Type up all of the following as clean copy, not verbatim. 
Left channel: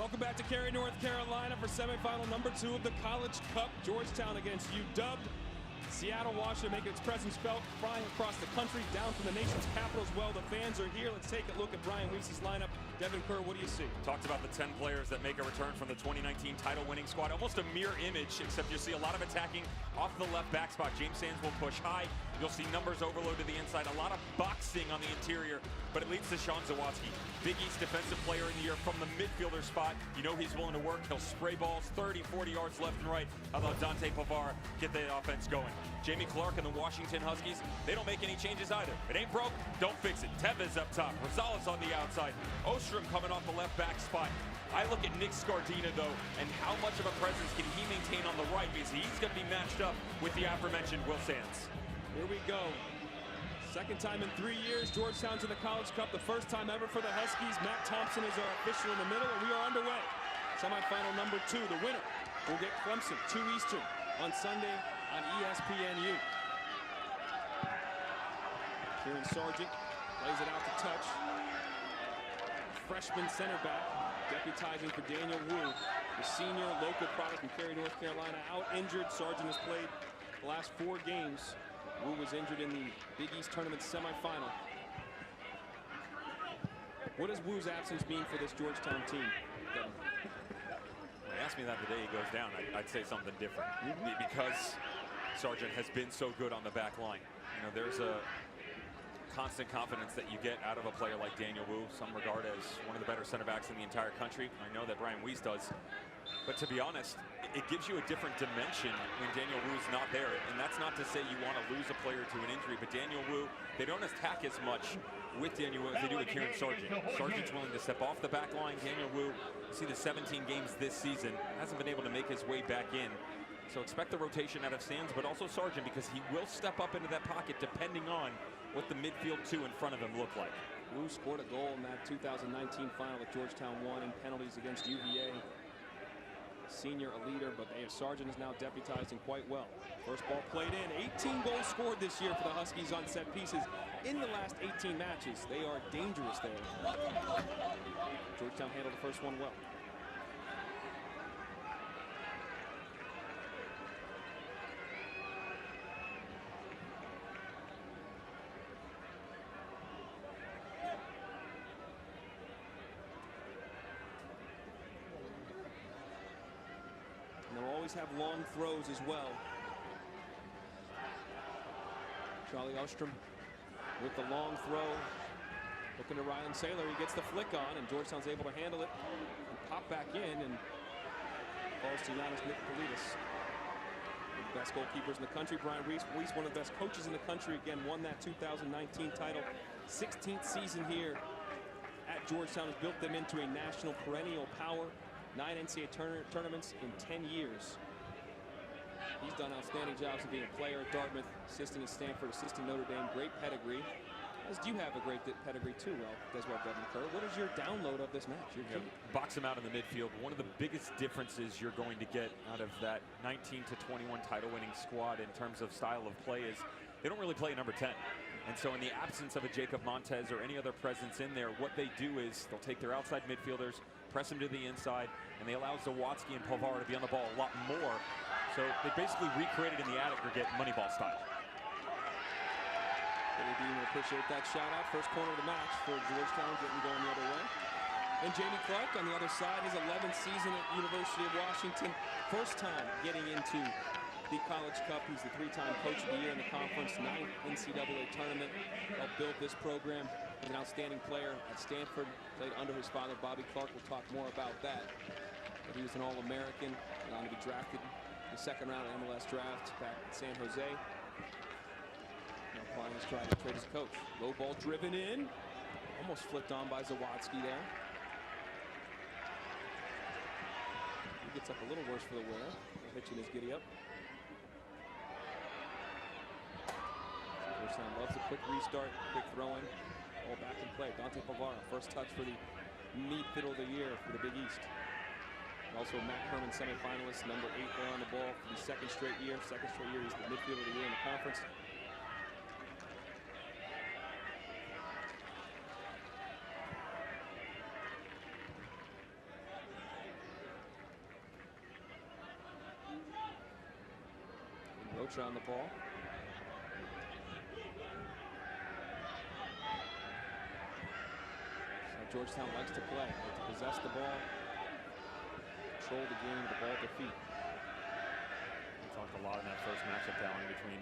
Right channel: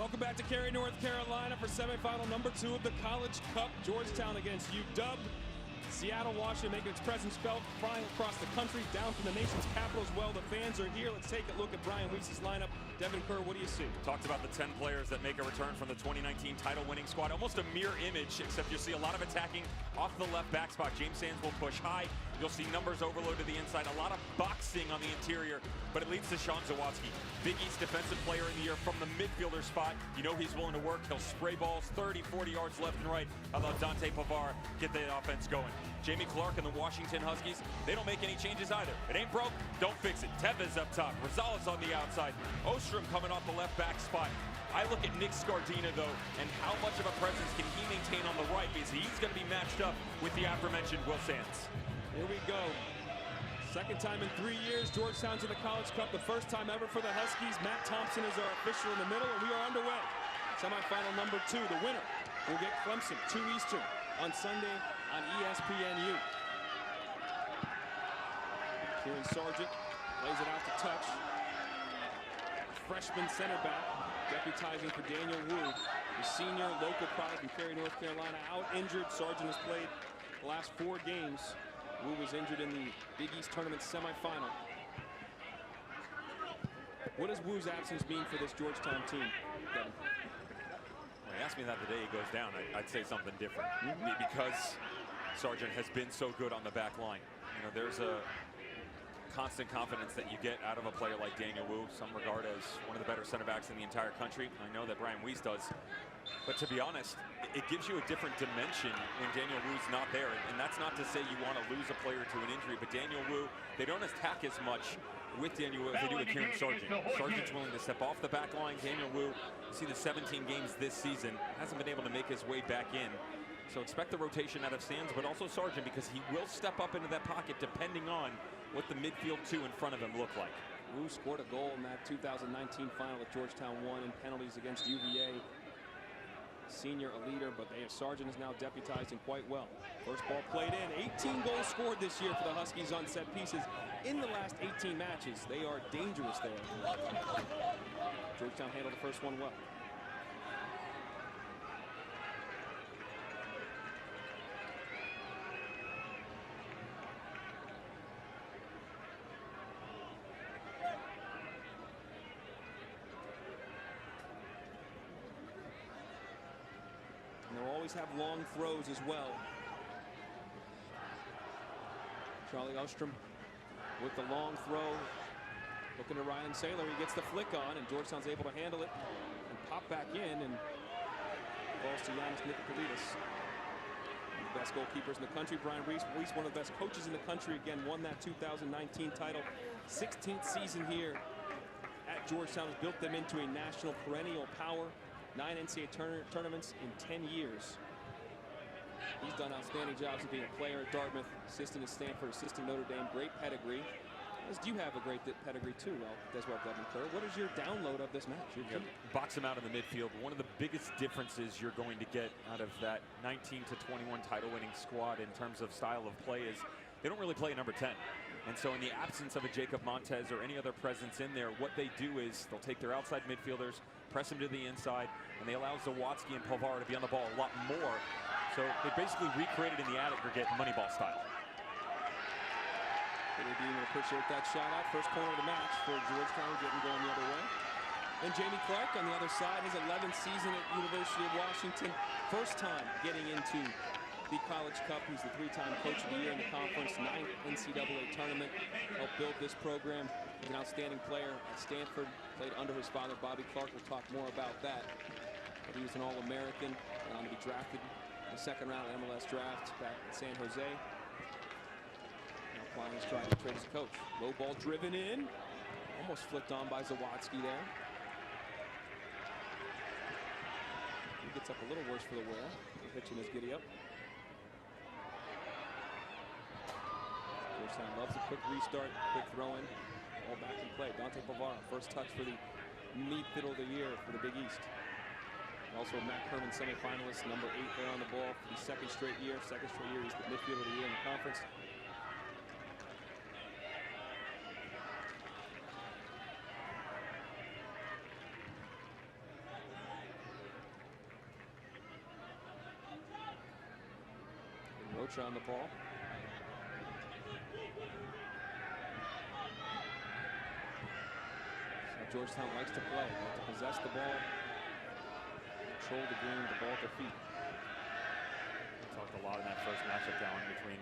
Welcome back to Cary, North Carolina for semifinal number 2 of the College Cup. Georgetown against UW. Seattle, Washington making its presence felt, flying across the country, down from the nation's capital as well. The fans are here. Let's take a look at Brian Wies's lineup. Devin Kerr, what do you see? Talked about the 10 players that make a return from the 2019 title-winning squad. Almost a mirror image, except you see a lot of attacking off the left back spot. James Sands will push high. You'll see numbers overload to the inside. A lot of boxing on the interior, but it leads to Sean Zawatsky. Big East Defensive Player in the Year from the midfielder spot. You know he's willing to work. He'll spray balls 30, 40 yards left and right. How about Dante Pavar get the offense going? Jamie Clark and the Washington Huskies, they don't make any changes either. It ain't broke, don't fix it. Tevez up top, Rosales on the outside, Ostrom coming off the left back spot. I look at Nick Scardina, though, and how much of a presence can he maintain on the right, because he's going to be matched up with the aforementioned Will Sands. Here we go. Second time in 3 years, Georgetown's in the College Cup. The first time ever for the Huskies. Matt Thompson is our official in the middle, and we are underway. Semifinal number 2. The winner will get Clemson, 2 Eastern, on Sunday on ESPNU. Kieran Sargent lays it out to touch. Freshman center back, deputizing for Daniel Wu, the senior local product from Cary, North Carolina, out injured. Sargent has played the last 4 games. Wu was injured in the Big East tournament semifinal. What does Wu's absence mean for this Georgetown team, Devin? Well, he asked me that the day he goes down. I'd say something different. Because Sargent has been so good on the back line. You know, there's a constant confidence that you get out of a player like Daniel Wu, some regard as one of the better center backs in the entire country. I know that Brian Wies does. But to be honest, it gives you a different dimension when Daniel Wu's not there. And that's not to say you want to lose a player to an injury, but Daniel Wu, they don't attack as much with Daniel Wu as they do with Kieran Sargent. Sargent's willing to step off the back line. Daniel Wu, you see the 17 games this season, hasn't been able to make his way back in. So expect the rotation out of Sands, but also Sargent, because he will step up into that pocket depending on what the midfield 2 in front of him look like. Wu scored a goal in that 2019 final that Georgetown won in penalties against UVA. Senior, a leader, but Sargent is now deputizing quite well. First ball played in. 18 goals scored this year for the Huskies on set pieces in the last 18 matches. They are dangerous there. Georgetown handled the first one well. And they'll always have long throws as well. Charlie Ostrom with the long throw. Looking to Rylan Saylor. He gets the flick on, and Georgetown's able to handle it and pop back in, and falls to Giannis Nicopolidis. One of the best goalkeepers in the country. Brian Wies, one of the best coaches in the country. Again, won that 2019 title. 16th season here at Georgetown has built them into a national perennial power. 9 NCAA tournaments in 10 years. He's done outstanding jobs of being a player at Dartmouth, assistant at Stanford, assistant Notre Dame. Great pedigree. As do you have a great pedigree too, Devin Kerr. What is your download of this match? Box him out in the midfield. One of the biggest differences you're going to get out of that 19 to 21 title-winning squad in terms of style of play is they don't really play number 10. And so in the absence of a Jacob Montez or any other presence in there, what they do is they'll take their outside midfielders, press them to the inside, and they allow Zawatsky and Pavar to be on the ball a lot more. So they basically recreated in the aggregate Moneyball style. Billy Dean will appreciate that shout out. First corner of the match for Georgetown, getting going the other way. And Jamie Clark on the other side, his 11th season at University of Washington. First time getting into the College Cup. He's the 3-time Coach of the Year in the conference, 9th NCAA tournament. Helped build this program. Was an outstanding player at Stanford. Played under his father, Bobby Clark. We'll talk more about that. But he was an All-American. Went on to be drafted in the second round of MLS draft back in San Jose. Now applying his trade as a coach. Low ball driven in. Almost flicked on by Zawatsky there. He gets up a little worse for the wear. Hitching his giddy up. Georgetown loves a quick restart, quick throw in. All back in play. Dante Pavar, first touch for the midfield of the year for the Big East. And also Matt Herman, semifinalist, number 8 there on the ball for the second straight year. Second straight year, he's the midfielder of the year in the conference. Ochoa on the ball. So Georgetown likes to play. They like to possess the ball, control the game with the ball at their feet. We talked a lot in that first matchup down between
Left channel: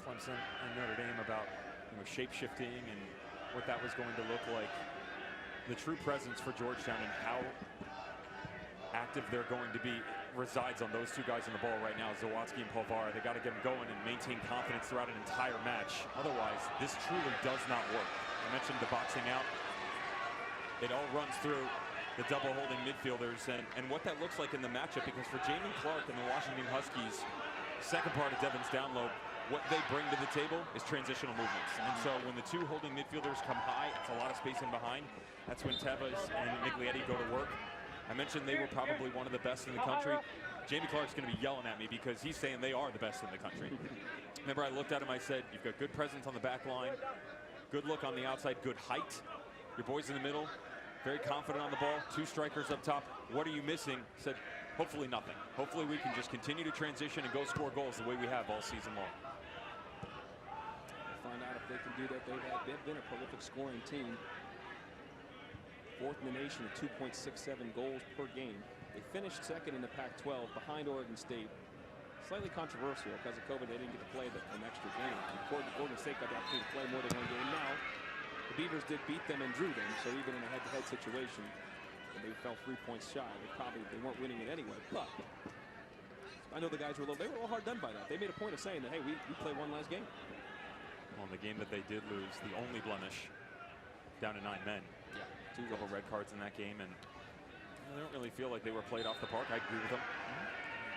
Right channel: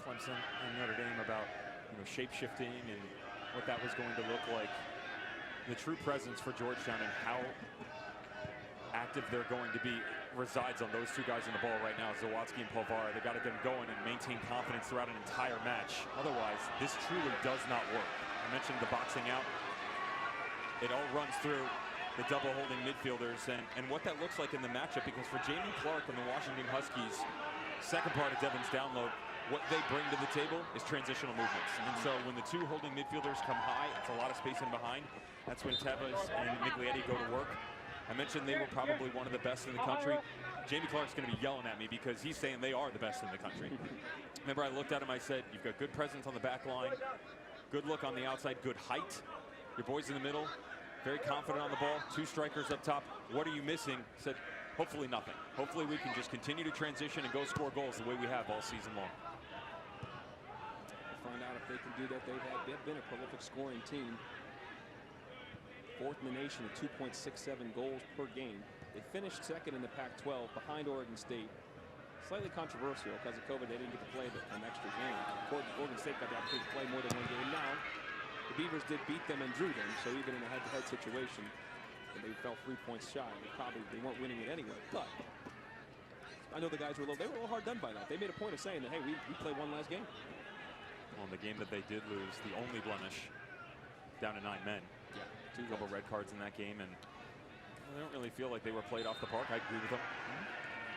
Clemson and Notre Dame about shape shifting and what that was going to look like. The true presence for Georgetown and how active they're going to be resides on those two guys in the ball right now, Zawadzki and Polvara. They got to get them going and maintain confidence throughout an entire match. Otherwise, this truly does not work. I mentioned the boxing out. It all runs through the double holding midfielders and what that looks like in the matchup, because for Jamie Clark and the Washington Huskies, second part of Devin's download, what they bring to the table is transitional movements. And so when the two holding midfielders come high, it's a lot of space in behind. That's when Tevez and Miglietti go to work. I mentioned they were probably one of the best in the country. Jamie Clark's going to be yelling at me because he's saying they are the best in the country. Remember, I looked at him, I said, you've got good presence on the back line, good look on the outside, good height. Your boys in the middle, very confident on the ball, two strikers up top. What are you missing? Said, hopefully nothing. Hopefully we can just continue to transition and go score goals the way we have all season long. We'll find out if they can do that. They've been a prolific scoring team. Fourth in the nation at 2.67 goals per game. They finished second in the Pac-12 behind Oregon State. Slightly controversial because of COVID. They didn't get to play an extra game. Oregon State got the opportunity to play more than one game. Now, the Beavers did beat them and drew them. So even in a head-to-head situation, they fell 3 points shy. They weren't winning it anyway. But I know the guys were a little hard done by that. They made a point of saying that, hey, we play one last game. Well, in the game that they did lose, the only blemish, down to 9 men. Yeah. A couple red cards in that game, and they don't really feel like they were played off the park. I agree with them.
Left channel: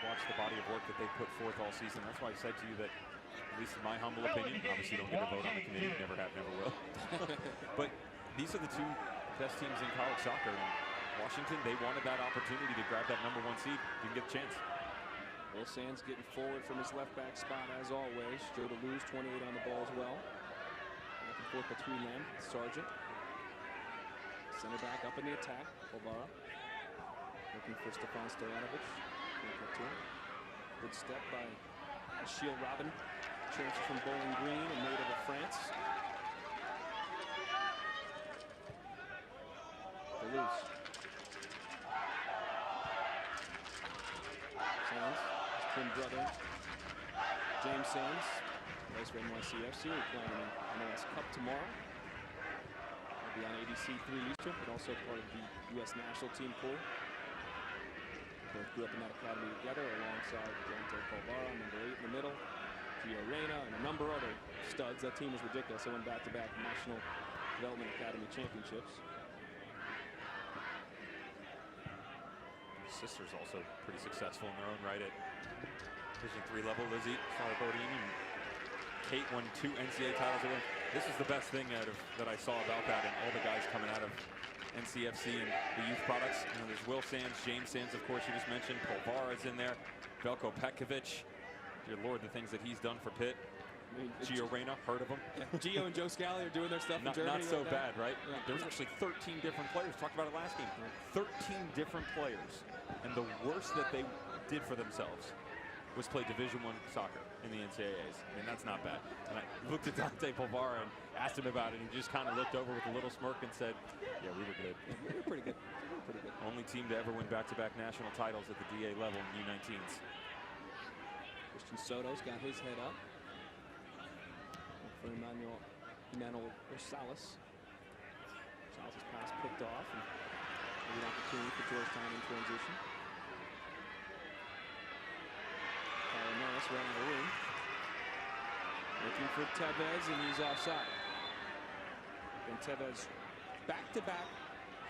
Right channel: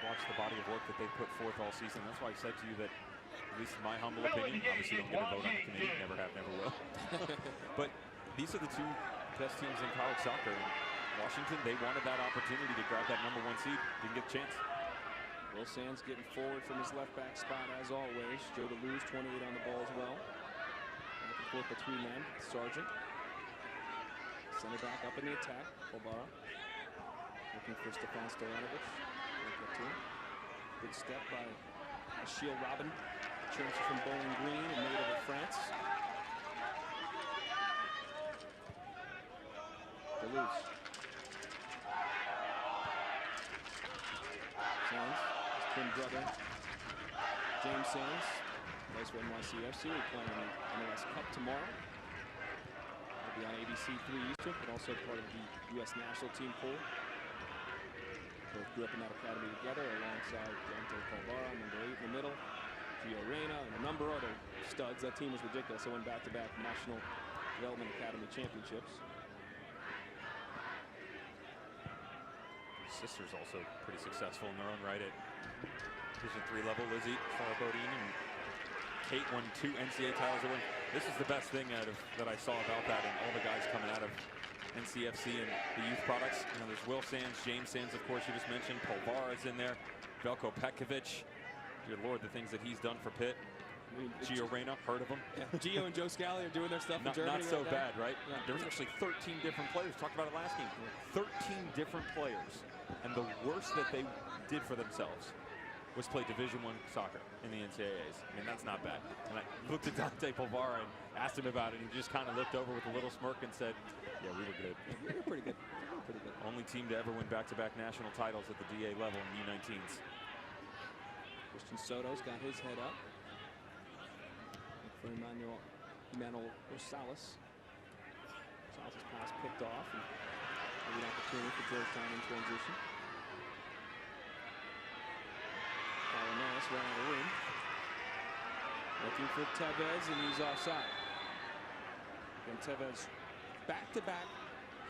Watch the body of work that they put forth all season. That's why I said to you that, at least in my humble opinion, obviously don't get a vote on the committee, never have, never will. But these are the two best teams in college soccer. And Washington, they wanted that opportunity to grab that #1 seed. Didn't get a chance. Will Sands getting forward from his left back spot as always. Joe DeLuz, 28 on the ball as well. Back and forth between them. Sargent. Center back up in the attack. Polvara looking for Stefan Stojanovic. Can't get to him. Good step by Achille Robin. Transfer from Bowling Green and native of France. DeLuz. Sands, his twin brother, James Sands, plays for NYCFC. We're playing in the MLS Cup tomorrow. Be on ABC 3 Eastern, but also part of the U.S. national team pool. Both grew up in that academy together alongside Dante Polvara, number 8 in the middle, Gio Reyna, and a number of other studs. That team was ridiculous. They won back-to-back National Development Academy championships. His sister's also pretty successful in their own right at Division III level. Lizzie Farabodini and Kate won 2 NCAA titles at Wayne. This is the best thing that I saw about that, and all the guys coming out of NCFC and the youth products. There's Will Sands, James Sands, of course, you just mentioned. Polvara's in there. Veljko Petkovic. Dear Lord, the things that he's done for Pitt. Gio Reyna, heard of him? Yeah, Gio and Joe Scally are doing their stuff in Germany. Not so right bad, right? Yeah. There was actually 13 different players. Talked about it last game. 13 different players. And the worst that they did for themselves was play Division I soccer in the NCAAs. I mean, that's not bad. And I looked at Dante Polvara and asked him about it, and he just kind of looked over with a little smirk and said, yeah, we were good. Yeah, we were pretty good. We were pretty good. Only team to ever win back-to-back national titles at the DA level in U19s. Christian Soto's got his head up. Look for Emmanuel Rosales. Rosales' pass picked off, and a good opportunity for Georgetown in transition. Palomares ran out of room. Looking for Tevez, and he's offside. And Tevez back-to-back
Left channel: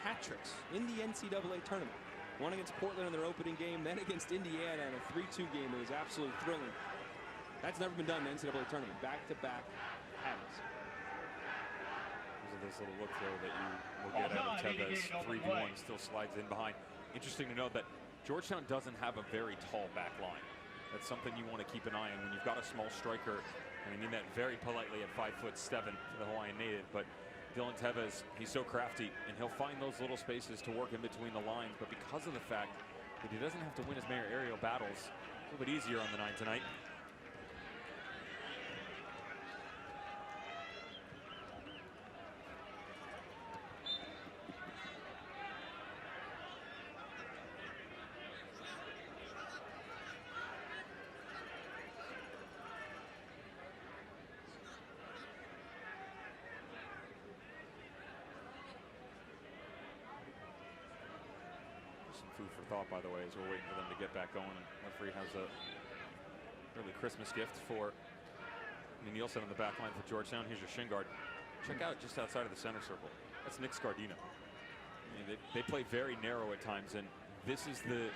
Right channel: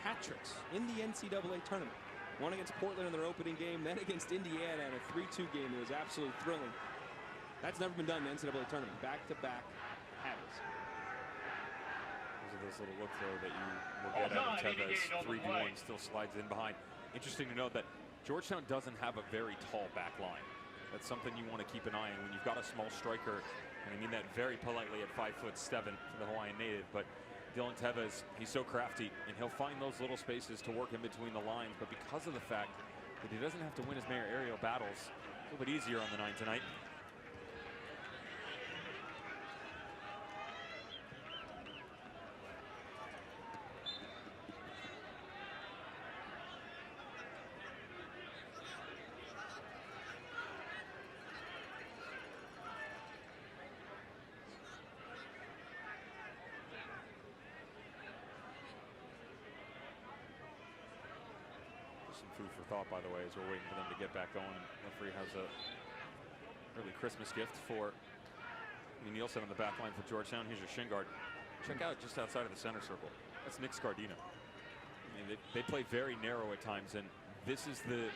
hat tricks in the NCAA tournament. One against Portland in their opening game, then against Indiana in a 3-2 game that was absolutely thrilling. That's never been done in the NCAA tournament. Back-to-back hatties. Those are those little looks, though, that you will get out of Tevez. 3v1, still slides in behind. Interesting to note that Georgetown doesn't have a very tall back line. That's something you want to keep an eye on when you've got a small striker, and I mean that very politely at 5'7" for the Hawaiian native. But Dylan Tevez, he's so crafty, and he'll find those little spaces to work in between the lines. But because of the fact that he doesn't have to win as many aerial battles, A little bit easier on the 9 tonight. Some food for thought, by the way, as we're waiting for them to get back going. And referee has a early Christmas gift for Nielsen on the back line for Georgetown. Here's your shin guard. Check out just outside of the center circle. That's Nick Scardino. I mean, they play very narrow at times, and this is the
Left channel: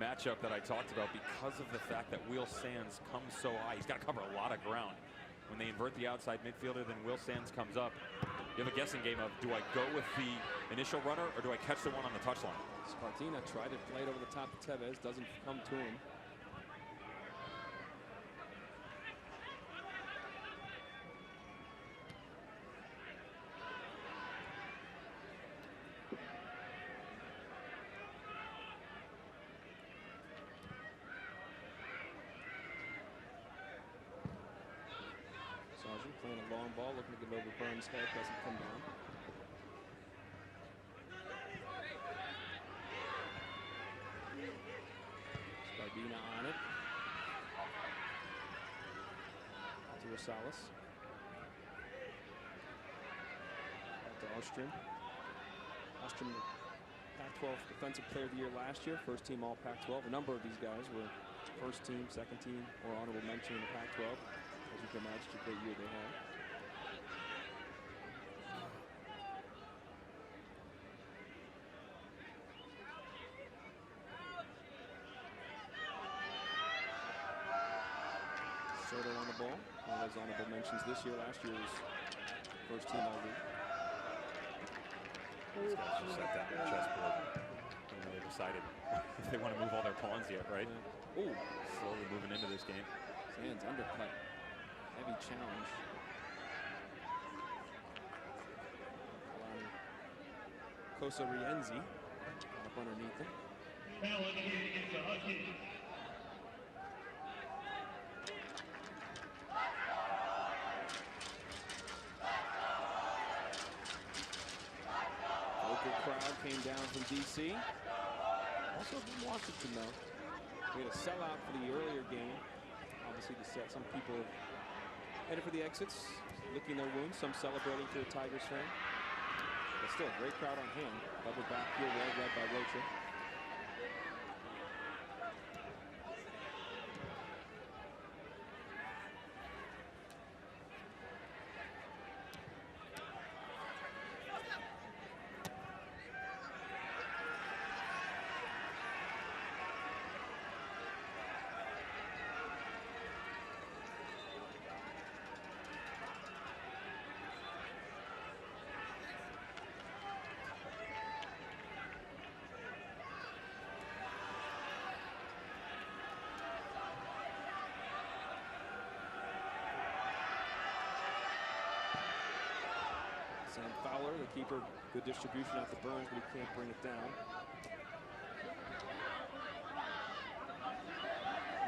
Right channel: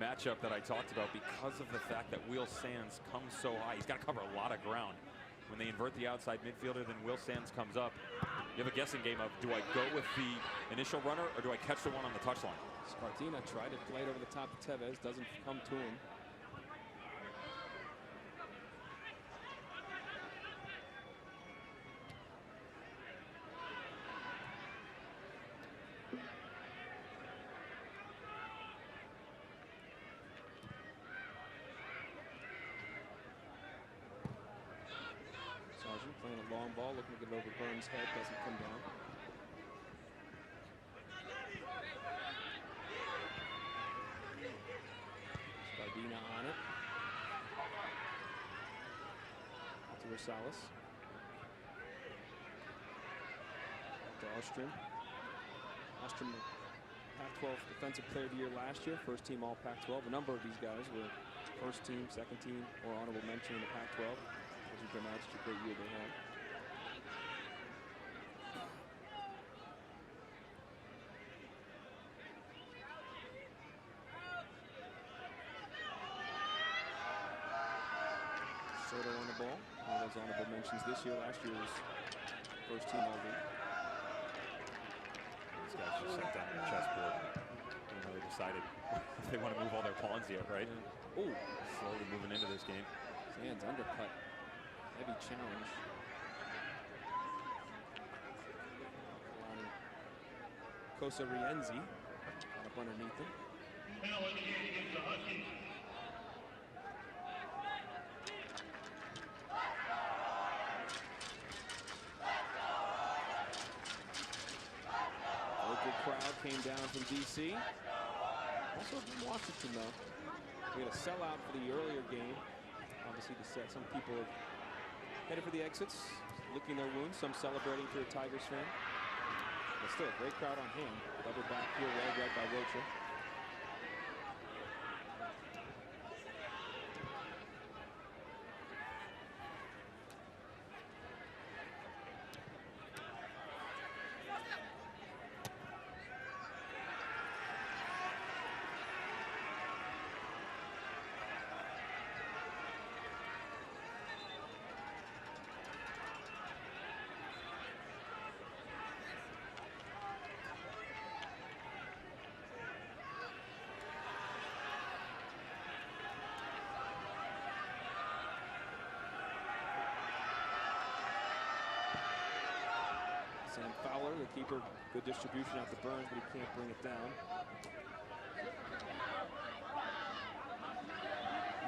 matchup that I talked about because of the fact that Will Sands comes so high. He's got to cover a lot of ground. When they invert the outside midfielder, then Will Sands comes up. You have a guessing game of, do I go with the initial runner or do I catch the one on the touchline? Scardino tried to play it over the top of Tevez, doesn't come to him. Sargent playing a long ball, looking to get it over Burns' head, doesn't come down. Scardina on it. Out to Rosales. Out to Ostrom. Ostrom, Pac-12 Defensive Player of the Year last year, first team all Pac-12. A number of these guys were first team, second team, or honorable mention in the Pac-12. As you can imagine, it's a great year they had. Soto on the ball. One of those honorable mentions this year. Last year was first team all league. These guys just sat down on the chessboard and haven't really decided if they want to move all their pawns yet, right? Yeah. Oh, slowly moving into this game. Sands undercut. Heavy challenge. Kalani Cosa Rienzi got up underneath him. Local crowd came down from DC. Also from Washington, though. We had a sellout for the earlier game. Obviously, to set some people have headed for the exits, licking their wounds, some celebrating if you're a Tigers fan. But still a great crowd on hand. Clever back heel, well read by Rocha. Sam Fowler, the keeper, good distribution out to Burns, but he can't bring it down.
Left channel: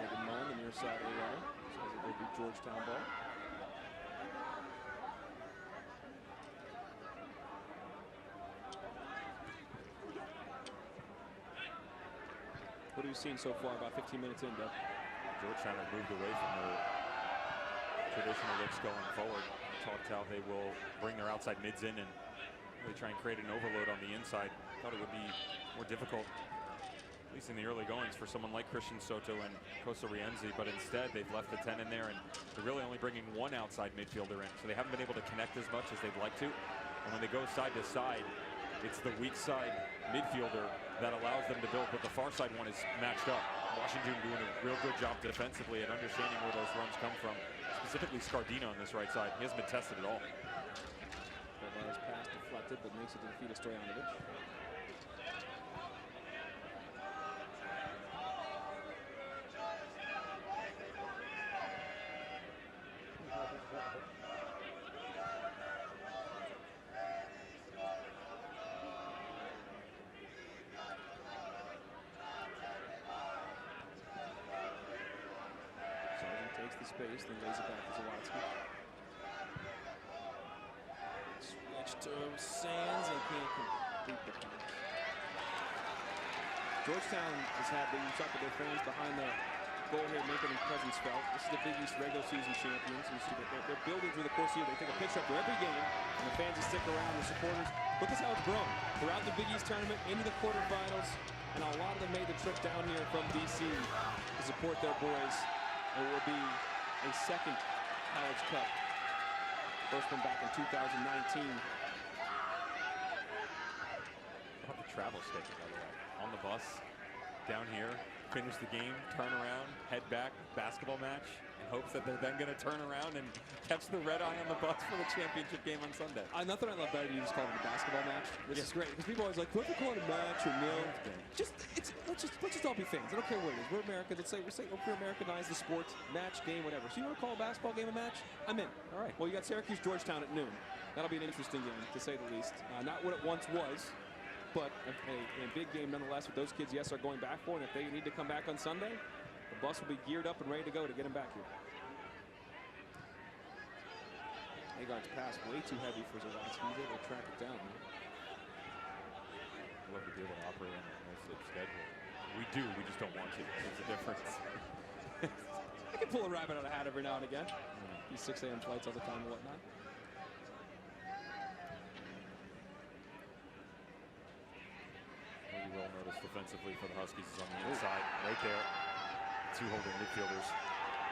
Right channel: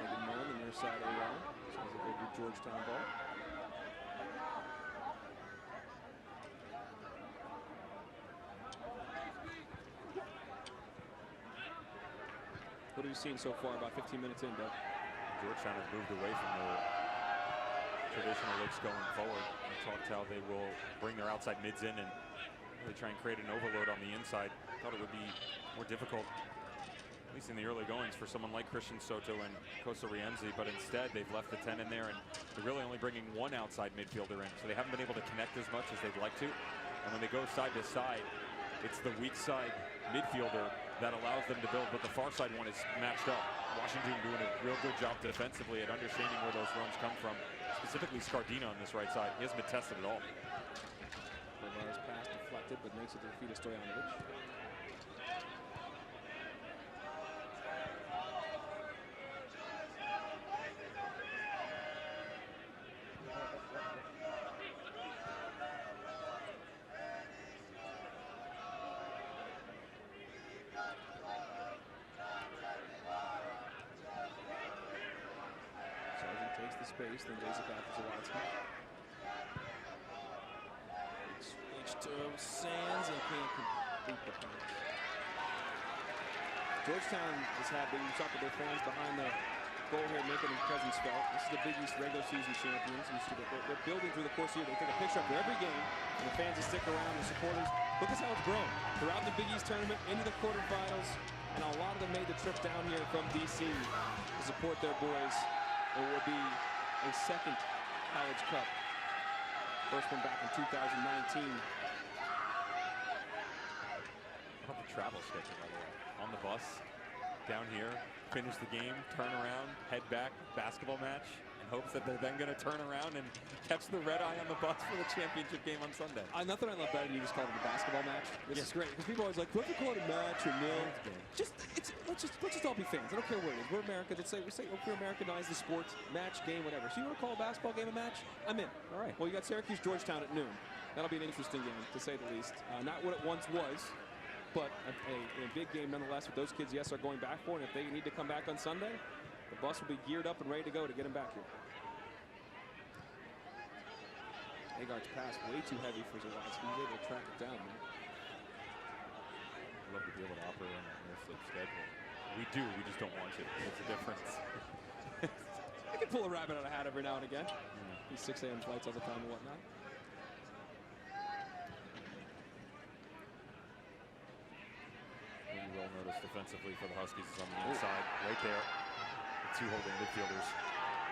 Megan Mullen, the near side AR, says it will be Georgetown ball. What have you seen so far? About 15 minutes in, Doug. Georgetown have moved away from their traditional looks going forward. We talked how they will bring their outside mids in and really try and create an overload on the inside. Thought it would be more difficult, at least in the early goings, for someone like Christian Soto and Cosa Rienzi, but instead they've left the 10 in there, and they're really only bringing one outside midfielder in, so they haven't been able to connect as much as they'd like to. And when they go side to side, it's the weak side midfielder that allows them to build, but the far side one is matched up. Washington doing a real good job defensively at understanding where those runs come from. Specifically Scardino on this right side. He hasn't been tested at all. Kovar's pass deflected, but makes it to the feet of Stojanovic. Takes the space, then lays it back to Zawadzki. Switch to Sands and can't complete the pass. Georgetown has had, we talked with their fans behind the goal here, making their presence felt. This is the Big East regular season champions. You see that they're building through the course of the year. They take a picture after every game, and the fans just stick around, the supporters. Look at how it's grown throughout the Big East tournament, into the quarterfinals, and a lot of them made the trip down here from DC to support their boys. It will be a second College Cup. First one back in 2019. How about the travel schedule, by the way? On the bus, down here, finish the game, turn around, head back, basketball match, in hopes that they're then going to turn around and catch the red eye on the bus for the championship game on Sunday. Nothing I love better than you just call it a basketball match. This is great because people are always like, "What if we call it a match or nil?" Let's just all be fans. I don't care what it is. We're Americans. Let's say we're Americanize the sports match game, whatever. So you want to call a basketball game a match? I'm in. All right. Well, you got Syracuse Georgetown at noon. That'll be an interesting game to say the least. Not what it once was, but a big game nonetheless. With those kids, yes, are going back for it. And if they need to come back on Sunday, the bus will be geared up and ready to go to get them back here. Agard's pass way too heavy for Zawadzki. He's able to track it down, man. I'd love to be able to operate on that no-sleep schedule. We do, we just don't want to. There's a difference. I can pull a rabbit out of a hat every now and again. Yeah. These 6 a.m. flights all the time and whatnot. What you will notice defensively for the Huskies is on the inside, right there. The two holding midfielders.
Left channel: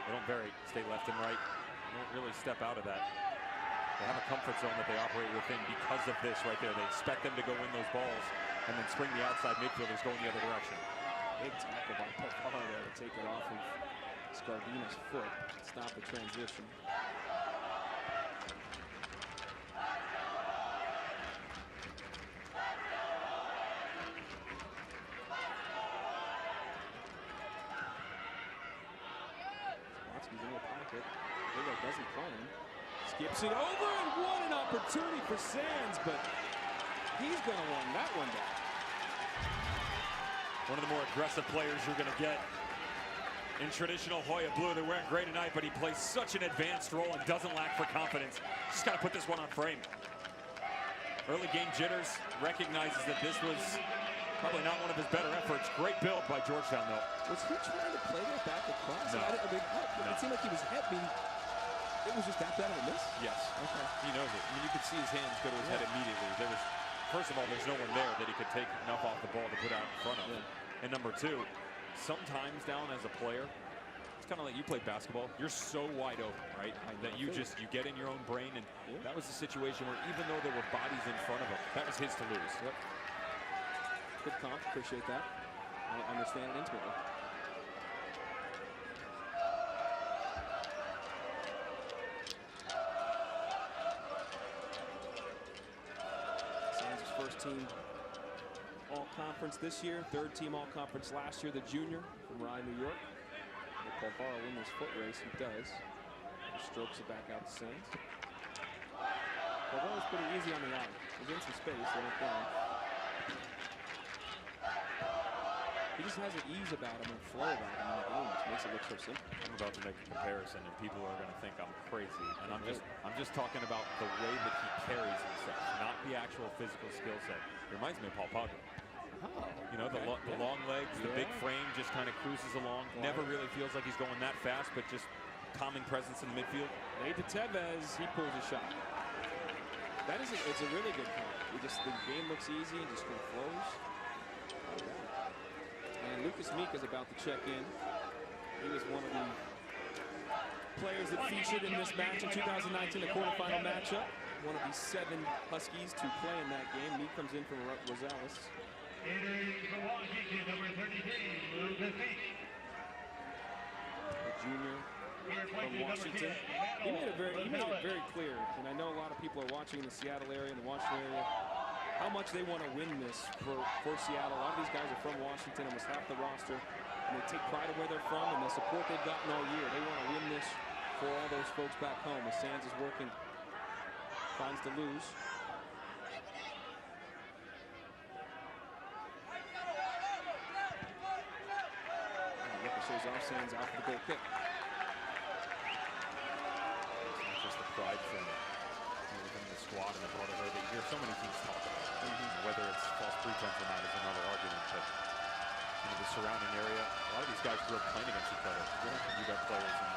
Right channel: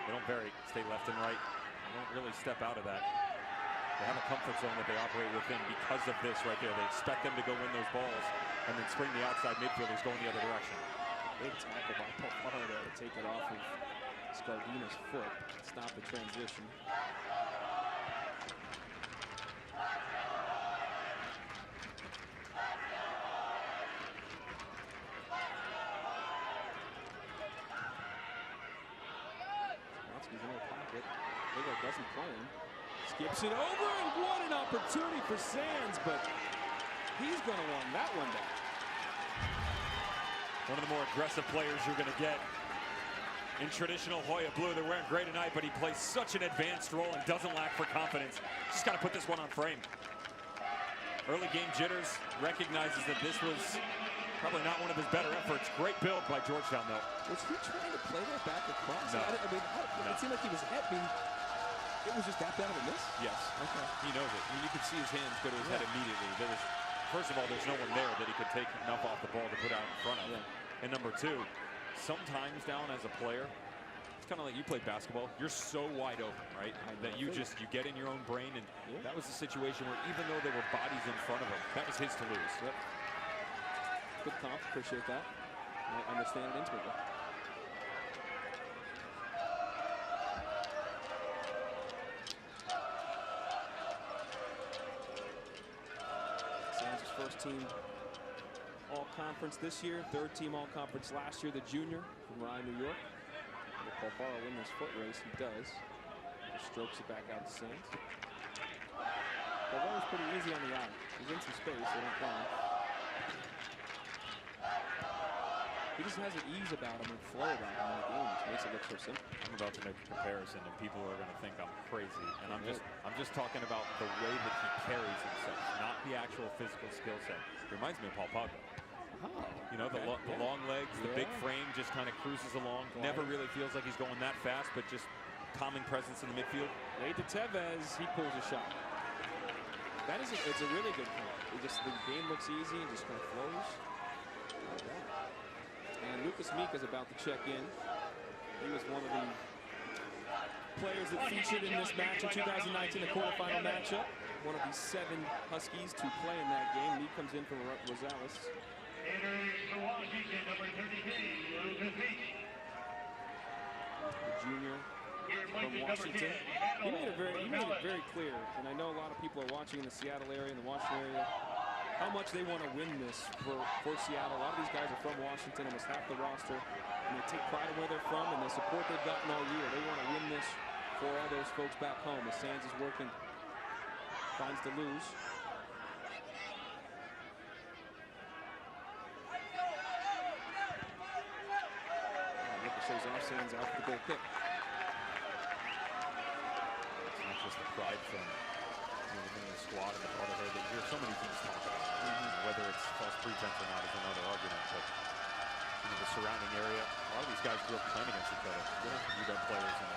They don't vary, stay left and right. They don't really step out of that. They have a comfort zone that they operate within because of this right there. They expect them to go win those balls and then spring the outside midfielders going the other direction. Big tackle by Polfara there to take it off of Scardina's foot. Stop the transition. Watsky's in the pocket. Agard doesn't play him. Skips it over, and what an opportunity for Sands, but he's going to want that one back. One of the more aggressive players you're going to get in traditional Hoya blue. They're wearing gray tonight, but he plays such an advanced role and doesn't lack for confidence. Just got to put this one on frame. Early game jitters, recognizes that this was probably not one of his better efforts. Great build by Georgetown, though. Was he trying to play that back across? No. It seemed like he was hit. It was just that bad of a miss? Yes. Okay. He knows it. I mean, you could see his hands go to his head immediately. First of all, there's no one there that he could take enough off the ball to put out in front of. Yeah. And number two, sometimes down as a player, it's kind of like you play basketball. You're so wide open, right? That you get in your own brain. And that was the situation where even though there were bodies in front of him, that was his to lose. Yep. Good comp. Appreciate that. I understand it intimately. Sands' first team all-conference this year, third team all-conference last year, the junior from Rye, New York. Will Polfara win this foot race? He does. Just strokes it back out to Sands. Polfara's pretty easy on the eye. He's in some space, they don't play him. He just has an ease about him and flow about him in the game, which makes it look so simple. I'm about to make a comparison, and people are going to think I'm crazy. And I'm just talking about the way that he carries himself, not the actual physical skill set. It reminds me of Paul Pogba. Oh, you know, the long legs, the big frame, just kind of cruises along. Never really feels like he's going that fast, but just calming presence in the midfield. Laid to Tevez, he pulls a shot. It's a really good comp. The game looks easy and just kind of flows. Not bad. And Lucas Meek is about to check in. He was one of the players that featured in this match in 2019, the quarterfinal matchup. One of the 7 Huskies to play in that game. Meek comes in from Rosales. The junior from Washington. He made it very clear, and I know a lot of people are watching in the Seattle area and the Washington area, how much they want to win this for Seattle. A lot of these guys are from Washington, almost half the roster, and they take pride in where they're from and the support they've gotten all year. They want to win this for all those folks back home as Sands is working, finds to lose. Ricochets off, Sands out for the goal kick. the pride from within the squad and the brotherhood that you hear so many teams talk about. Right? Whether it's false pretense or not is another argument, but the surrounding area, a lot of these guys grew up playing against each other. UW players and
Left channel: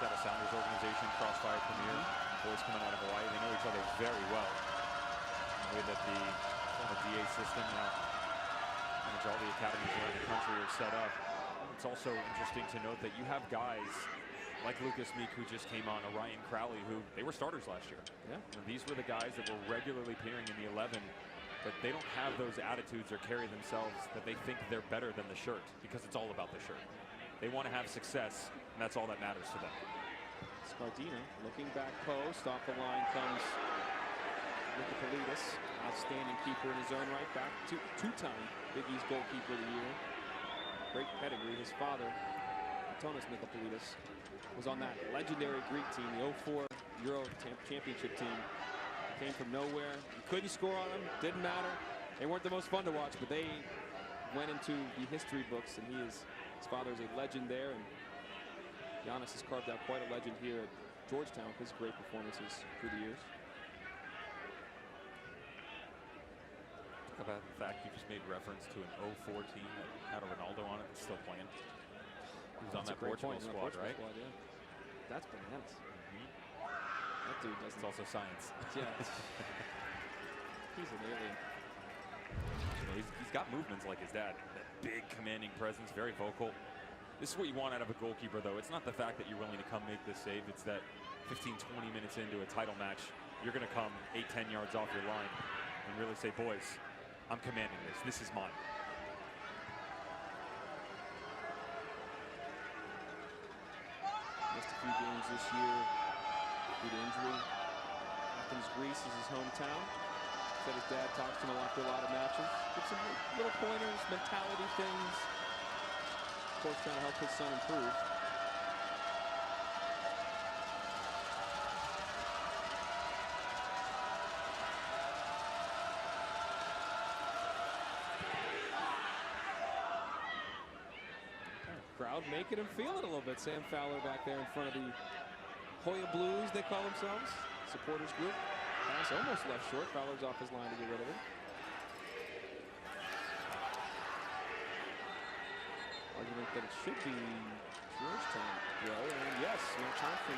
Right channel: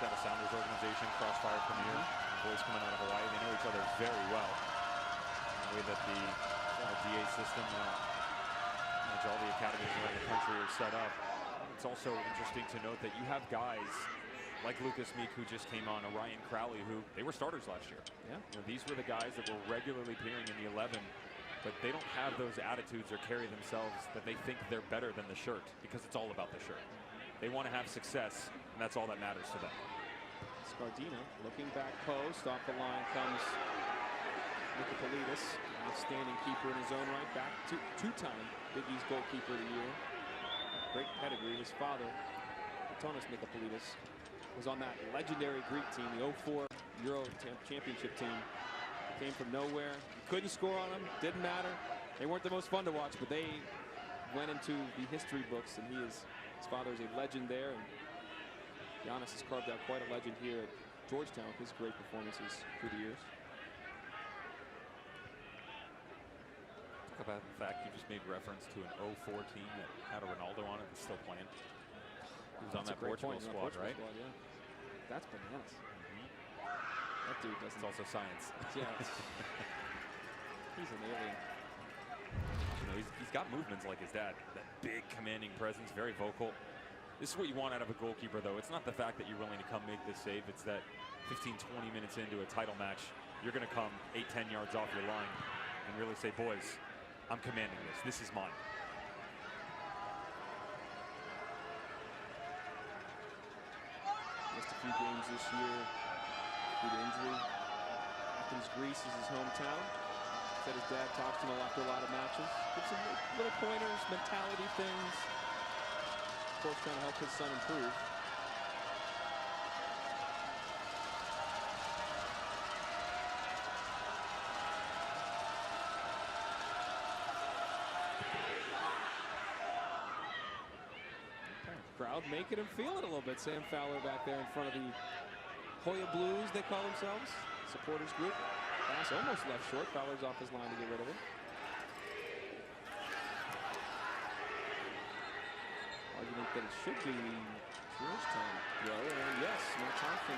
Seattle Sounders organization, Crossfire Premier, boys coming out of Hawaii, they know each other very well. The way that the former DA system now, which all the academies around the country are set up. It's also interesting to note that you have guys like Lucas Meek, who just came on, Ryan Crowley, who they were starters last year. These were the guys that were regularly appearing in the 11, but they don't have those attitudes or carry themselves that they think they're better than the shirt, because it's all about the shirt. They want to have success, and that's all that matters to them. Scardina looking back post. Off the line comes Nicopolidis, outstanding keeper in his own right. Back to two-time Big East goalkeeper of the year. Great pedigree. His father, Antonis Nicopolidis, was on that legendary Greek team, the 04 Euro Championship team. He came from nowhere. You couldn't score on them. Didn't matter. They weren't the most fun to watch, but they went into the history books, and his father is a legend there. And Giannis has carved out quite a legend here at Georgetown with his great performances through the years. Talk about the fact you just made reference to an 04 team that had a Ronaldo on it that's still playing. He was on that Portugal squad, right? Yeah. That's bananas. That dude doesn't. It's also science. Yeah. He's an alien. He's got movements like his dad. That big, commanding presence, very vocal. This is what you want out of a goalkeeper, though. It's not the fact that you're willing to come make this save. It's that 15, 20 minutes into a title match, you're going to come 8, 10 yards off your line and really say, boys, I'm commanding this. This is mine. Missed a few games this year due to injury. Athens, Greece is his hometown. Said his dad talks to him after a lot of matches. Gives him little pointers, mentality things. Of course, trying to help his son improve. Crowd making him feel it a little bit. Sam Fowler back there in front of the Hoya Blues, they call themselves. Supporters group. Pass almost left short. Fowler's off his line to get rid of it. Argument that it should be Georgetown throw, and yes, Matt Thompson,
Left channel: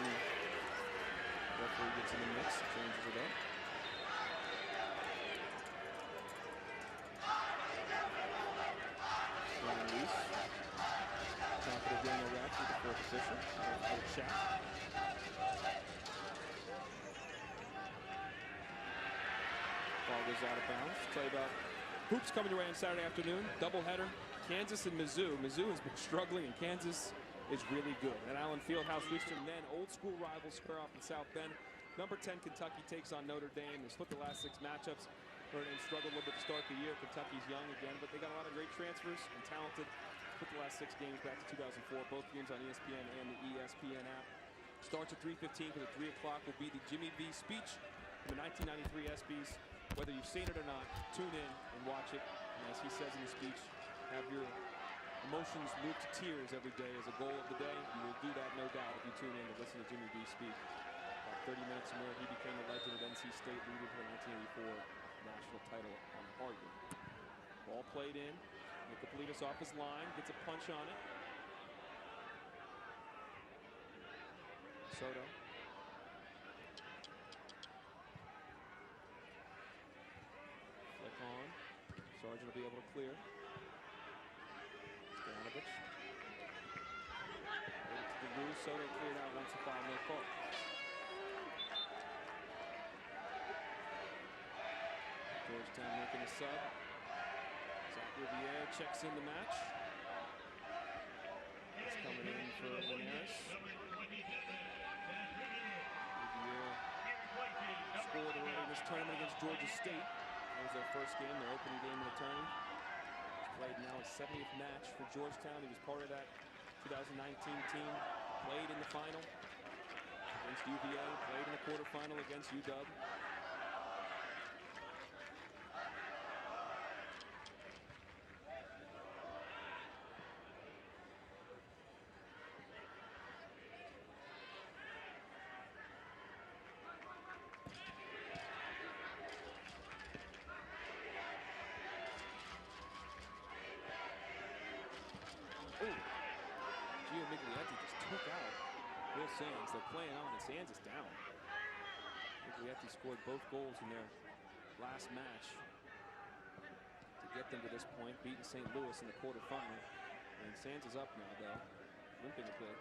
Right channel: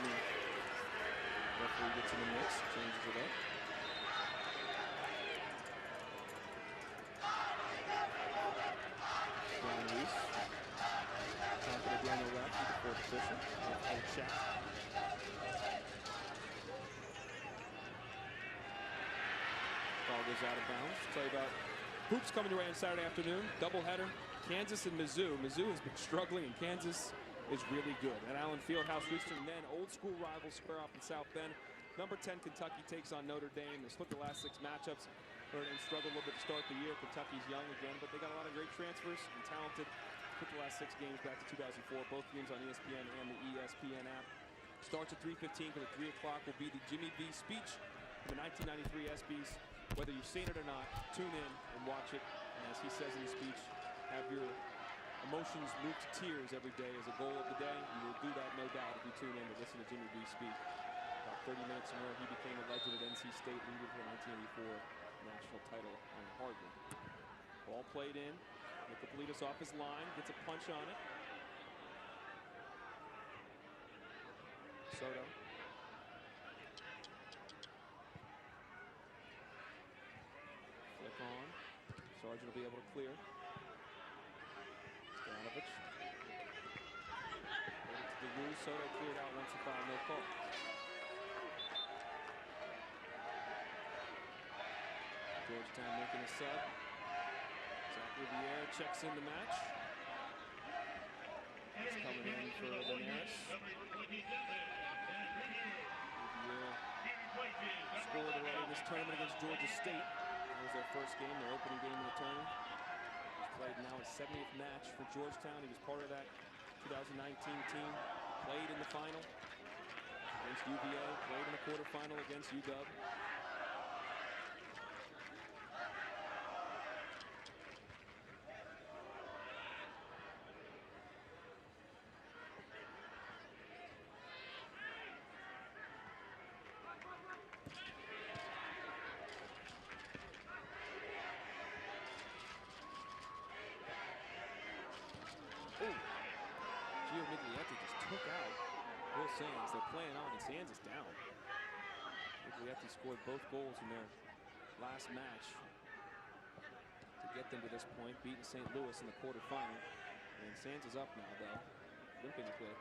referee, gets in the mix, changes it up. Ryan Weiss talking to Daniel Radke, the fourth official. A little chat. Ball goes out of bounds. Tell you about hoops coming your way on Saturday afternoon. Doubleheader. Kansas and Mizzou. Mizzou has been struggling, and Kansas is really good. At Allen Fieldhouse, Houston, then old school rivals square off in South Bend. Number 10 Kentucky takes on Notre Dame. They split the last 6 matchups. Notre Dame struggled a little bit to start the year. Kentucky's young again, but they got a lot of great transfers and talented. Put the last 6 games back to 2004. Both games on ESPN and the ESPN app. Starts at 3:15 because at 3 o'clock will be the Jimmy V speech from the 1993 ESPYs. Whether you've seen it or not, tune in and watch it. And as he says in the speech, have your emotions move to tears every day as a goal of the day. You will do that, no doubt, if you tune in to listen to Jimmy V speak. About 30 minutes from where he became a legend at NC State, leading to the 1984 national title on the hardwood. Ball played in. Nicopolidis off his line, gets a punch on it. Soto. Flick on. Sargent will be able to clear. Stoyanovich. Played it to DeLue. Soto cleared out once the foul, no call. Georgetown making a sub. Zach Riviere checks in the match. He's coming in for Linares. Riviere scored already in this tournament against Georgia State. That was their first game, their opening game in the tourney. He's played now his 70th match for Georgetown. He was part of that 2019 team. Played in the final against UVA. Played in the quarterfinal against UW. Gio Miglietti just took out Will Sands. They're playing on, and Sands is down. Miglietti scored both goals in their last match to get them to this point, beating St. Louis in the quarterfinal. And Sands is up now, though, limping a bit.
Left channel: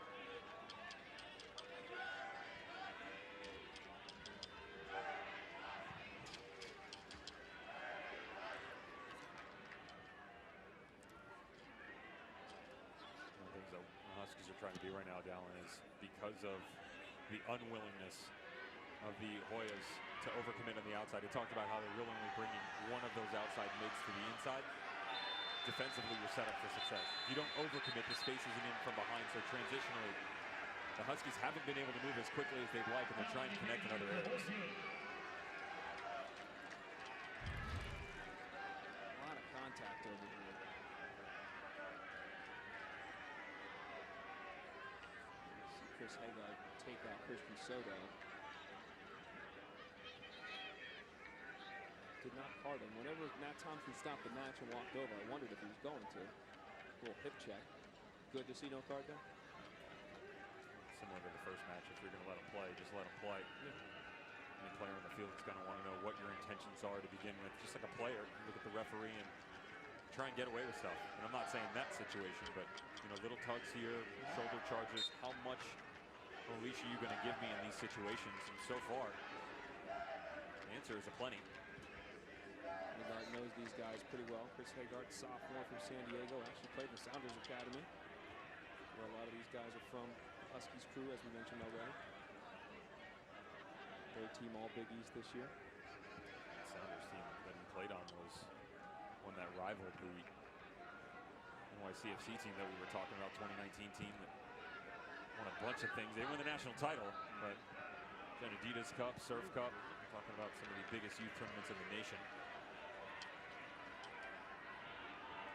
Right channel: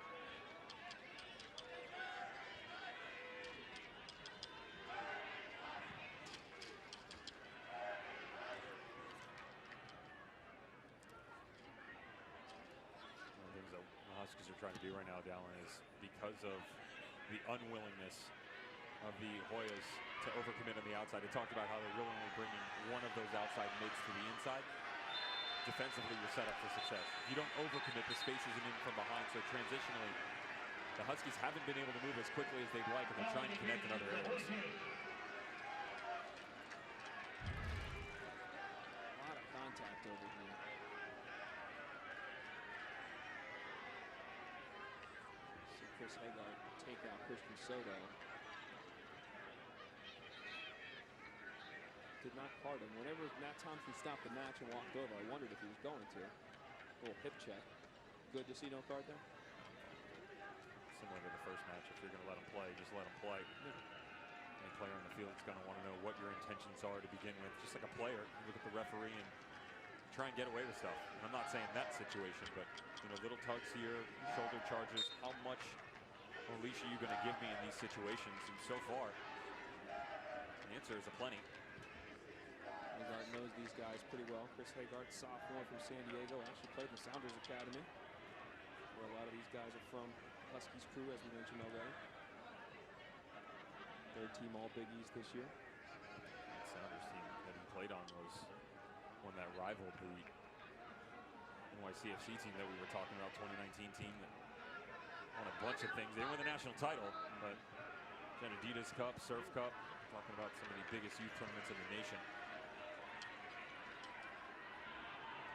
One of the things that the Huskies are trying to do right now, Dallin, is because of the unwillingness of the Hoyas to overcommit on the outside. They talked about how they're really only bringing one of those outside mids to the inside. Defensively, you're set up for success. If you don't overcommit, the space isn't in from behind. So transitionally, the Huskies haven't been able to move as quickly as they'd like, and they're trying to connect in other areas. A lot of contact over here. See Chris Haggard take out Christian Soto. Did not card him. Whenever Matt Thompson stopped the match and walked over, I wondered if he was going to. A little hip check. Good to see no card there. Similar to the first match, if you're going to let him play, just let him play. Yeah. Any player on the field is going to want to know what your intentions are to begin with. Just like a player, you look at the referee and try and get away with stuff. And I'm not saying that situation, but you know, little tugs here, shoulder charges. How much leash are you going to give me in these situations? And so far, the answer is a plenty. Haggard knows these guys pretty well. Chris Haggard, sophomore from San Diego, actually played in the Sounders Academy, where a lot of these guys are from. The Huskies crew, as we mentioned already. Third team All Big East this year. The Sounders team that he played on was one that rivaled the NYCFC team that we were talking about, 2019 team that won a bunch of things. They didn't win the national title, but Adidas Cup, Surf Cup, talking about some of the biggest youth tournaments in the nation.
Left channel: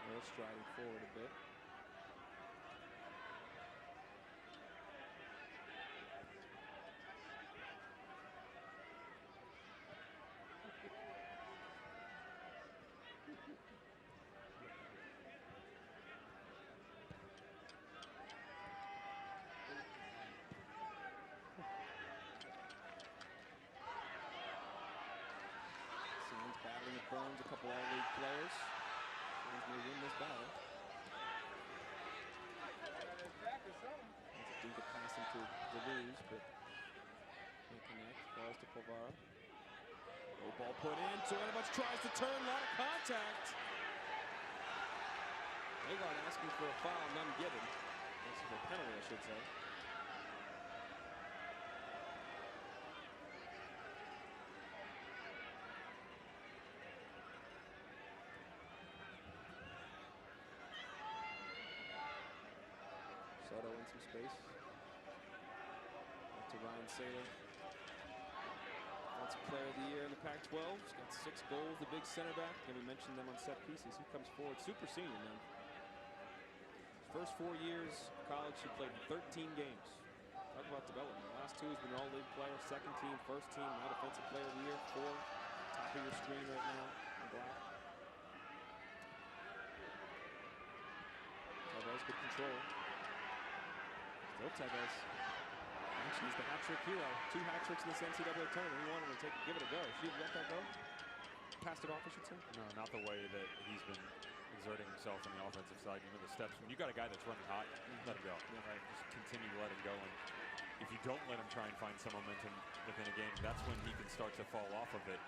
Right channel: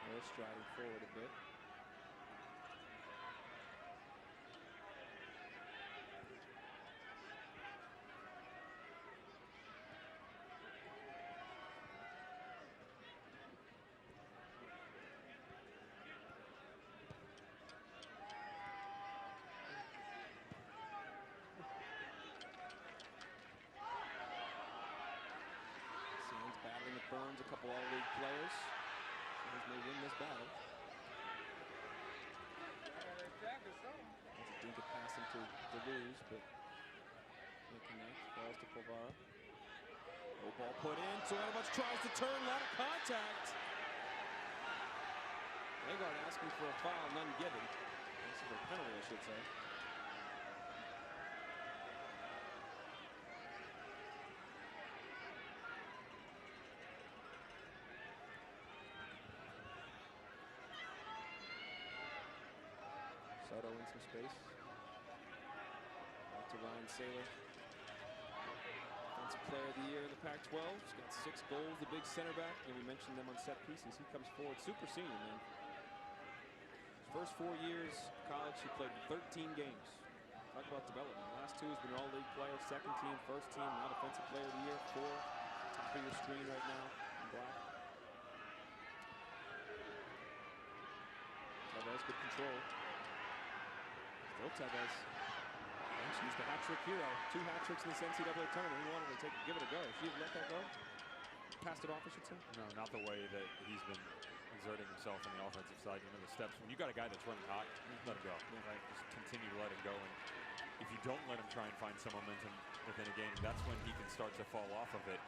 They're striding forward a bit. Sands battling with Burns, a couple all-league players. Sands may win this battle. That's a dinka pass into DeLuz, but can't connect. Falls to Polvara. No ball put in. Sojanovic tries to turn. A lot of contact. Haggard asking for a foul, none given. Asking for a penalty, I should say. Soto in some space. Back to Ryan Saylor. Defensive Player of the Year in the Pac-12. He's got 6 goals, the big center back. And we mentioned them on set pieces. He comes forward, super senior, man. His first 4 years of college, he played 13 games. Talk about development. Last 2, he's been an all-league player, second team, first team, now Defensive Player of the Year. 4, top of your screen right now in black. Tevez, good control. Still Tevez. He's the hat-trick hero. 2 hat-tricks in this NCAA tournament. He wanted to give it a go. Should he have let that go? Passed it off, I should say. No, not the way that he's been exerting himself on the offensive side. You know, the steps. When you got a guy that's running hot, let him go. Yeah. Right? Just continue to let him go. And if you don't let him try and find some momentum within a game, that's when he can start to fall off of it.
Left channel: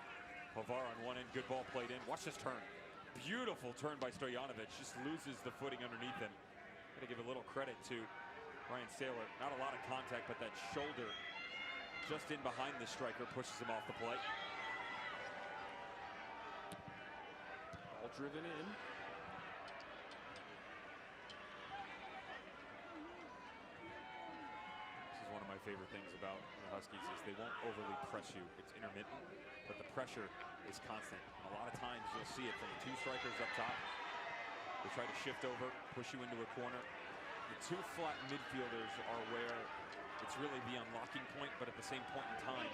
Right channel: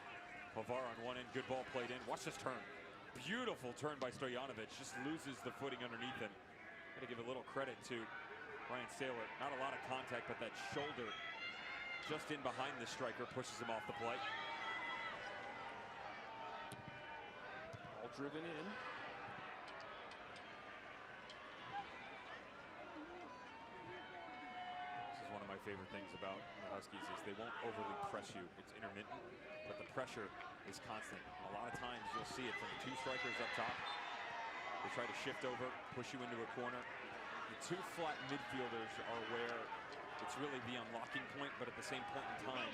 Polvara on one end, good ball played in. Watch this turn. Beautiful turn by Stojanovic. Just loses the footing underneath him. Got to give a little credit to Ryan Saylor. Not a lot of contact, but that shoulder just in behind the striker pushes him off the play. Ball driven in. This is one of my favorite things about the Huskies is they won't overly press you. It's intermittent, but the pressure is constant. And a lot of times you'll see it from the 2 strikers up top. They try to shift over, push you into a corner. The 2 flat midfielders are where it's really the unlocking point, but at the same point in time,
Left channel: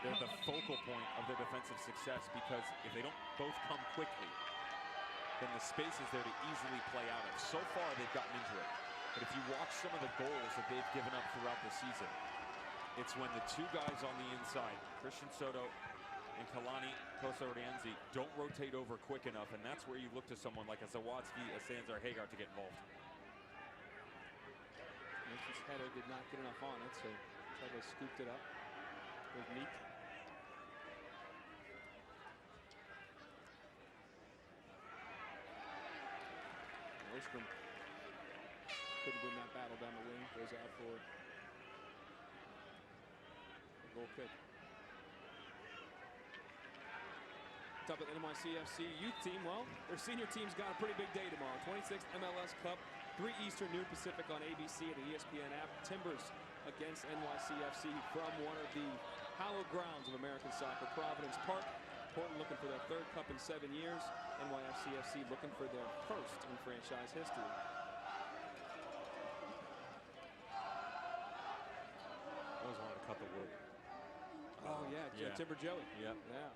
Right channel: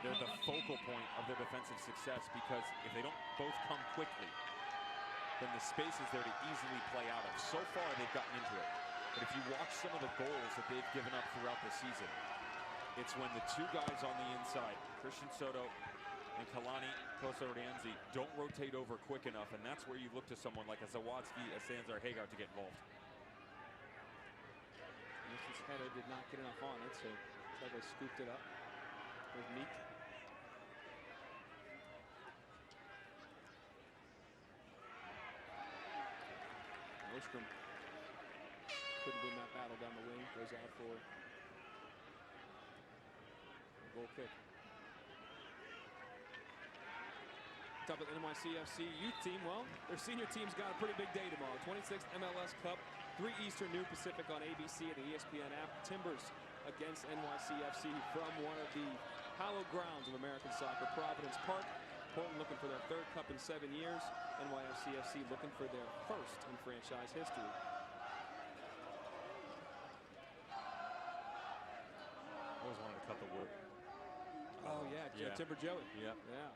they're the focal point of their defensive success, because if they don't both come quickly, then the space is there to easily play out of. So far, they've gotten into it. But if you watch some of the goals that they've given up throughout the season, it's when the two guys on the inside, Christian Soto and Kalani Kosa-Rienzi, don't rotate over quick enough, and that's where you look to someone like a Zawadzki, a Sands, or Hagar to get involved. Nelson's header did not get enough on it, so Tevez scooped it up. There's Meek. And Ostrom couldn't win that battle down the wing. Goes out for a goal kick. Top of the NYCFC youth team. Well, their senior team's got a pretty big day tomorrow. 26th MLS Cup, 3 Eastern, noon Pacific on ABC and the ESPN app. Timbers against NYCFC from one of the hallowed grounds of American soccer, Providence Park. Portland looking for their 3rd cup in 7 years. NYCFC looking for their 1st in franchise history. Always wanted to cut the wood. Oh, yeah. Timber Joey. Yep. Yeah.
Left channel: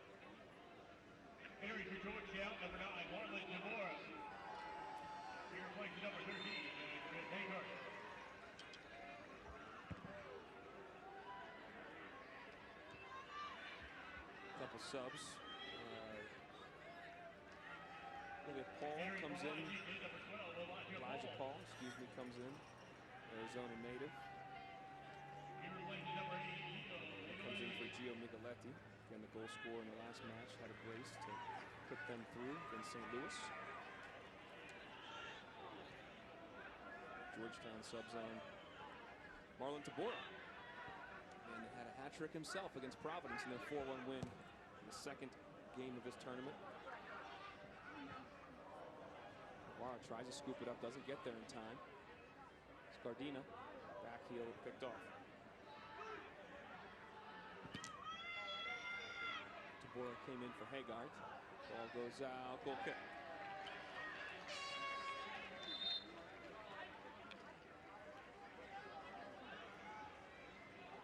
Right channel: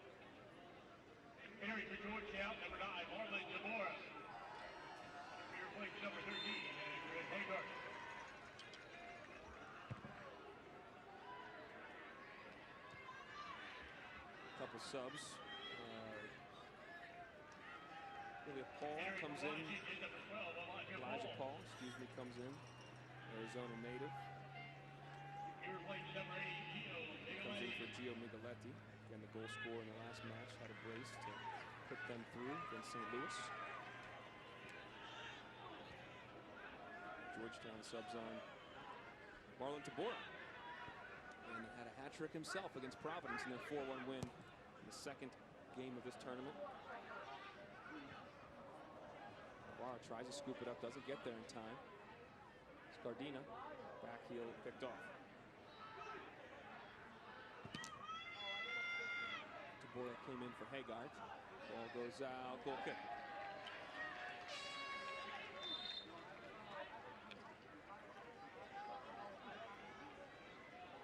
Couple subs. Paul comes in. Elijah Paul, comes in. Arizona native. Comes in for Gio Migaletti. Again, the goal scorer in the last match had a brace to put them through against St. Louis. Georgetown subs on Marlon Tabora. And had a hat trick himself against Providence in their 4-1 win in the 2nd game of this tournament. Guevara tries to scoop it up, doesn't get there in time. Scardina, back heel picked off. Tabora came in for Hagart. Ball goes out, goal kick.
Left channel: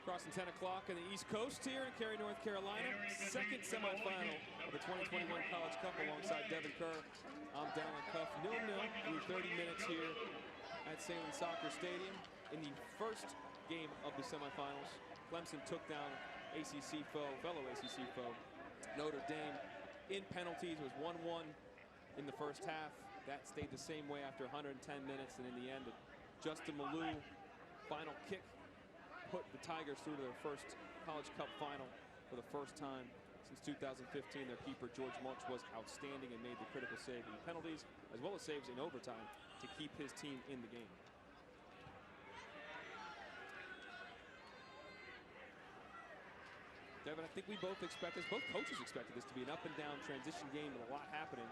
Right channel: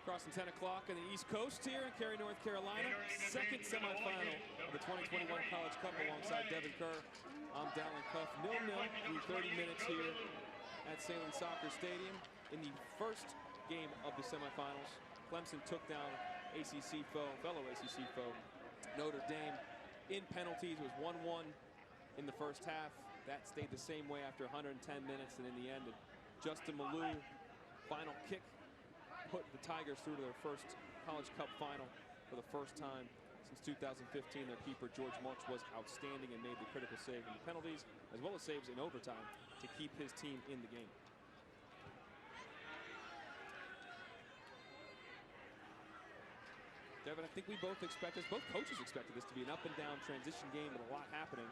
Crossing 10 o'clock on the East Coast here in Cary, North Carolina. 2nd semifinal of the 2021 College Cup alongside Devin Kerr. I'm Dallin Cuff. 0-0 through 30 minutes here at Salem Soccer Stadium. In the 1st game of the semifinals, Clemson took down fellow ACC foe, Notre Dame in penalties. It was 1-1 in the 1st half. That stayed the same way after 110 minutes, and in the end, Justin Malou final kick put the Tigers through to their 1st College Cup final for the 1st time since 2015. Their keeper, George Marks, was outstanding and made the critical save in the penalties, as well as saves in overtime to keep his team in the game. Devin, I think we both coaches expected this to be an up-and-down transition game with a lot happening.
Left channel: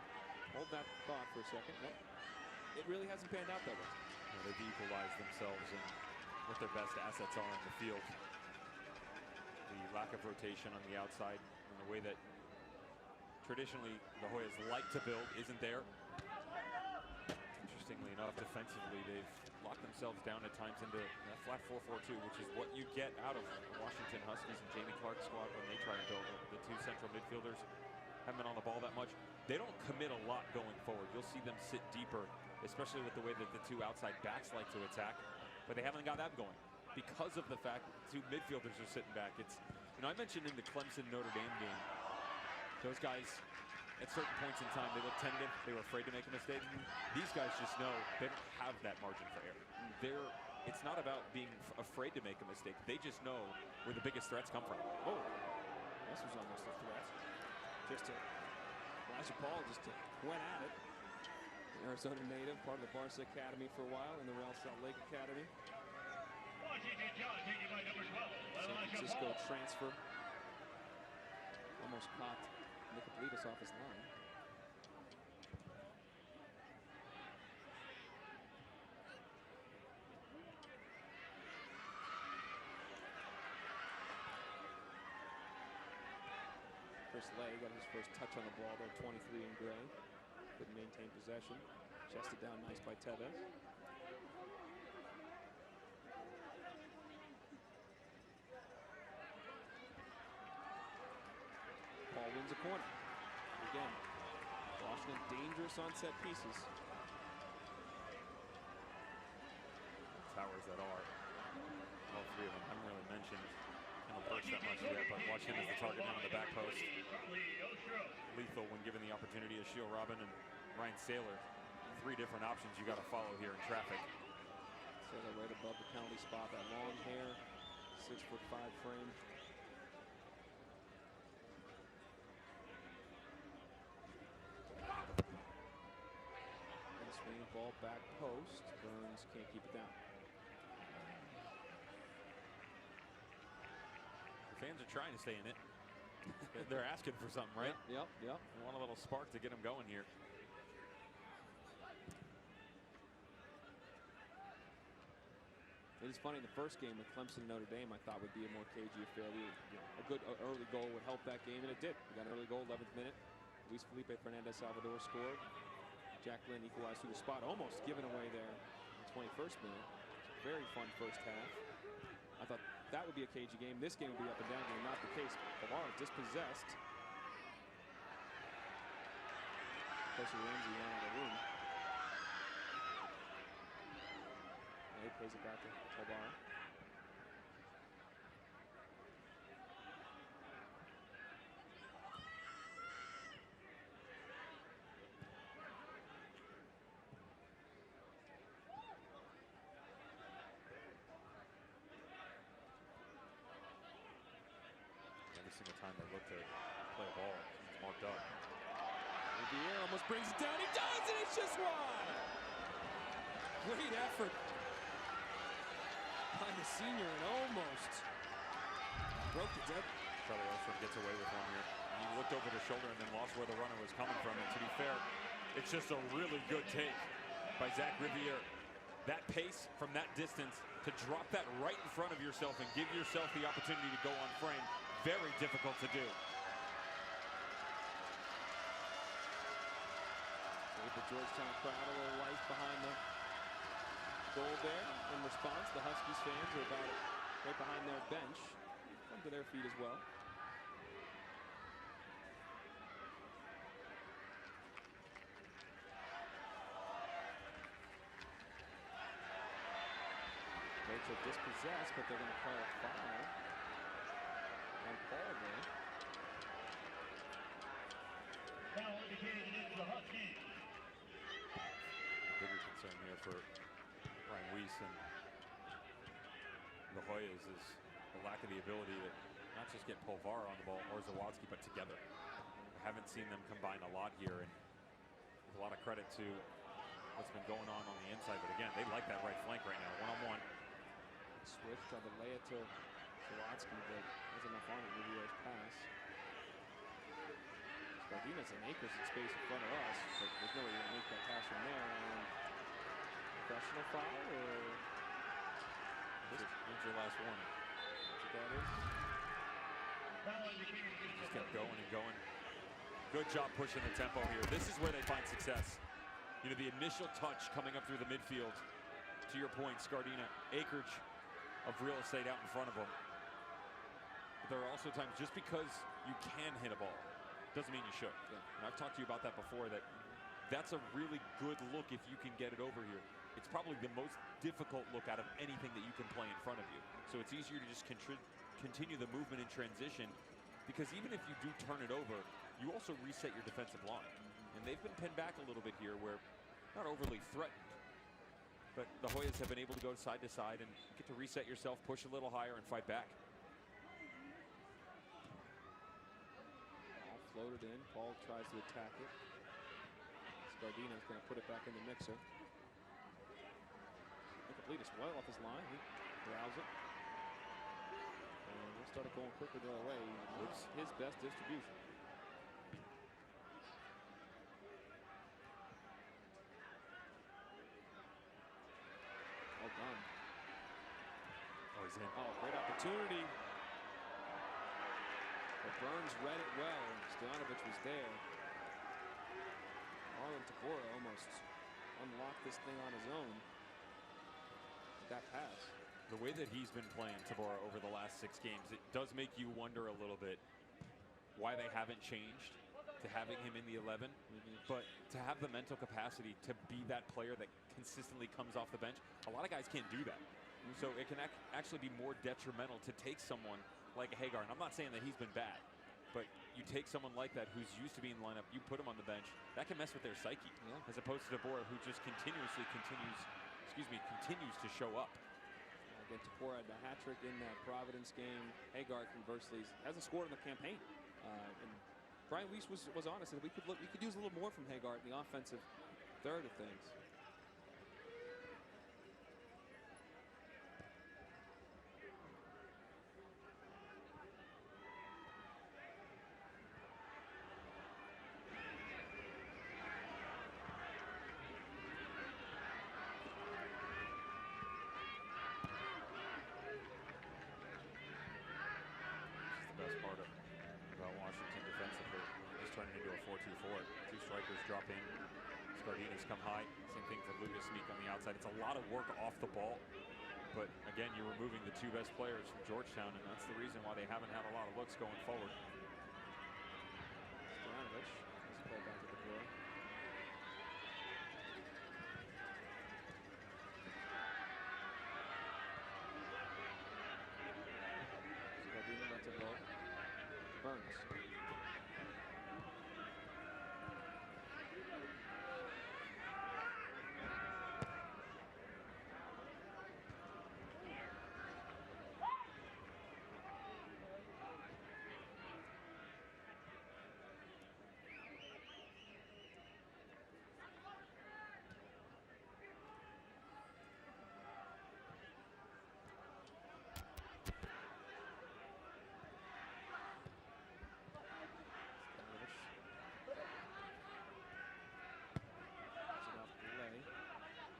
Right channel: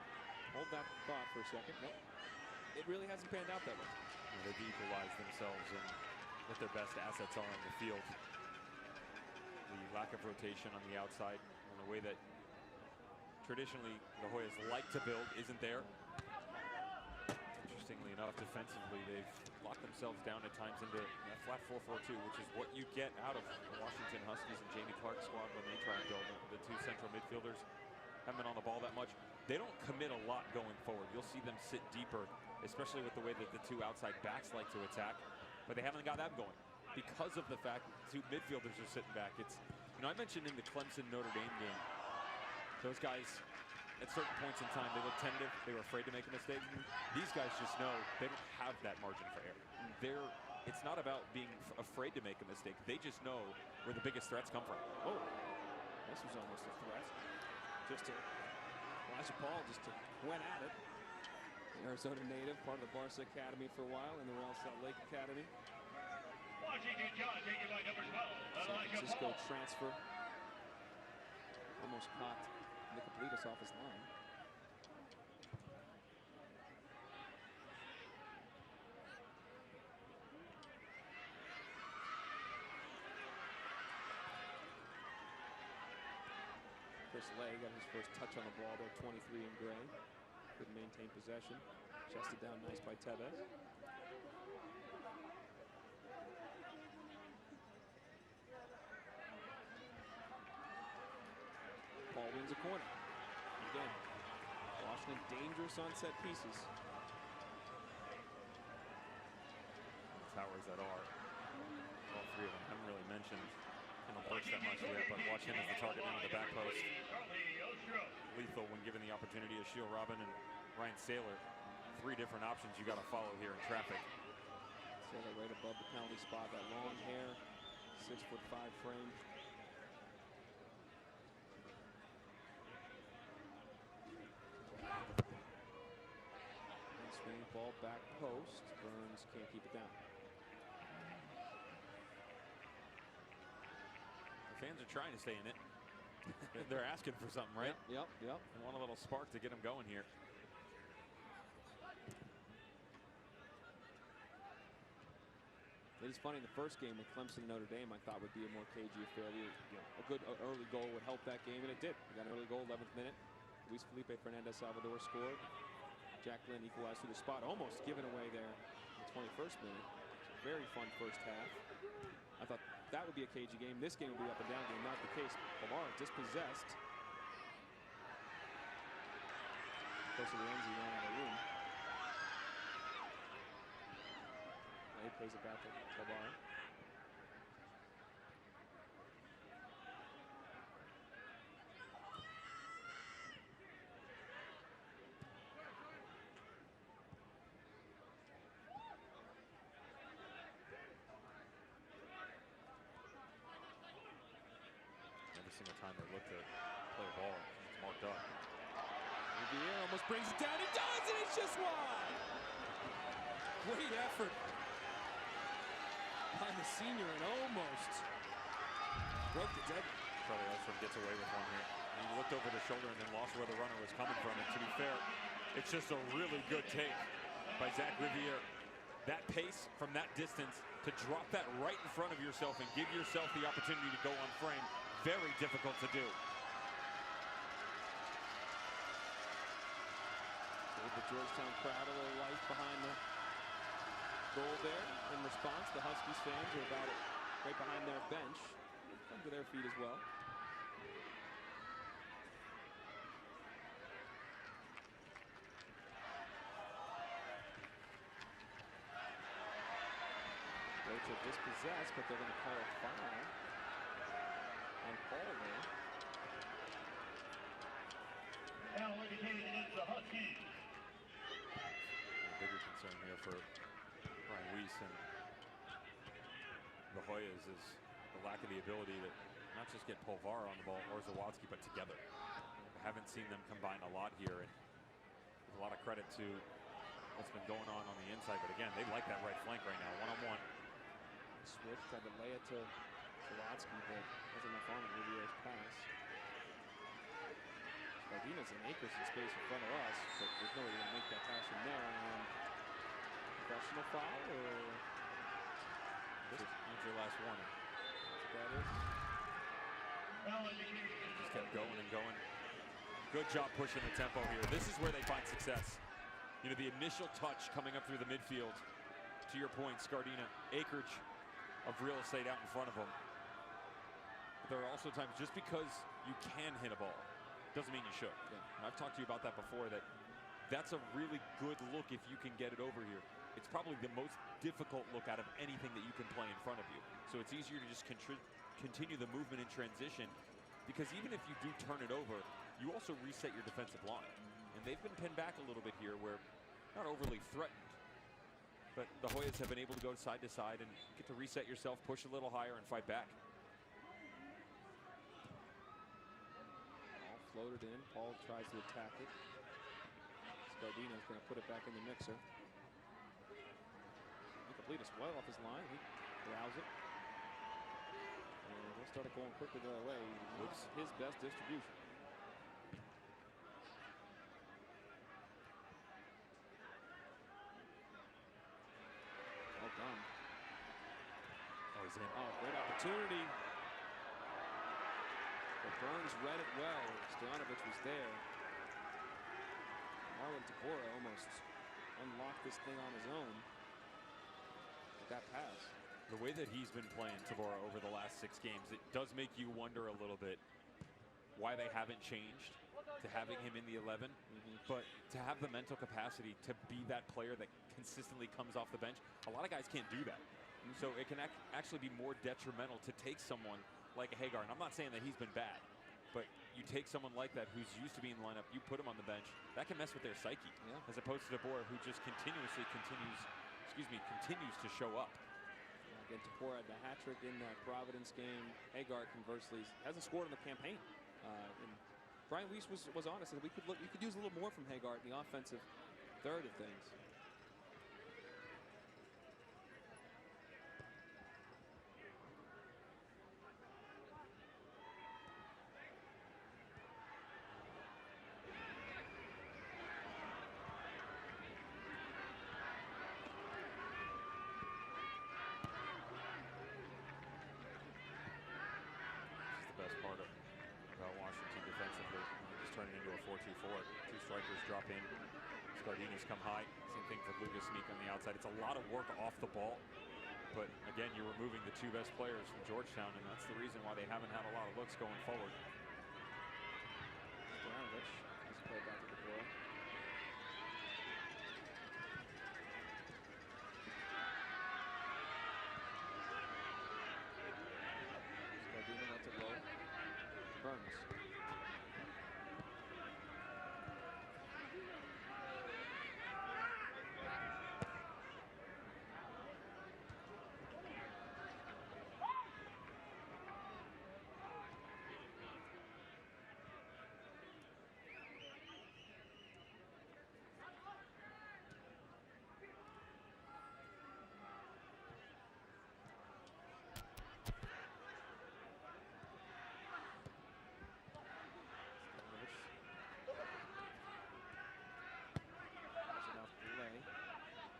Hold that thought for a second. Nope. It really hasn't panned out that way. No, they've equalized themselves in what their best assets are in the field. The lack of rotation on the outside and the way that traditionally the Hoyas like to build isn't there. Interestingly enough, defensively, they've locked themselves down at times into that flat 4-4-2, which is what you get out of the Washington Huskies and Jamie Clark's squad when they try and build. The 2 central midfielders haven't been on the ball that much. They don't commit a lot going forward. You'll see them sit deeper, especially with the way that the 2 outside backs like to attack. But they haven't got that going because of the fact that the 2 midfielders are sitting back. It's, I mentioned in the Clemson-Notre Dame game, those guys, at certain points in time, they looked tentative. They were afraid to make a mistake. These guys just know they don't have that margin for error. It's not about being afraid to make a mistake. They just know where the biggest threats come from. Oh, this was almost a threat. Elijah Paul went at it. The Arizona native, part of the Barca Academy for a while, in the Real Salt Lake Academy. San Francisco transfer. Almost caught Nicopolitas off his line. Chris Lay got his first touch on the ball there, 23 in gray. Couldn't maintain possession. Chested down nice by Tevez. Paul wins a corner. Again, Washington dangerous on set pieces. towers that are. All three of them. Haven't really mentioned Kendall Burks that much yet, but watch him as the target man on the back post. Lethal when given the opportunity to shield Robin and Ryan Saylor. Three different options you got to follow here in traffic. Saylor right above the penalty spot. That long hair, 6'5" frame. Swing ball back post. Burns can't keep it down. The fans are trying to stay in it. They're asking for something, right? Yep. They want a little spark to get them going here. It is funny, the first game with Clemson and Notre Dame I thought would be a more cagey affair. A good early goal would help that game, and it did. We got an early goal, 11th minute. Luis Felipe Fernandez Salvador scored. Jack Lynn equalized through the spot, almost given away there in the 21st minute. It's a very fun first half. I thought that would be a cagey game. This game would be up and down game, not the case. Pavara dispossessed. Closer to Renzi ran out of room. He pays it back to Pavara. Every single time they look to play a ball, someone's marked up. Riviere almost brings it down. He does, and it's just wide. Great effort by the senior and almost broke the deadline. Charlie Ostrom gets away with one here. And he looked over the shoulder and then lost where the runner was coming from. And to be fair, it's just a really good take by Zach Riviere. That pace from that distance to drop that right in front of yourself and give yourself the opportunity to go on frame. Very difficult to do. Gave the Georgetown crowd a little life behind the goal there. In response, the Huskies fans are about it right behind their bench. They've come to their feet as well. Rocha dispossessed, but they're going to call a foul on Paul there. A bigger concern here for Brian Weiss and the Hoyas is the lack of the ability to not just get Pulvar on the ball or Zawadzki, but together. I haven't seen them combine a lot here, and with a lot of credit to what's been going on the inside. But again, they like that right flank right now, one-on-one. Switch, tried to lay it to Zawadzki, but wasn't enough on it. Riviere's pass. Scardina's and Akers in space in front of us, but there's no way you're going to make that pass from there. And professional foul, or That's your last warning. that's what that is. He just kept going and going. Good job pushing the tempo here. This is where they find success. You know, the initial touch coming up through the midfield. To your point, Scardina, acreage of real estate out in front of them. But there are also times, just because you can hit a ball doesn't mean you should. Yeah. And I've talked to you about that before, that that's a really good look if you can get it over here. It's probably the most difficult look out of anything that you can play in front of you. So it's easier to just continue the movement in transition, because even if you do turn it over, you also reset your defensive line. And they've been pinned back a little bit here, where not overly threatened, but the Hoyas have been able to go side to side and get to reset yourself, push a little higher, and fight back. All floated in. Paul tries to attack it. Scardina's going to put it back in the mixer. Incomplete as well off his line. He corrals it. And we'll start it going quickly the other way. Looks his best distribution. Well done. Oh, he's in. Oh, great opportunity. But Burns read it well. Stojanovic was there. Marlon Tabora almost unlocked this thing on his own with that pass. The way that he's been playing, Tabora, over the last 6 games, it does make you wonder a little bit why they haven't changed to having him in the 11, but to have the mental capacity to be that player that consistently comes off the bench, a lot of guys can't do that. So it can actually be more detrimental to take someone like a Hagar. And I'm not saying that he's been bad, but you take someone like that who's used to being in the lineup, you put him on the bench, that can mess with their psyche. As opposed to Tabora, who just continues to show up. Again, Tabora had the hat trick in that Providence game. Hagar, conversely, hasn't scored in the campaign. And Brian Weiss was honest, and we could use a little more from Hagar in the offensive third of things. Best part about Washington defensively. They just turn it into a 4-2-4. Two strikers drop in. Scardinas come high. Same thing for Lucas Sneak on the outside. It's a lot of work off the ball. But again, you're removing the two best players from Georgetown, and that's the reason why they haven't had a lot of looks going forward. Stojanovic has to play back to Tabora. Scardina lets it low to Burns.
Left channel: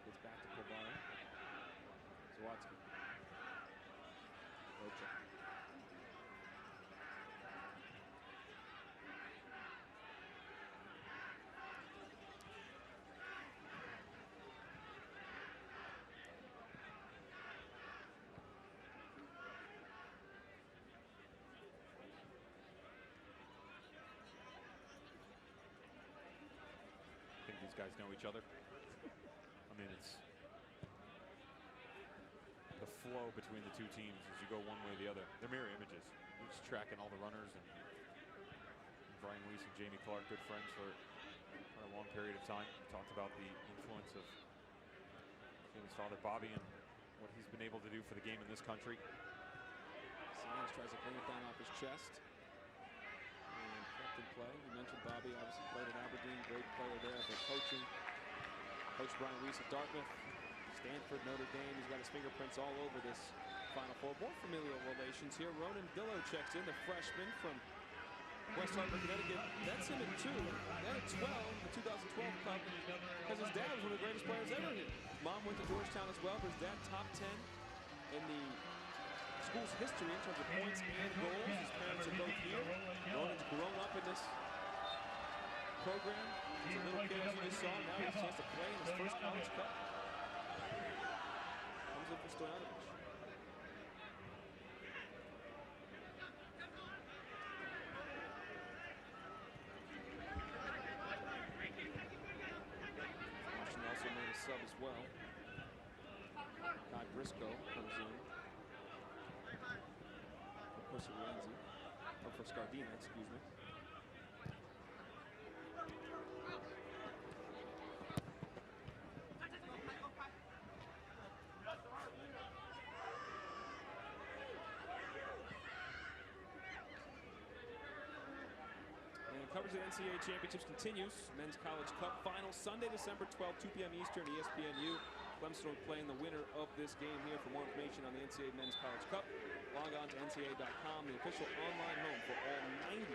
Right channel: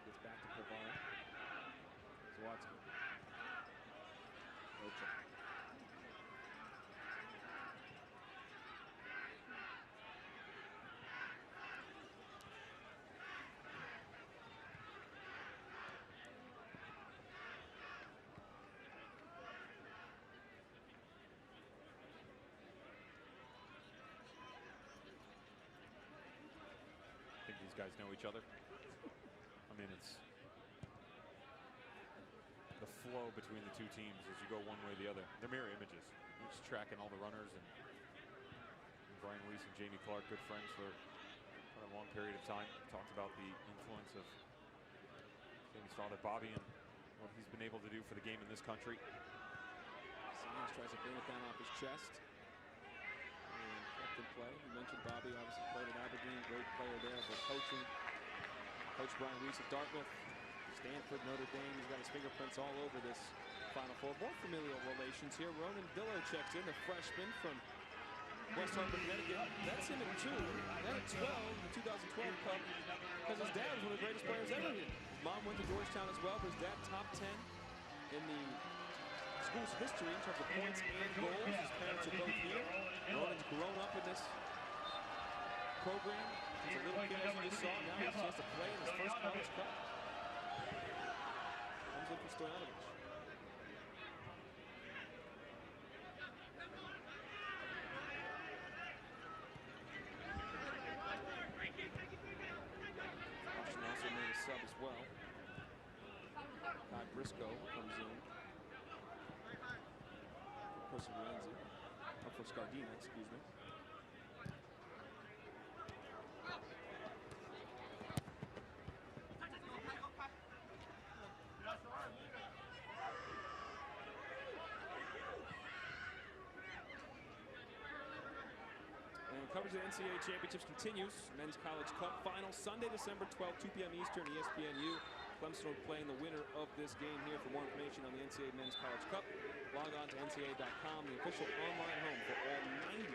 Gets back to Polvara. Zawatsky. Rocha. I think these guys know each other. I mean, it's the flow between the two teams as you go one way or the other. They're mirror images. You're just tracking all the runners, and Brian Weiss and Jamie Clark, good friends for a long period of time. We talked about the influence of Jamie's father, Bobby, and what he's been able to do for the game in this country. Sands tries to bring it down off his chest and kept in play. You mentioned Bobby obviously played at Aberdeen, great player there, but coaching. Coach Brian Weiss at Dartmouth, Stanford, Notre Dame. He's got his fingerprints all over this Final Four. More familial relations here. Ronan Dillo checks in, the freshman from West Hartford, Connecticut. That's him at 2, then at 12 in the 2012 Cup, because his dad was one of the greatest players ever here. His mom went to Georgetown as well, but his dad top 10 in the school's history in terms of points and goals. His parents are both here. Ronan's grown up in this program. He's a little kid, as you just saw. Now he has a chance to play in his first college cup. Comes in for Stojanovic. Washington also made a sub as well. Kai Briscoe comes in for Corsirenzi, or for Scardina, excuse me. And coverage of the NCAA championships continues. Men's College Cup final Sunday, December 12th, 2 p.m. Eastern, ESPNU. Clemson will be playing the winner of this game here. For more information on the NCAA Men's College Cup, log on to ncaa.com, the official online home for all 90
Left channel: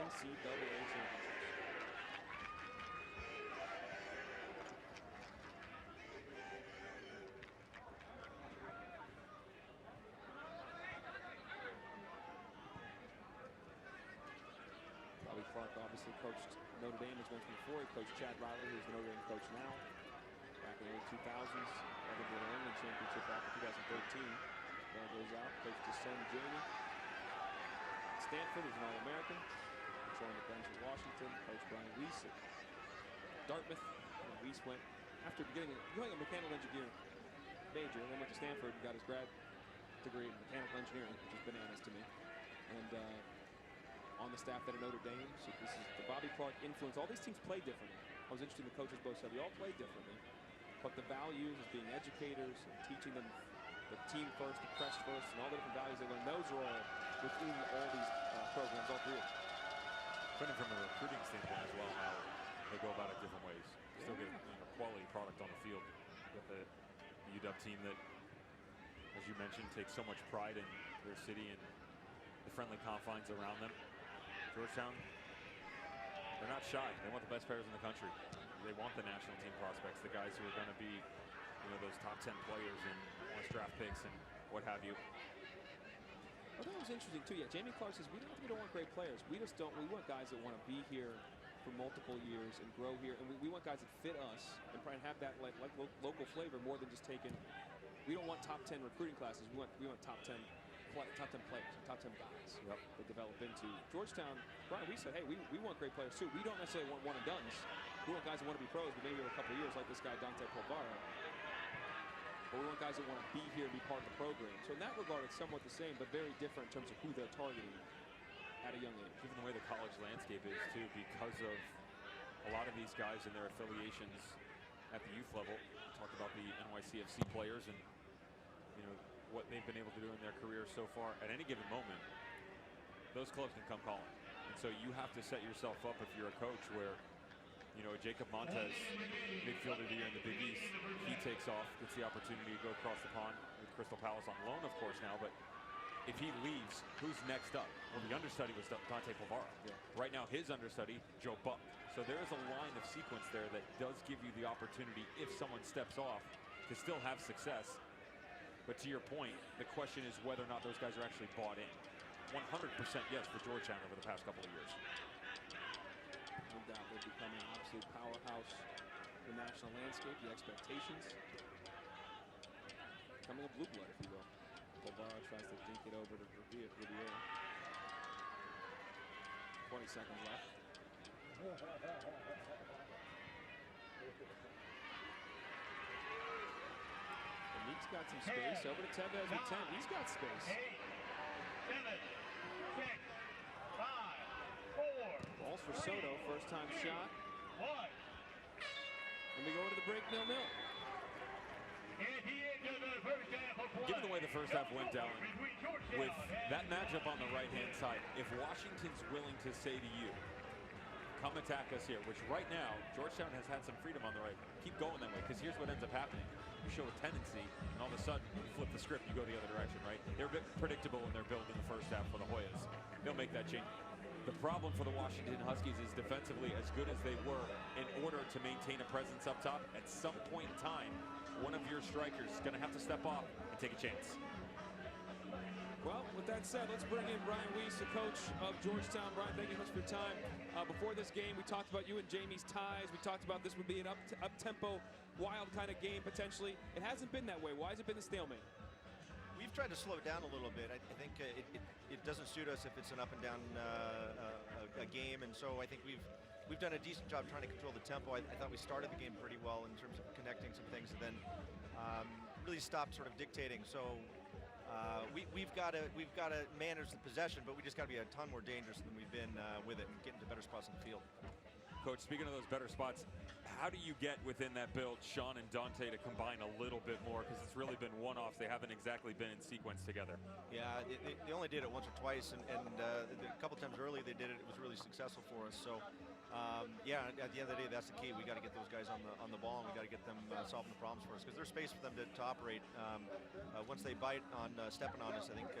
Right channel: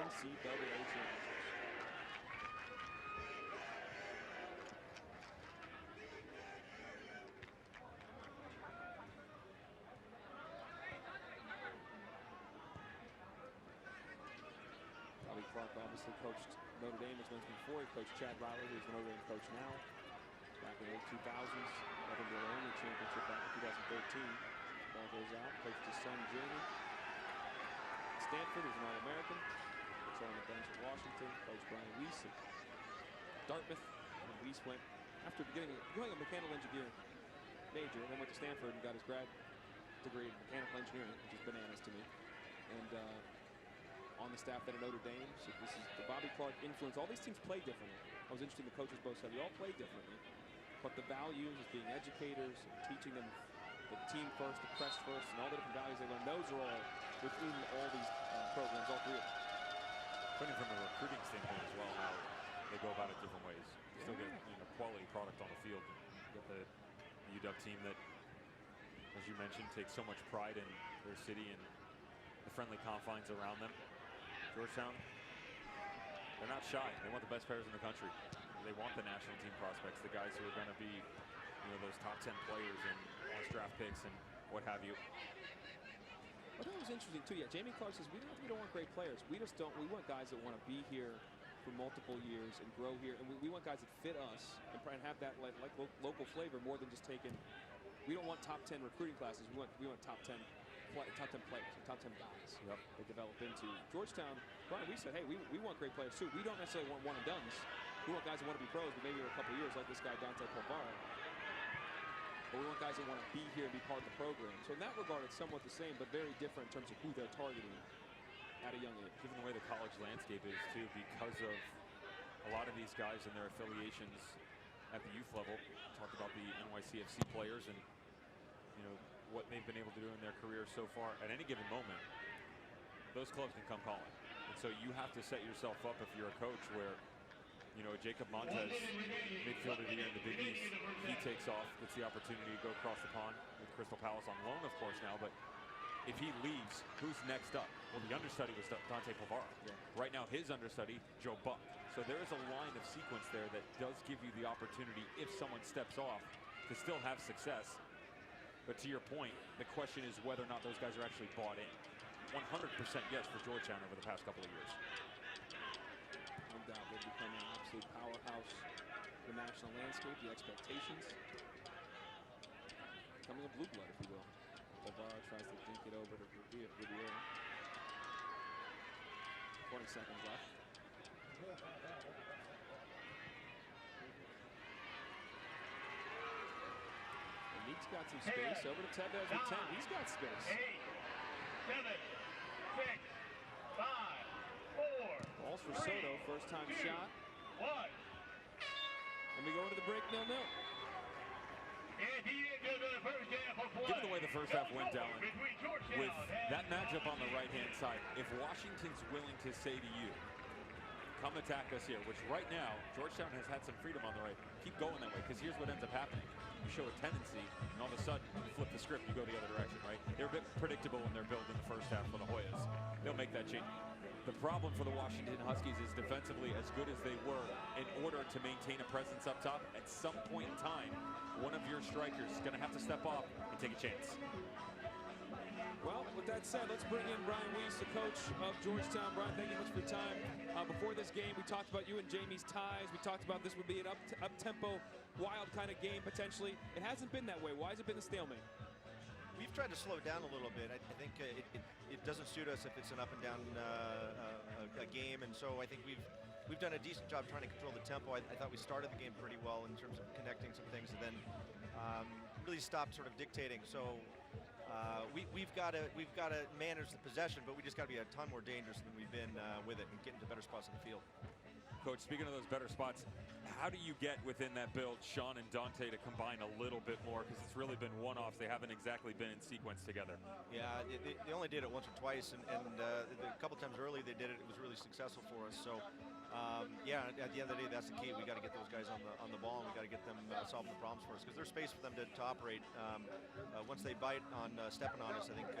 NCAA championships. Bobby Clark obviously coached Notre Dame, as mentioned before. He coached Chad Riley, who's the Notre Dame coach now. Back in the late 2000s, led them to their only championship back in 2013. Ball goes out, coached his son Jamie. Stanford, who's an All-American. also on the bench at Washington. Coach Brian Weiss at Dartmouth. And Weiss went, after becoming a mechanical engineer major, and then went to Stanford and got his grad degree in mechanical engineering, which is bananas to me. And on the staff then at Notre Dame. So this is the Bobby Clark influence. All these teams play differently. I was interested in the coaches both said we all play differently, but the values as being educators and teaching them the team first, the press first, and all the different values they learn, those are all within all these programs, all three of them. Funny from a recruiting standpoint as well, how they go about it different ways. Still get quality product on the field. You got the UW team that, as you mentioned, takes so much pride in their city and the friendly confines around them. Georgetown, they're not shy. They want the best players in the country. They want the national team prospects, the guys who are going to be, those top 10 players and draft picks and what have you. Well, that was interesting too. Yeah, Jamie Clark says we don't want great players. We want guys that want to be here for multiple years and grow here, and we want guys that fit us and have that like local flavor more than just taking. We don't want top 10 recruiting classes. We want top 10 players and top 10 guys. Yep. They develop into. Georgetown, Brian, we said, hey, we want great players too. We don't necessarily want one and dones. We want guys that want to be pros, but maybe over a couple of years, like this guy Dante Polvara. But we want guys that want to be here and be part of the program. So in that regard, it's somewhat the same, but very different in terms of who they're targeting at a young age. Given the way the college landscape is too, because of a lot of these guys and their affiliations at the youth level. Talked about the NYCFC players and what they've been able to do in their careers so far. At any given moment, those clubs can come calling, and so you have to set yourself up if you're a coach where Jacob Montez, midfielder of the year in the Big East, he takes off, gets the opportunity to go across the pond with Crystal Palace on loan, of course, now. But if he leaves, who's next up? Well, the understudy was Dante Polvara. Yeah. Right now, his understudy, Joe Buck. So there is a line of sequence there that does give you the opportunity, if someone steps off, to still have success. But to your point, the question is whether or not those guys are actually bought in. 100% yes for Georgetown over the past couple of years. No doubt they've become an absolute powerhouse in the national landscape, the expectations. Becoming a blue blood, if you will. Polvara tries to dink it over to Riviera. 20 seconds left. And Neek's got some space. Over to Tevez with 10. He's got space. 8, 7, 6, 5, 4. Balls for Soto, first time shot. 1. And we go into the break 0-0. Given the way the first half went, Dallin, with that matchup on the right-hand side, if Washington's willing to say to you, come attack us here, which right now, Georgetown has had some freedom on the right, keep going that way, because here's what ends up happening. You show a tendency, and all of a sudden, you flip the script, you go the other direction, right? They're a bit predictable in their build in the first half for the Hoyas. They'll make that change. The problem for the Washington Huskies is defensively, as good as they were, in order to maintain a presence up top, at some point in time, one of your strikers is going to have to step off and take a chance. Well, with that said, let's bring in Brian Weiss, the coach of Georgetown. Brian, thank you so much for your time. Before this game, we talked about you and Jamie's ties. We talked about this would be an up-tempo, wild kind of game, potentially. It hasn't been that way. Why has it been a stalemate? We've tried to slow it down a little bit. I think it doesn't suit us if it's an up and down a game, and so I think we've done a decent job trying to control the tempo. I thought we started the game pretty well in terms of connecting some things, and then really stopped sort of dictating. So we've got to manage the possession, but we just got to be a ton more dangerous than we've been with it and get into better spots on the field. Coach, speaking of those better spots, how do you get within that build Sean and Dante to combine a little bit more? Because it's really been one-offs. They haven't exactly been in sequence together. Yeah, they only did it once or twice, and a couple times early they did it. It was really successful for us. So, yeah, at the end of the day, that's the key. We got to get those guys on the ball, and we got to get them solving the problems for us, because there's space for them to operate. Once they bite on stepping on us, I think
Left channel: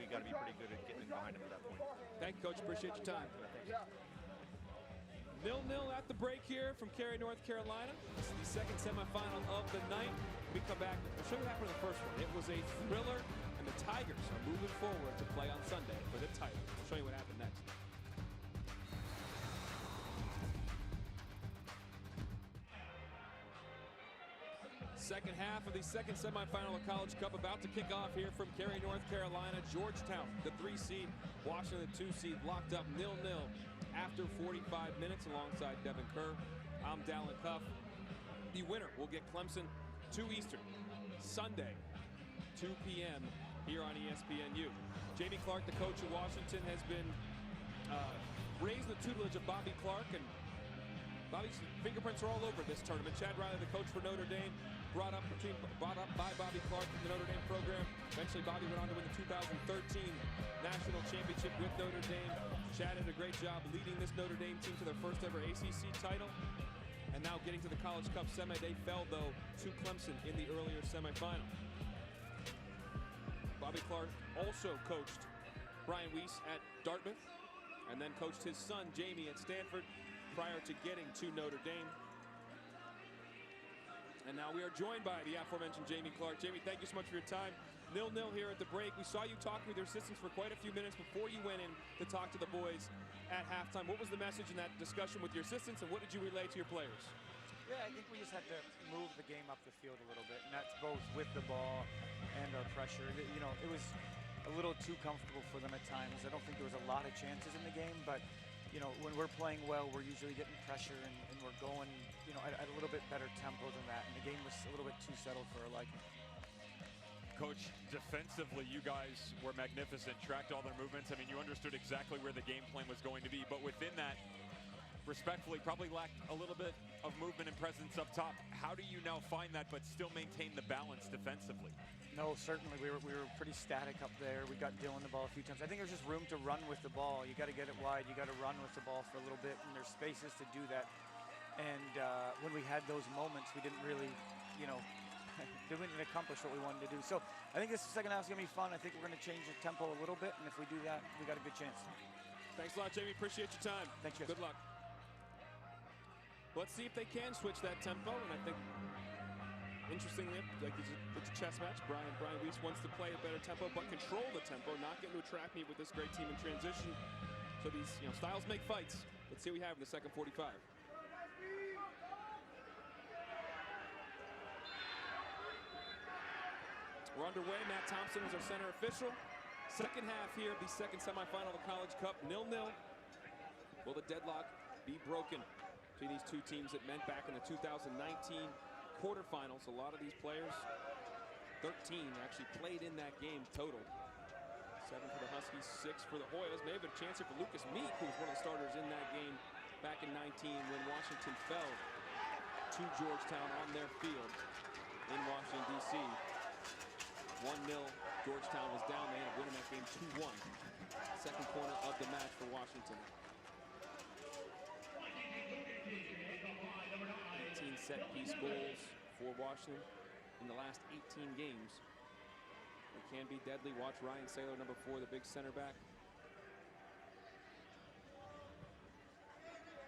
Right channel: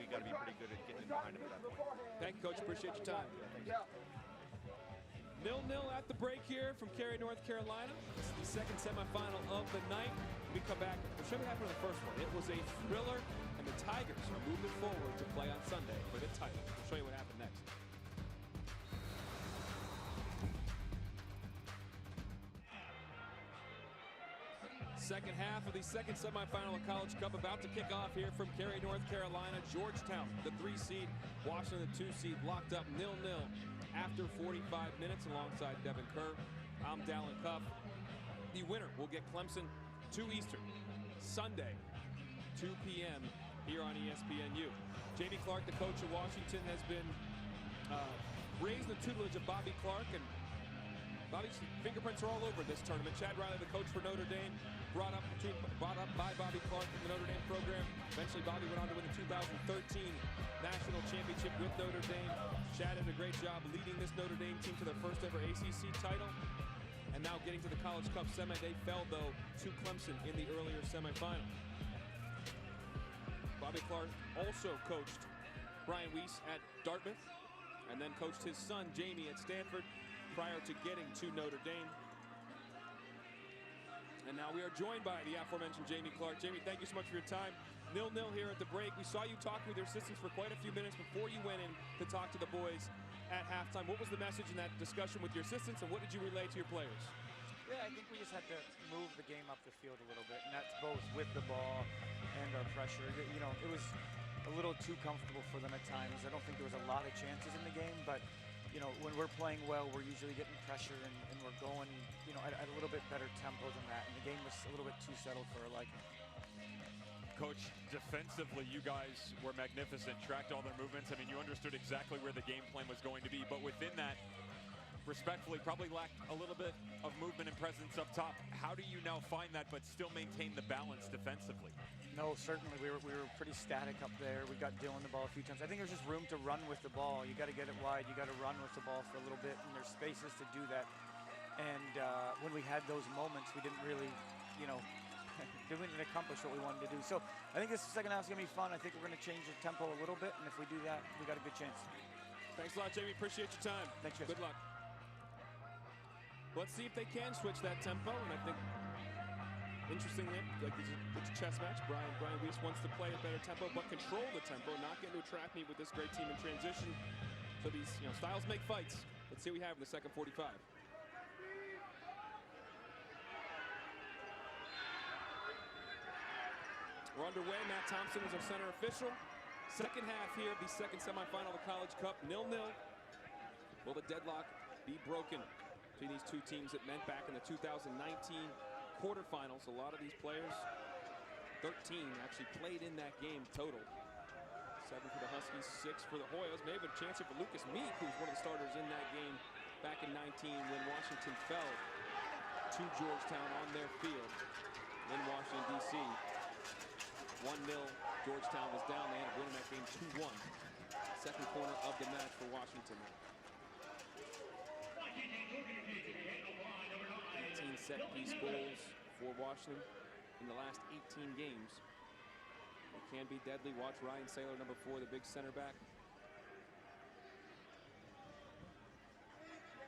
we got to be pretty good at getting in behind them at that point. Thank you, Coach. Appreciate your time. Yeah, thanks. 0-0 at the break here from Cary, North Carolina. It's the second semifinal of the night. When we come back, we'll show you what happened in the first one. It was a thriller, and the Tigers are moving forward to play on Sunday for the title. We'll show you what happened next. Second half of the second semifinal of College Cup about to kick off here from Cary, North Carolina. Georgetown, the 3 seed, Washington, the 2 seed, locked up 0-0 after 45 minutes alongside Devin Kerr. I'm Dallin Cuff. The winner will get Clemson 2 Eastern, Sunday, 2 p.m. here on ESPNU. Jamie Clark, the coach of Washington, has been raised in the tutelage of Bobby Clark, and Bobby's fingerprints are all over this tournament. Chad Riley, the coach for Notre Dame, brought up by Bobby Clark in the Notre Dame program. Eventually, Bobby went on to win the 2013 National Championship with Notre Dame. Chad did a great job leading this Notre Dame team to their first ever ACC title. And now getting to the College Cup semi. They fell, though, to Clemson in the earlier semifinal. Bobby Clark also coached Brian Weiss at Dartmouth and then coached his son, Jamie, at Stanford prior to getting to Notre Dame. And now we are joined by the aforementioned Jamie Clark. Jamie, thank you so much for your time. 0-0 here at the break. We saw you talking with your assistants for quite a few minutes before you went in to talk to the boys at halftime. What was the message in that discussion with your assistants, and what did you relay to your players? Yeah, I think we just had to move the game up the field a little bit, and that's both with the ball and our pressure. You know, it was a little too comfortable for them at times. I don't think there was a lot of chances in the game, but you know, when we're playing well, we're usually getting pressure and we're going, you know, at a little bit better tempo than that. And the game was a little bit too settled for our liking. Coach, defensively, you guys were magnificent, tracked all their movements. I mean, you understood exactly where the game plan was going to be, but within that, respectfully, probably lacked a little bit of movement and presence up top. How do you now find that but still maintain the balance defensively? No, certainly we were pretty static up there. We got Dylan the ball a few times. I think there's just room to run with the ball. You got to get it wide. You got to run with the ball for a little bit, and there's spaces to do that. And when we had those moments, we didn't really, you know, didn't accomplish what we wanted to do. So I think this second half is going to be fun. I think we're going to change the tempo a little bit, and if we do that, we got a good chance. Thanks a lot, Jamie. Appreciate your time. Thanks, guys. Good luck. Let's see if they can switch that tempo, and I think, interestingly, like it's a chess match. Brian Weiss wants to play a better tempo, but control the tempo, not get into a track meet with this great team in transition. So these, you know, styles make fights. Let's see what we have in the second 45. We're underway. Matt Thompson is our center official. Second half here of the second semifinal of the College Cup, 0-0. Will the deadlock be broken between these two teams that met back in the 2019 quarterfinals? A lot of these players, 13, actually played in that game total. 7 for the Huskies, 6 for the Hoyas. Maybe a chance here for Lucas Meek, who's one of the starters in that game back in 19 when Washington fell to Georgetown on their field in Washington, D.C. 1-0. Georgetown was down. They ended up winning that game 2-1. Second corner of the match for Washington. 18 set-piece goals for Washington in the last 18 games. They can be deadly. Watch Ryan Saylor, number 4, the big center back.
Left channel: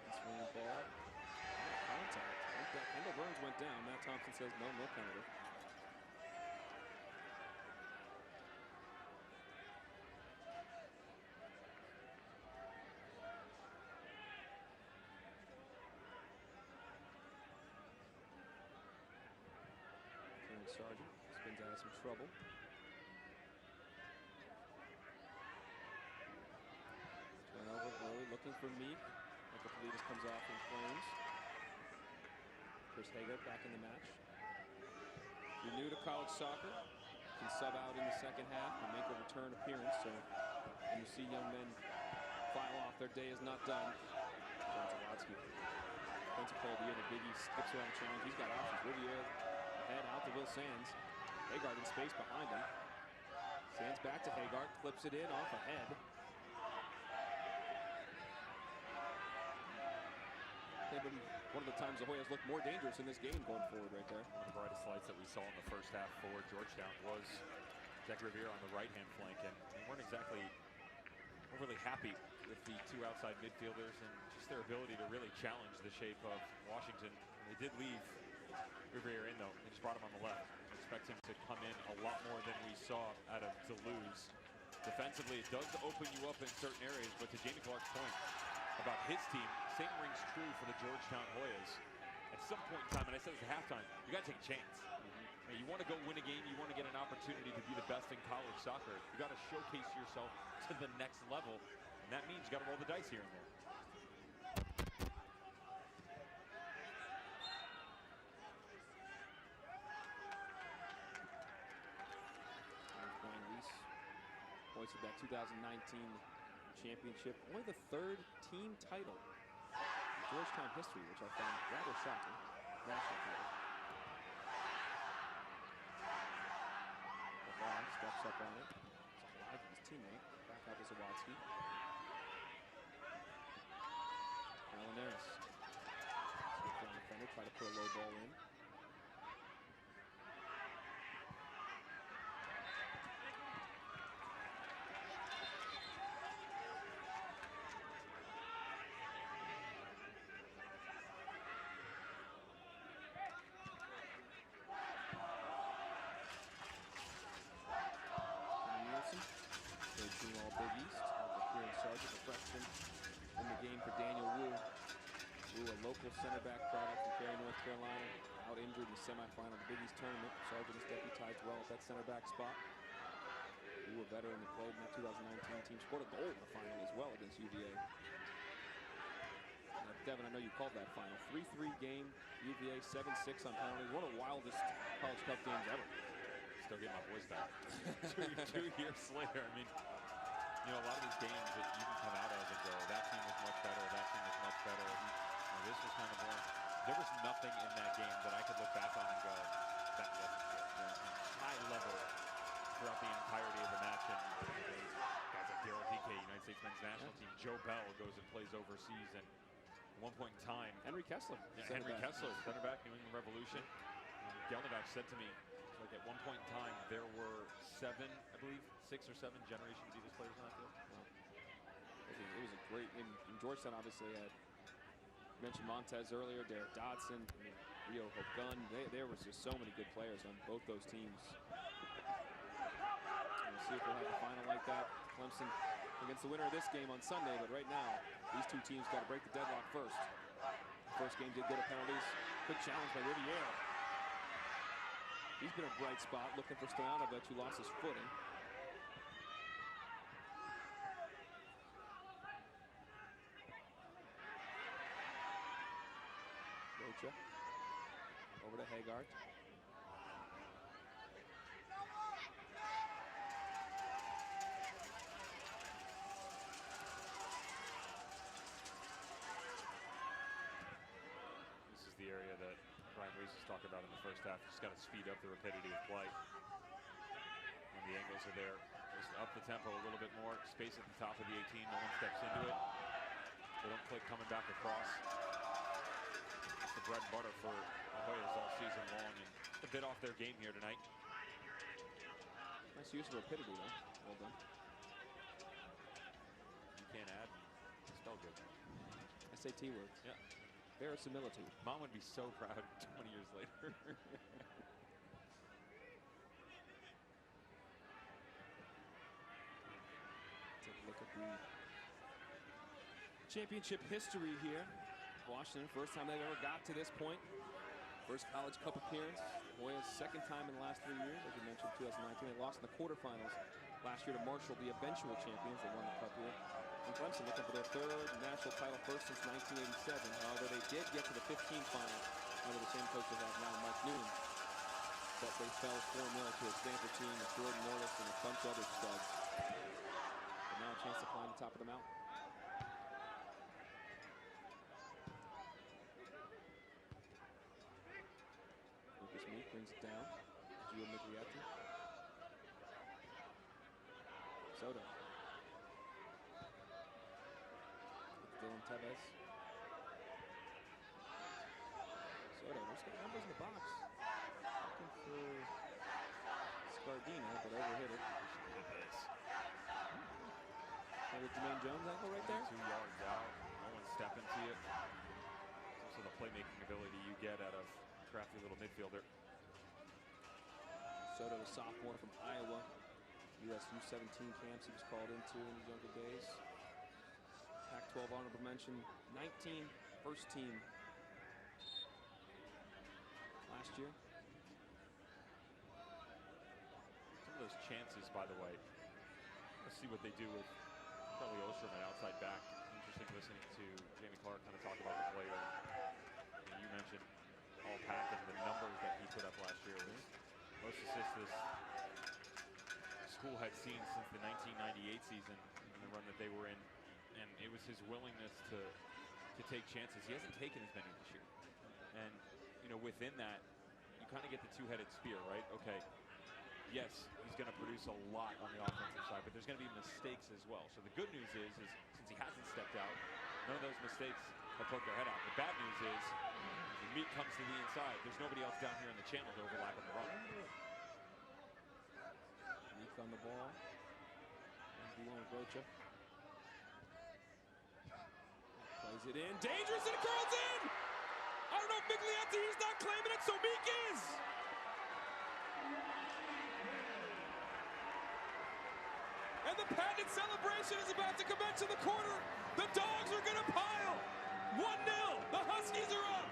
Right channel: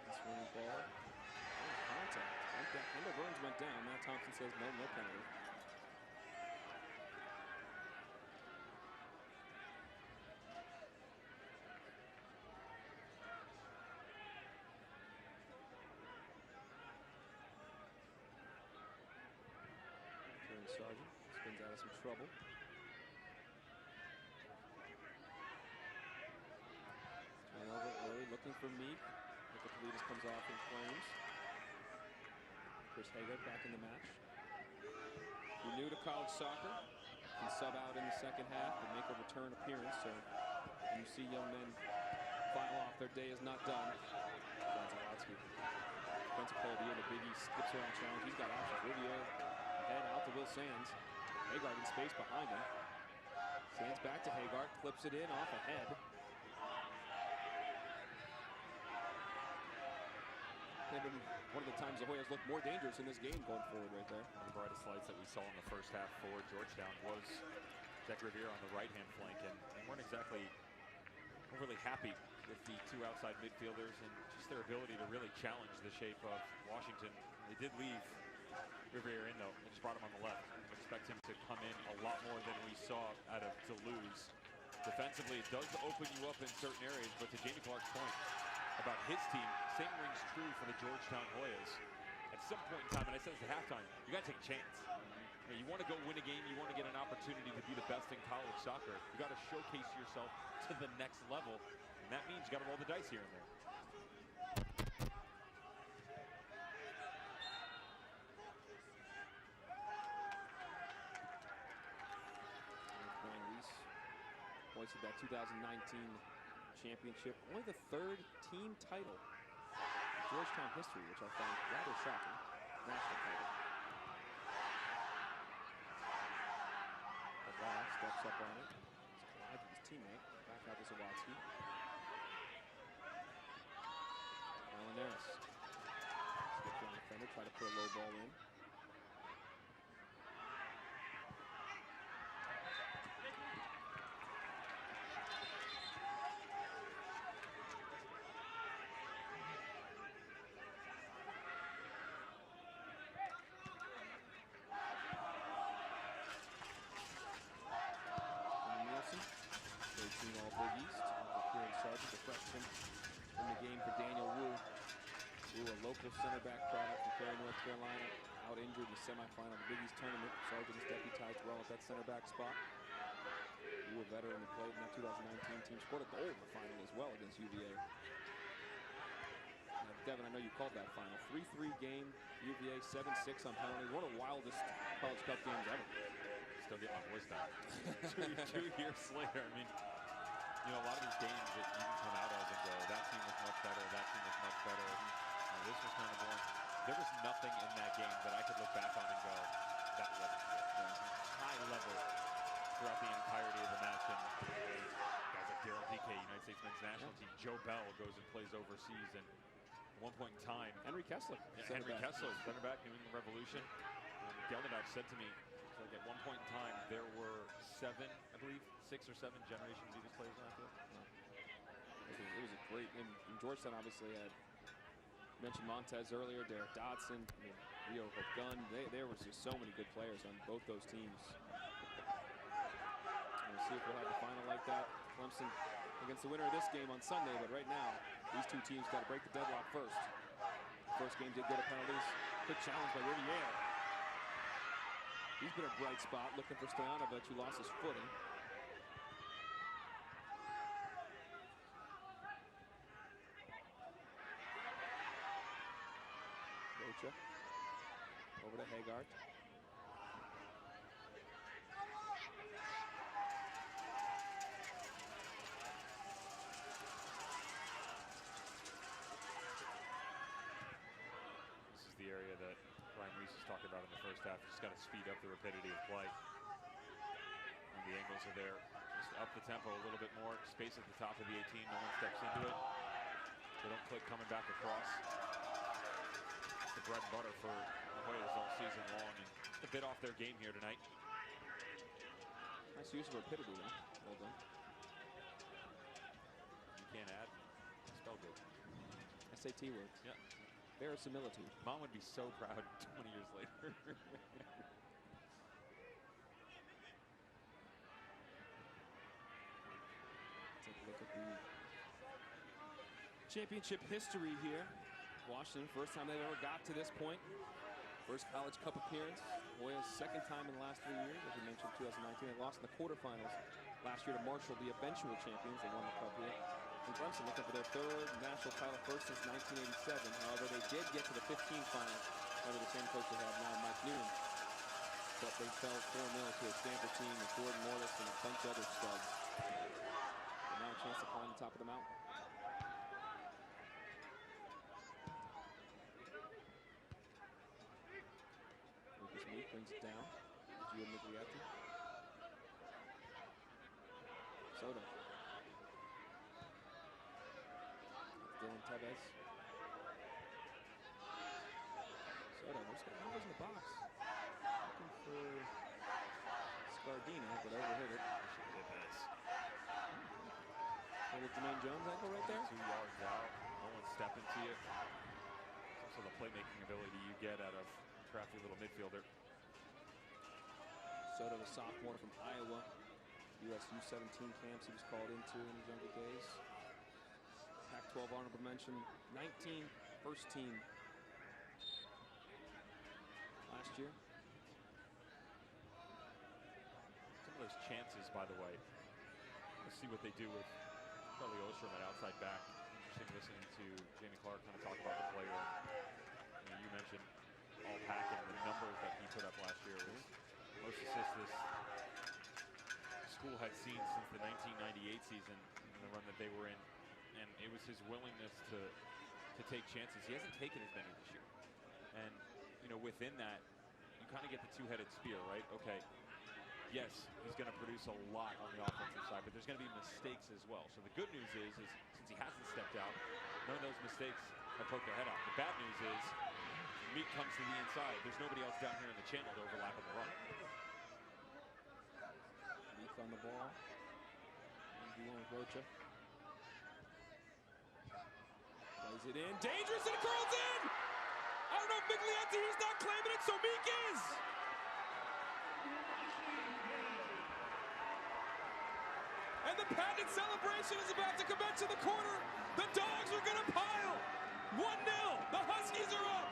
Nice running ball. Not a contact. Kendall Burns went down. Matt Thompson says no penalty. Sargent spins out of some trouble. Turnover early, looking for Meek. Nicopolitis comes off in flames. Chris Haggard back in the match. If you're new to college soccer, can sub out in the second half and make a return appearance. So when you see young men file off, their day is not done. John Zawadzki, defensive player of the year in the Big East, skips around the challenge. He's got options. Riviere ahead out to Will Sands. Haggard in space behind him. Sands back to Haggard, clips it in off ahead. Maybe one of the times the Hoyas looked more dangerous in this game going forward right there. One of the brightest lights that we saw in the first half for Georgetown was Jack Riviere on the right-hand flank, and they weren't exactly overly happy with the two outside midfielders and just their ability to really challenge the shape of Washington. They did leave Riviere in, though. They just brought him on the left. I expect him to come in a lot more than we saw out of Deleuze. Defensively, it does open you up in certain areas, but to Jamie Clark's point about his team, same rings true for the Georgetown Hoyas. At some point in time, and I said this at halftime, you got to take a chance. You want to go win a game, you want to get an opportunity to be the best in college soccer. You got to showcase yourself to the next level, and that means you got to roll the dice here and there. hoisted that 2019 championship. Only the 3rd team title in Georgetown history, which I found rather shocking. National title. Ball steps up on it. It's Clyde, his teammate. Back out to Zawadzki. Alanaris. Skips around the defender, try to put a low ball in. Third team all Big East. Uncle Kieran Sargent, the freshman in the game for Daniel Wu. Wu, a local center back product from Cary, North Carolina, out injured in the semifinal of the Big East tournament. Sargent is deputized well at that center back spot. Wu, a veteran that played in that 2019 team, scored a goal in the final as well against UVA. Now, Devin, I know you called that final. 3-3 game, UVA 7-6 on penalties. One of the wildest College Cup games ever. Still get my voice back. two years later, I mean, you know, a lot of these games that you can come out of and go, that team was much better, that team was much better. You know, this was kind of boring. There was nothing in that game that I could look back on and go, that wasn't good. Yeah. High level throughout the entirety of the match. And guys like Daryl Dike, United States men's national team, Joe Bell goes and plays overseas. And at one point in time, Henry Kessler. Yeah, Henry Kessler, center back, New England Revolution. Gelnadach said to me, like at one point in time, there were 7, I believe, 6 or 7 Generation Adidas players on that field. Wow. It was a great, and Georgetown obviously had, mentioned Montez earlier, Derek Dodson, I mean, Rio Hope Gunn. There was just so many good players on both those teams. And we'll see if we'll have a final like that. Clemson against the winner of this game on Sunday, but right now, these two teams got to break the deadlock first. The first game did go to penalties. Quick challenge by Riviere. He's been a bright spot, looking for Stojanovic, who lost his footing. Rocha over to Haggard. This is the area that Brian Weiss was talking about in the first half. Just got to speed up the rapidity of play. When the angles are there, just up the tempo a little bit more. Space at the top of the 18. No one steps into it. They don't click coming back across. It's the bread and butter for the Hoyas all season long, and a bit off their game here tonight. Nice use of rapidity, though. Well done. You can't add. Spell good. SAT words. Yeah. Verisimilitude. Mom would be so proud 20 years later. Take a look at the championship history here. Washington, first time they've ever got to this point. First College Cup appearance. Hoyas' second time in the last 3 years. As you mentioned, 2019. They lost in the quarterfinals last year to Marshall, the eventual champions. They won the cup here. And Clemson looking for their 3rd national title, first since 1987. However, they did get to the 15 final under the same coach they have now, Mike Newman. But they fell 4-0 to a Stanford team with Jordan Morris and a bunch of other studs. But now a chance to climb the top of the mountain. Lucas Meek brings it down. Gio Miglietti. Soto. Dylan Tevez. Soto, there's got numbers in the box. Looking for Scardina, but overhit it. We should hit this. Little Jermaine Jones angle right there. 2 yards out. No one stepping to you. It's also the playmaking ability you get out of crafty little midfielder. Soto, the sophomore from Iowa. US U17 camps he was called into in his younger days. Pac-12 honorable mention, 19 first team last year. Some of those chances, by the way. Let's see what they do with Charlie Ostrom at outside back. Interesting listening to Jamie Clark kind of talk about the player. And, you mentioned all Pack and the numbers that he put up last year was most assists this school had seen since the 1998 season and the run that they were in. And it was his willingness to take chances. He hasn't taken as many this year. And, you know, within that, you kind of get the two-headed spear, right? Okay, yes, he's going to produce a lot on the offensive side, but there's going to be mistakes as well. So the good news is since he hasn't stepped out, none of those mistakes have poked their head out. The bad news is when Meek comes to the inside, there's nobody else down here in the channel to overlap on the run. Meek on the ball. 1v1 with Rocha. Plays it in. Dangerous, and it curls in! I don't know if Miglietti, he's not claiming it, so Meek is! And the patented celebration is about to commence in the corner. The Dogs are gonna pile! 1-0, the Huskies are up!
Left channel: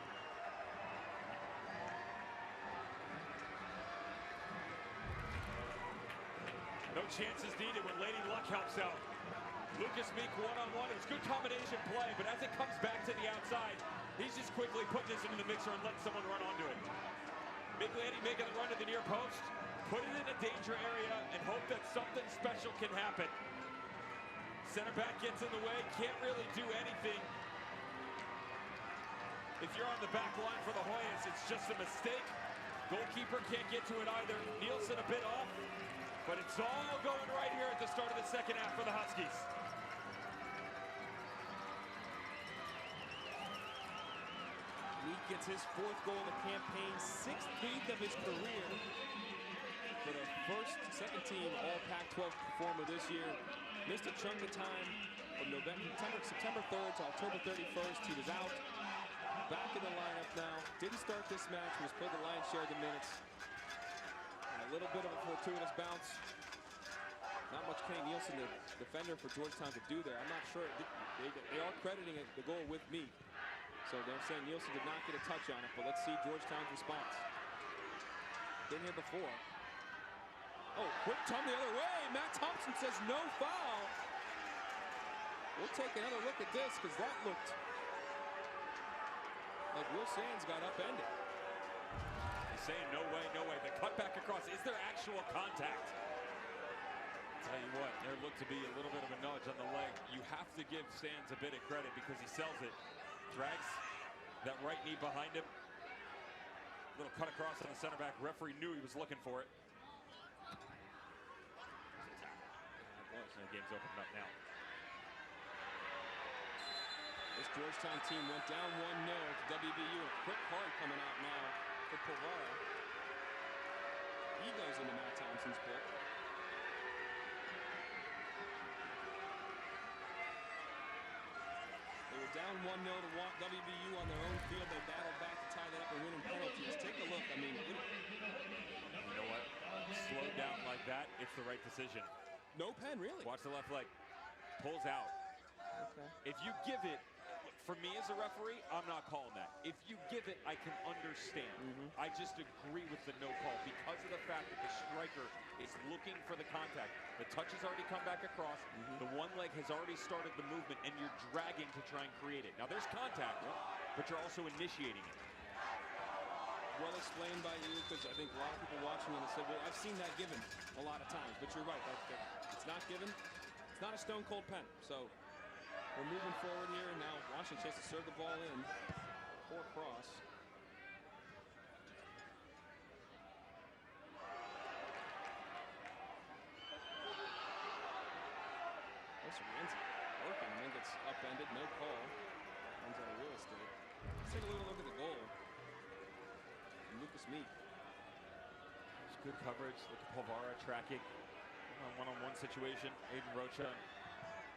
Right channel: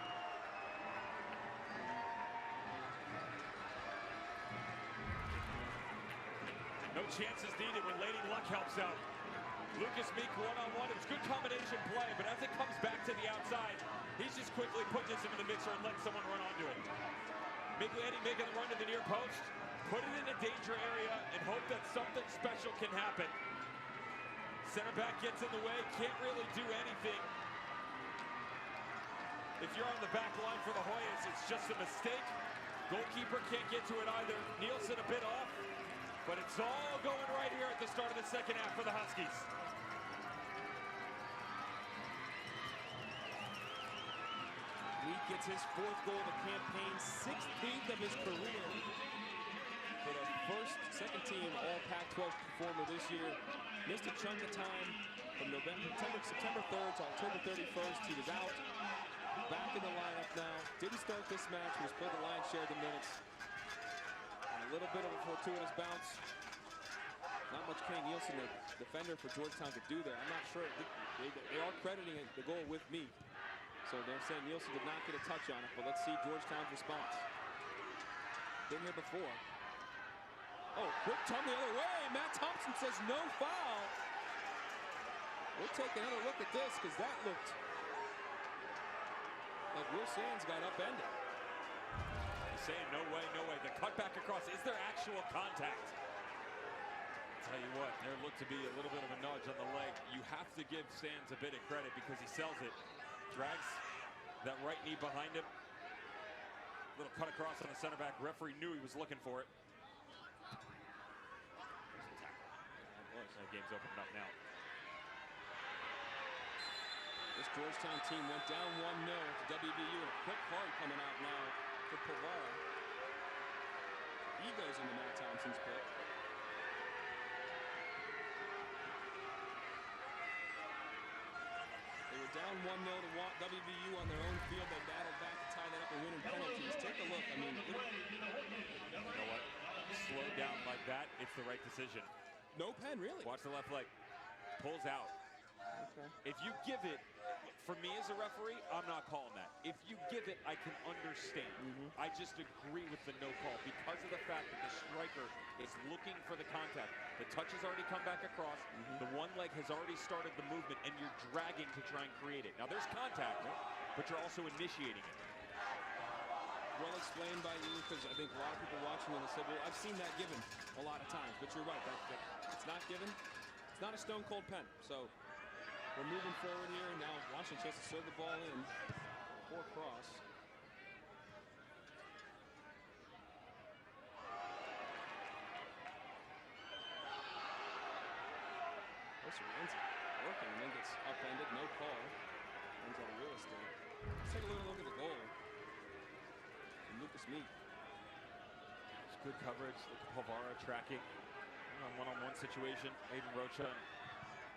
No chances needed when Lady Luck helps out. Lucas Meek one-on-one. It was good combination play, but as it comes back to the outside, he's just quickly putting this into the mixer and letting someone run onto it. Miglietti making the run to the near post, put it in a danger area, and hope that something special can happen. Center back gets in the way, can't really do anything. If you're on the back line for the Hoyas, it's just a mistake. Goalkeeper can't get to it either. Nielsen a bit off, but it's all going right here at the start of the second half for the Huskies. Meek gets his 4th goal of the campaign, 16th of his career. For the second team all Pac-12 performer this year. Missed a chunk of time from September 3rd to October 31st. He was out. Back in the lineup now. Didn't start this match, was played the lion's share of the minutes. And a little bit of a fortuitous bounce. Not much Kenny Nielsen, the defender for Georgetown, could do there. I'm not sure. They are crediting the goal with Meek. So they're saying Nielsen did not get a touch on it, but let's see Georgetown's response. Been here before. Oh, quick tongue the other way. Matt Thompson says no foul. We'll take another look at this because that looked like Will Sands got upended. He's saying no way, no way. The cut back across. Is there actual contact? I'll tell you what, there looked to be a little bit of a nudge on the leg. You have to give Sands a bit of credit because he sells it. Drags that right knee behind him. Little cut across on the center back. Referee knew he was looking for it. There's a tackle. Yeah, it was. The game's opened up now. This Georgetown team went down 1-0 to WVU, and a quick card coming out now for Povara. Egos into Matt Thompson's book. They were down 1-0 to WVU on their own field. They battled back to tie that up and win in penalties. Take a look. I mean, you know what? Slowed down like that, it's the right decision. No pen, really. Watch the left leg. Pulls out. Okay. If you give it, for me as a referee, I'm not calling that. If you give it, I can understand. I just agree with the no call because of the fact that the striker is looking for the contact. The touch has already come back across. The one leg has already started the movement, and you're dragging to try and create it. Now, there's contact, but you're also initiating it. Well explained by you, because I think a lot of people watching it said, well, I've seen that given a lot of times. But you're right, that it's not given. It's not a stone-cold pen. So we're moving forward here. Now Washington chance to serve the ball in. Poor cross. Rienzi working and then gets upended. No call. Runs out of real estate. Let's take a look at the goal. And Lucas Meek. It's good coverage. Look at Povara tracking. One-on-one situation. Aiden Rocha.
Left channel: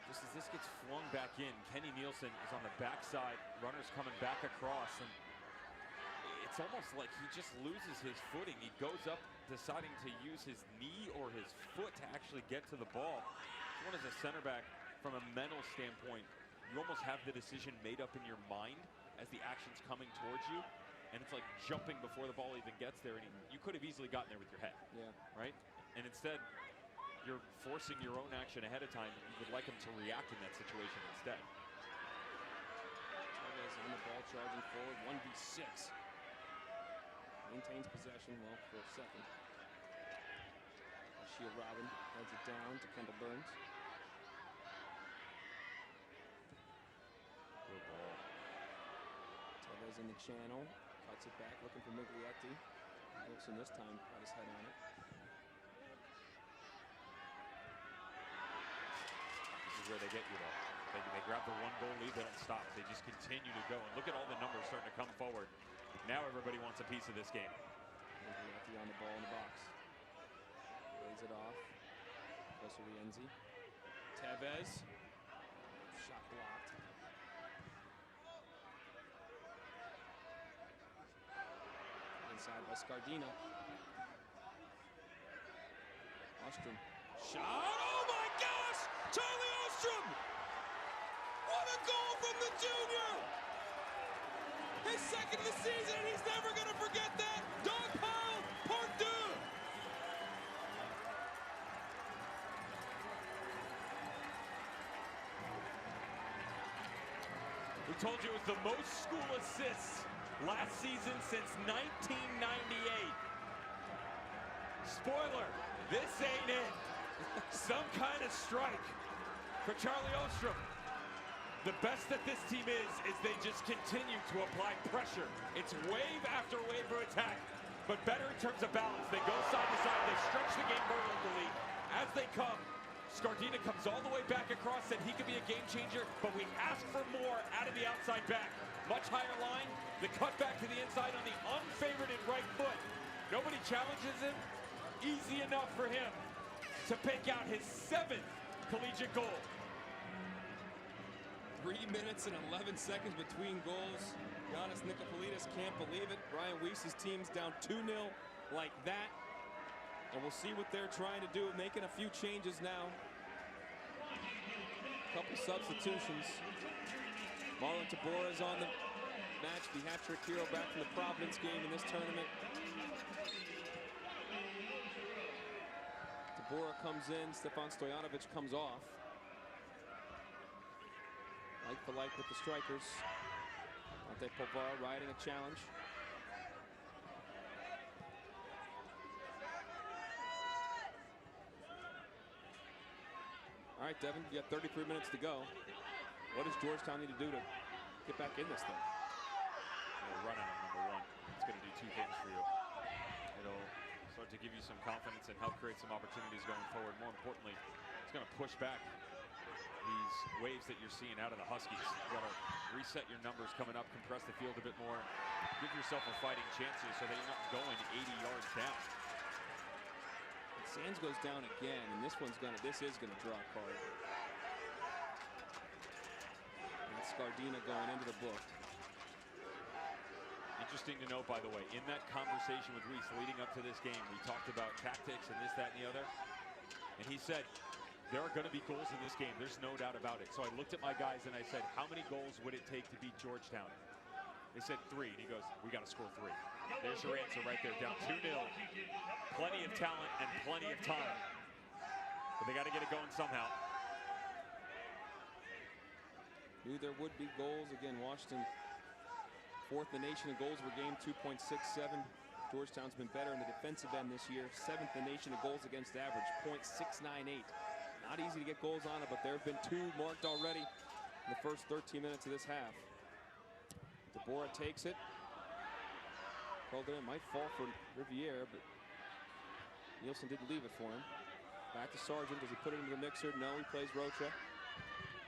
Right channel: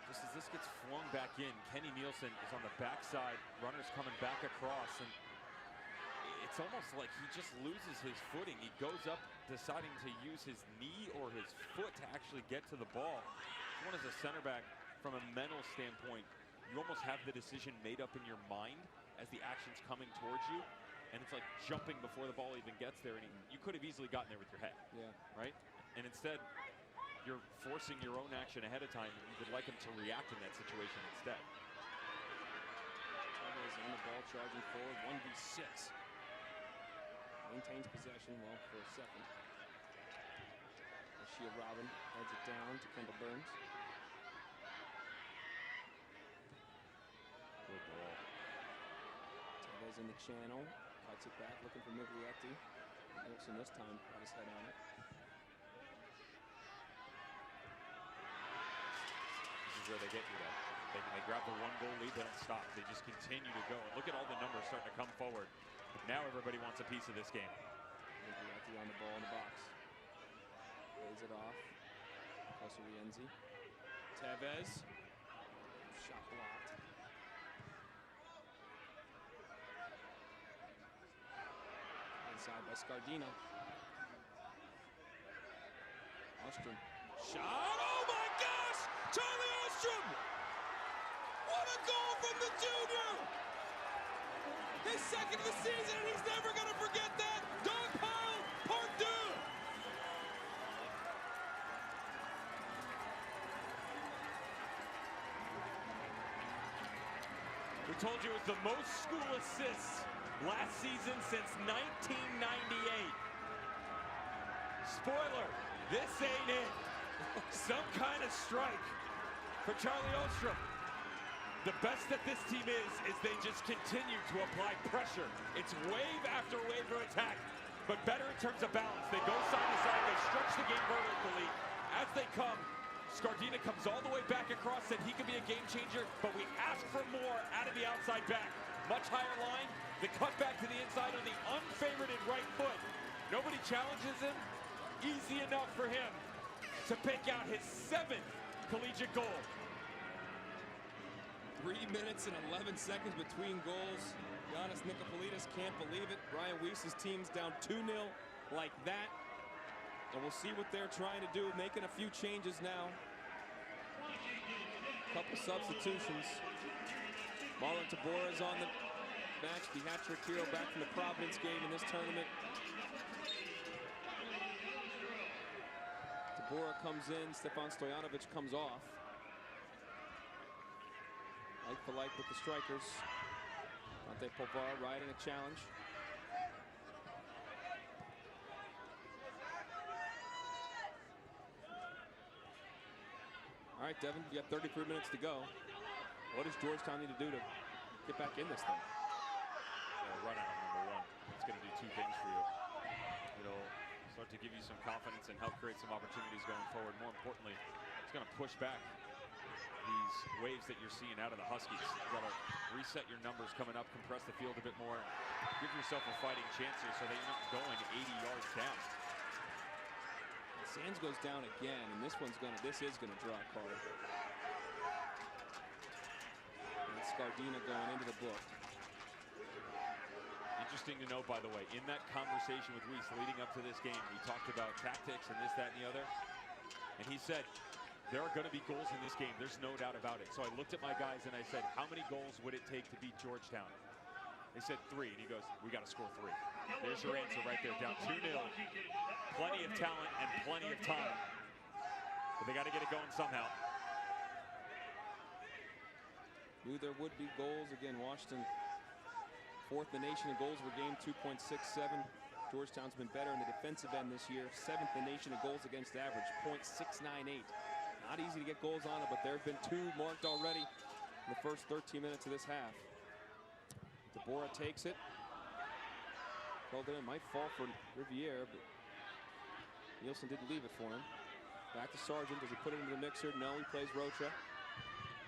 Just as this gets flung back in, Kenny Nielsen is on the backside. Runner's coming back across, and it's almost like he just loses his footing. He goes up deciding to use his knee or his foot to actually get to the ball. One as a center back, from a mental standpoint, you almost have the decision made up in your mind as the action's coming towards you, and it's like jumping before the ball even gets there, and you could have easily gotten there with your head. Yeah. Right? And instead, you're forcing your own action ahead of time, and you would like him to react in that situation instead. Tevez on the ball, charging forward, 1v6. Maintains possession well for a second. Shield Robin heads it down to Kendall Burns. Good ball. Tevez in the channel, cuts it back, looking for Miglietti. Nielsen this time got his head on it. This is where they get you, though. They grab the 1-goal lead, they don't stop. They just continue to go. And look at all the numbers starting to come forward. Now everybody wants a piece of this game. Miglietti on the ball in the box. Lays it off. Close to Rienzi. Tevez. Shot blocked. Inside by Scardina. Ostrom. Shot. Oh my gosh! Charlie Ostrom! What a goal from the junior! His second of the season, and he's never going to forget that. Dog pile, part deux. We told you it was the most school assists last season since 1998. Spoiler, this ain't it. Some kind of strike for Charlie Ostrom. The best that this team is they just continue to apply pressure. It's wave after wave of attack, but better in terms of balance. They go side to side, they stretch the game vertically. As they come, Scardina comes all the way back across, said he could be a game changer, but we ask for more out of the outside back. Much higher line, the cut back to the inside on the unfavorited right foot. Nobody challenges him. Easy enough for him to pick out his 7th collegiate goal. 3 minutes and 11 seconds between goals. Giannis Nicopolidis can't believe it. Brian Weiss's team's down 2-0 like that. And we'll see what they're trying to do, making a few changes now. Couple substitutions. Marlon Tabora's on the match, the hat-trick hero back from the Providence game in this tournament. Tabora comes in, Stefan Stojanovic comes off. Like for like with the strikers. Dante Povar riding a challenge. All right, Devin, you got 33 minutes to go. What does Georgetown need to do to get back in this thing? It'll run out of number 1. It's going to do 2 things for you. It'll start to give you some confidence and help create some opportunities going forward. More importantly, it's going to push back these waves that you're seeing out of the Huskies. You got to reset your numbers coming up, compress the field a bit more, give yourself a fighting chance here so that you're not going 80 yards down. And Sands goes down again, and this is gonna draw a card. And that's Scardina going into the book. Interesting to note, by the way, in that conversation with Weiss leading up to this game, we talked about tactics and this, that, and the other. And he said, there are going to be goals in this game. There's no doubt about it. So I looked at my guys and I said, how many goals would it take to beat Georgetown? They said 3. And he goes, we got to score 3. There's your answer right there. Down 2-0. Plenty of talent and plenty of time. But they got to get it going somehow. Knew there would be goals. Again, Washington, 4th in the nation in goals per game, 2.67. Georgetown's been better in the defensive end this year. 7th in the nation in goals against average, .698. Not easy to get goals on it, but there have been 2 marked already in the first 13 minutes of this half. Tabora takes it. Called it in, might fall for Riviere, but Nielsen didn't leave it for him. Back to Sargent. Does he put it into the mixer? No, he plays Rocha.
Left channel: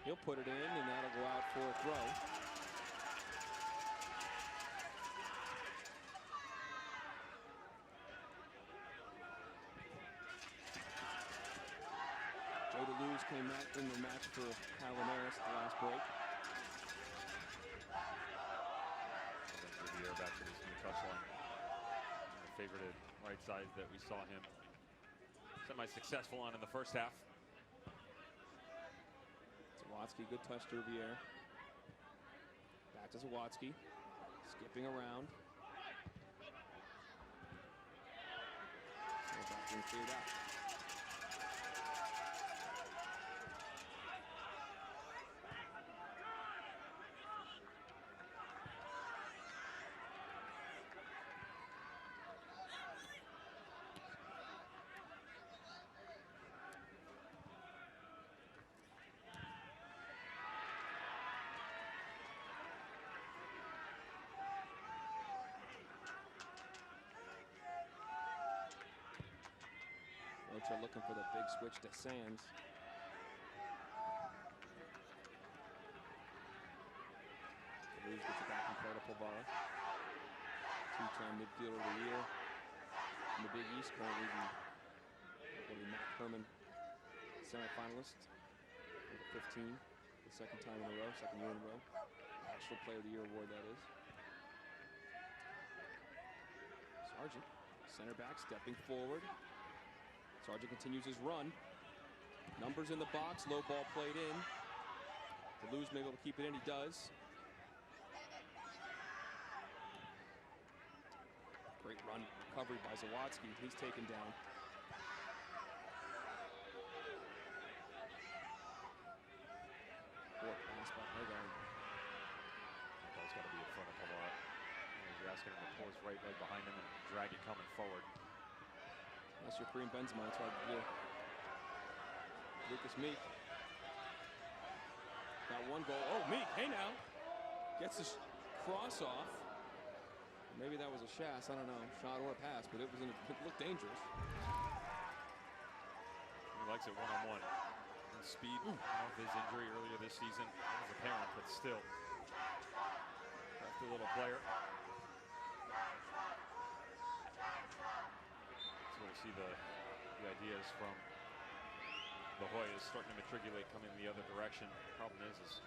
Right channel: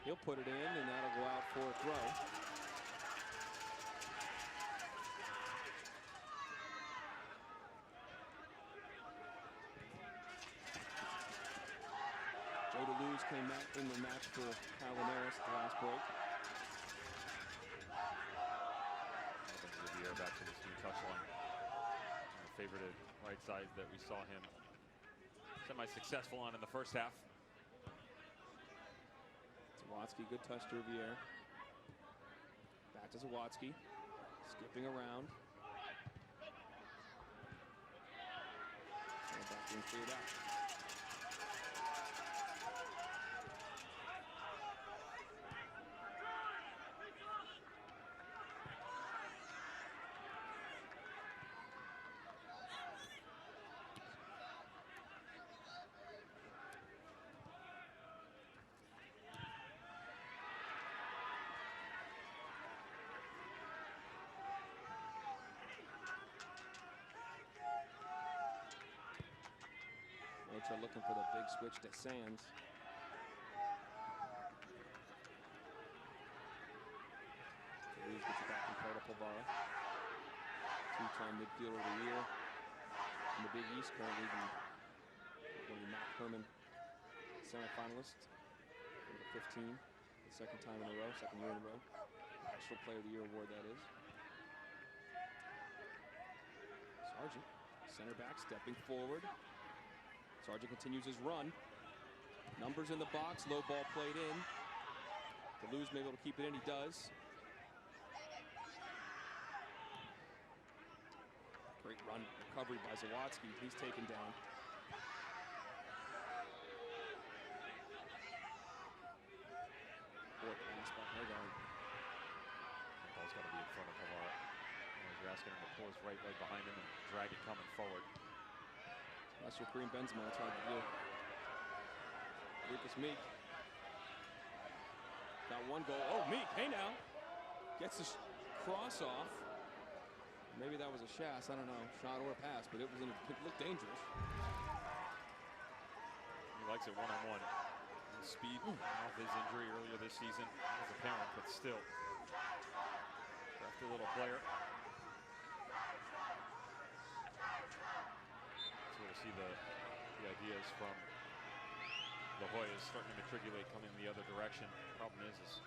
He'll put it in, and that'll go out for a throw. Joe DeLuz came back in the match for Kyle Linares at the last break. Riviere back to this new touchline. The favorited right side that we saw him semi-successful on in the first half. Zawatsky, good touch to Riviere. Back to Zawatsky, skipping around. Back being cleared out. Rocha looking for the big switch to Sands. Toulouse gets it back in play to Pulvara. Two-time midfielder of the year in the Big East, currently one of the Mac Herman semifinalists. Number 15, the second year in a row. National Player of the Year award, that is. Sargent, center back, stepping forward. Sargent continues his run. Numbers in the box, low ball played in. Toulouse may be able to keep it in, he does. Great run, recovery by Zawadzki. He's taken down. Poor pass by Haggard. That ball's got to be in front of Pulvara. You're asking him to pull his right leg behind him and drag it coming forward. Unless you're Kareem Benzema, it's hard to do. Lucas Meek. Got one goal. Oh, Meek, hey now. Gets the cross off. Maybe that was a shot, I don't know, shot or pass, but it looked dangerous. He likes it one-on-one. Speed off his injury earlier this season. That was apparent, but still. Crafty little player. Sort of see the ideas from the Hoyas starting to matriculate, coming the other direction. Problem is it's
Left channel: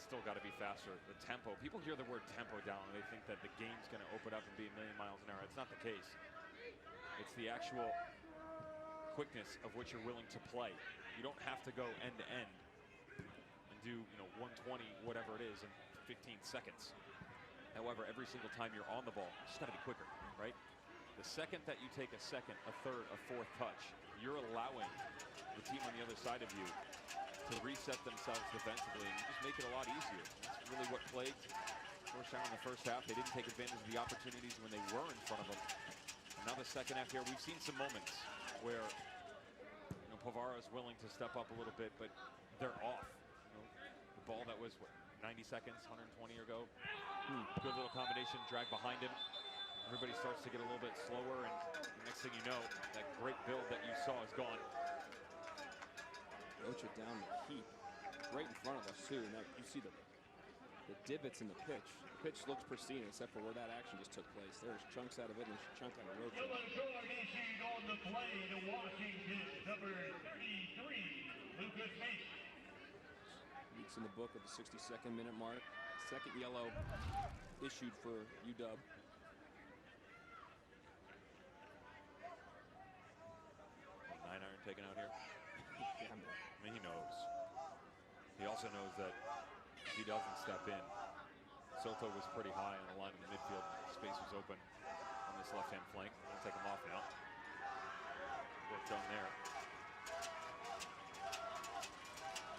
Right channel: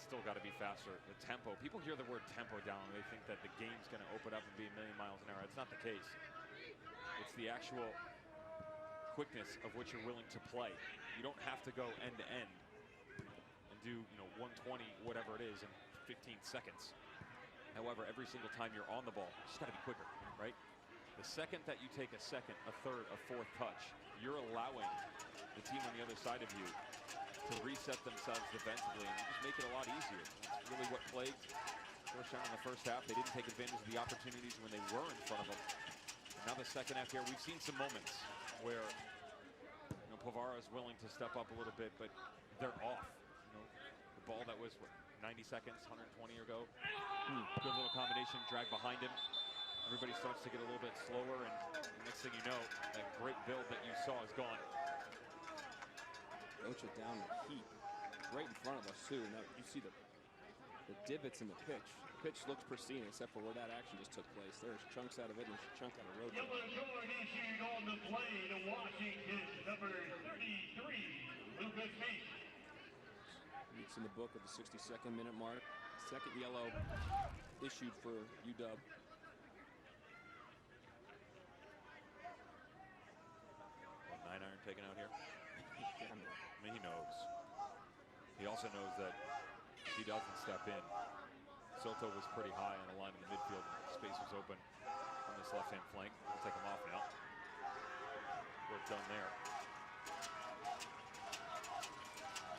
still got to be faster. The tempo. People hear the word tempo down and they think that the game's going to open up and be a million miles an hour. It's not the case. It's the actual quickness of which you're willing to play. You don't have to go end to end and do 120 whatever it is in 15 seconds. However, every single time you're on the ball, you just got to be quicker, right? The second that you take a second, a third, a fourth touch, you're allowing the team on the other side of you to reset themselves defensively, and you just make it a lot easier. That's really what plagued Georgetown in the first half. They didn't take advantage of the opportunities when they were in front of them. And now the second half here, we've seen some moments where Pulvara is willing to step up a little bit, but they're off. The ball that was, 90 seconds, 120 or go. Good little combination, drag behind him. Everybody starts to get a little bit slower, and the next thing you know, that great build that you saw is gone. Rocha down the heap, right in front of us too. Now you see the divots in the pitch. The pitch looks pristine except for where that action just took place. There's chunks out of it and there's a chunk out of Rocha. On the play to Washington, number 33, Lucas Meek. Meek's in the book at the 62nd minute mark. Second yellow issued for UW. Well, 9-iron taken out here. Yeah, man. I mean, he knows. He also knows that if he doesn't step in, Soto was pretty high on the line in the midfield. Space was open on this left-hand flank. We'll take him off now. Work done there.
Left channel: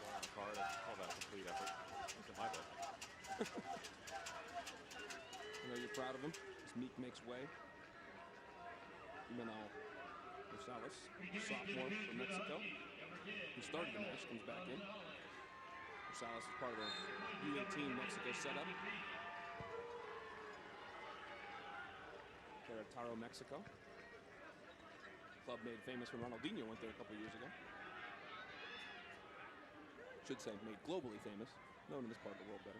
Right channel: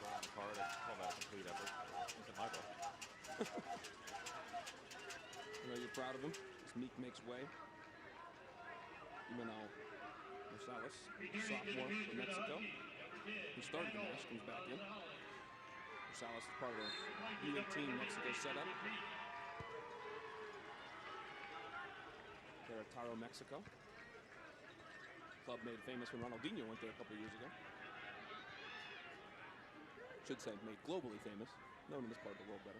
Goal on the card. I call that a complete effort. At least in my book. I know you're proud of him as Meek makes way. Imanol Rosales, sophomore from Mexico, who started the match, comes back in. Rosales is part of the U18 Mexico setup. Querétaro, Mexico. Club made famous when Ronaldinho went there a couple years ago. Should say made globally famous, known in this part of the world better.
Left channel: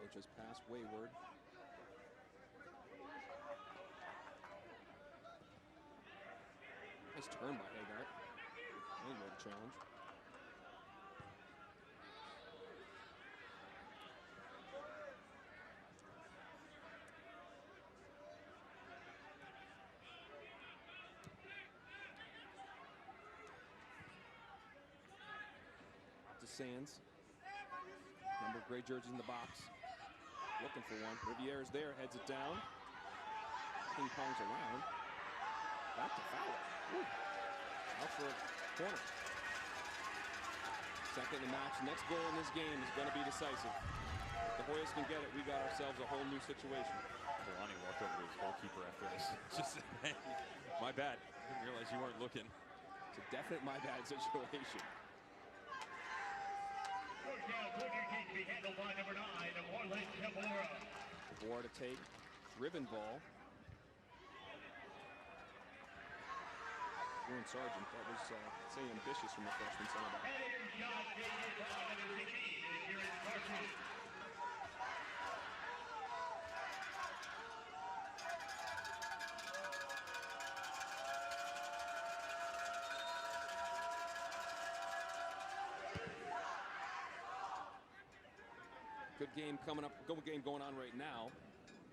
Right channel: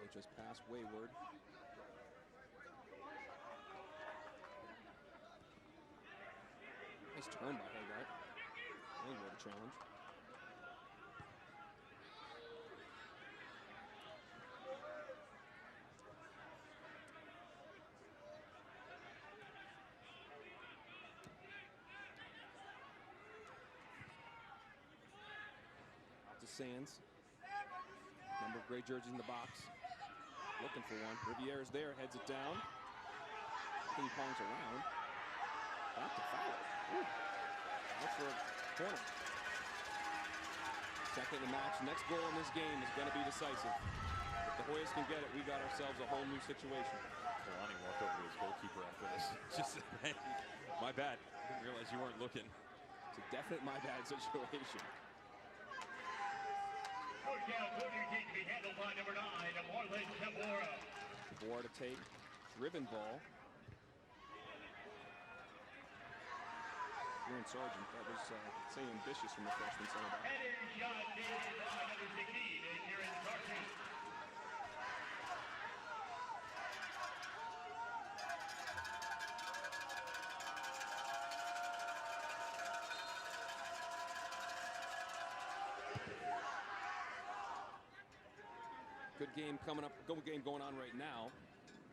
Rocha's pass wayward. Nice turn by Haggard. Anyway, the challenge. Out to Sands. Number of gray jerseys in the box. Looking for one. Riviere's there, heads it down. Ping pongs around. Back to Fowler. Ooh. Out for a corner. Second in the match. Next goal in this game is going to be decisive. If the Hoyas can get it, we got ourselves a whole new situation. Kalani walked over to his goalkeeper after this. Just, hey, my bad. Didn't realize you weren't looking. It's a definite my bad situation. Georgetown corner kick to be handled by number 9, Marlon Tabora. Tabora to take. Driven ball. Kieran Sargent, that was, say, ambitious from the freshman center back. Header shot taken by number 16, Kieran Sargent. Good game coming up. Good game going on right now.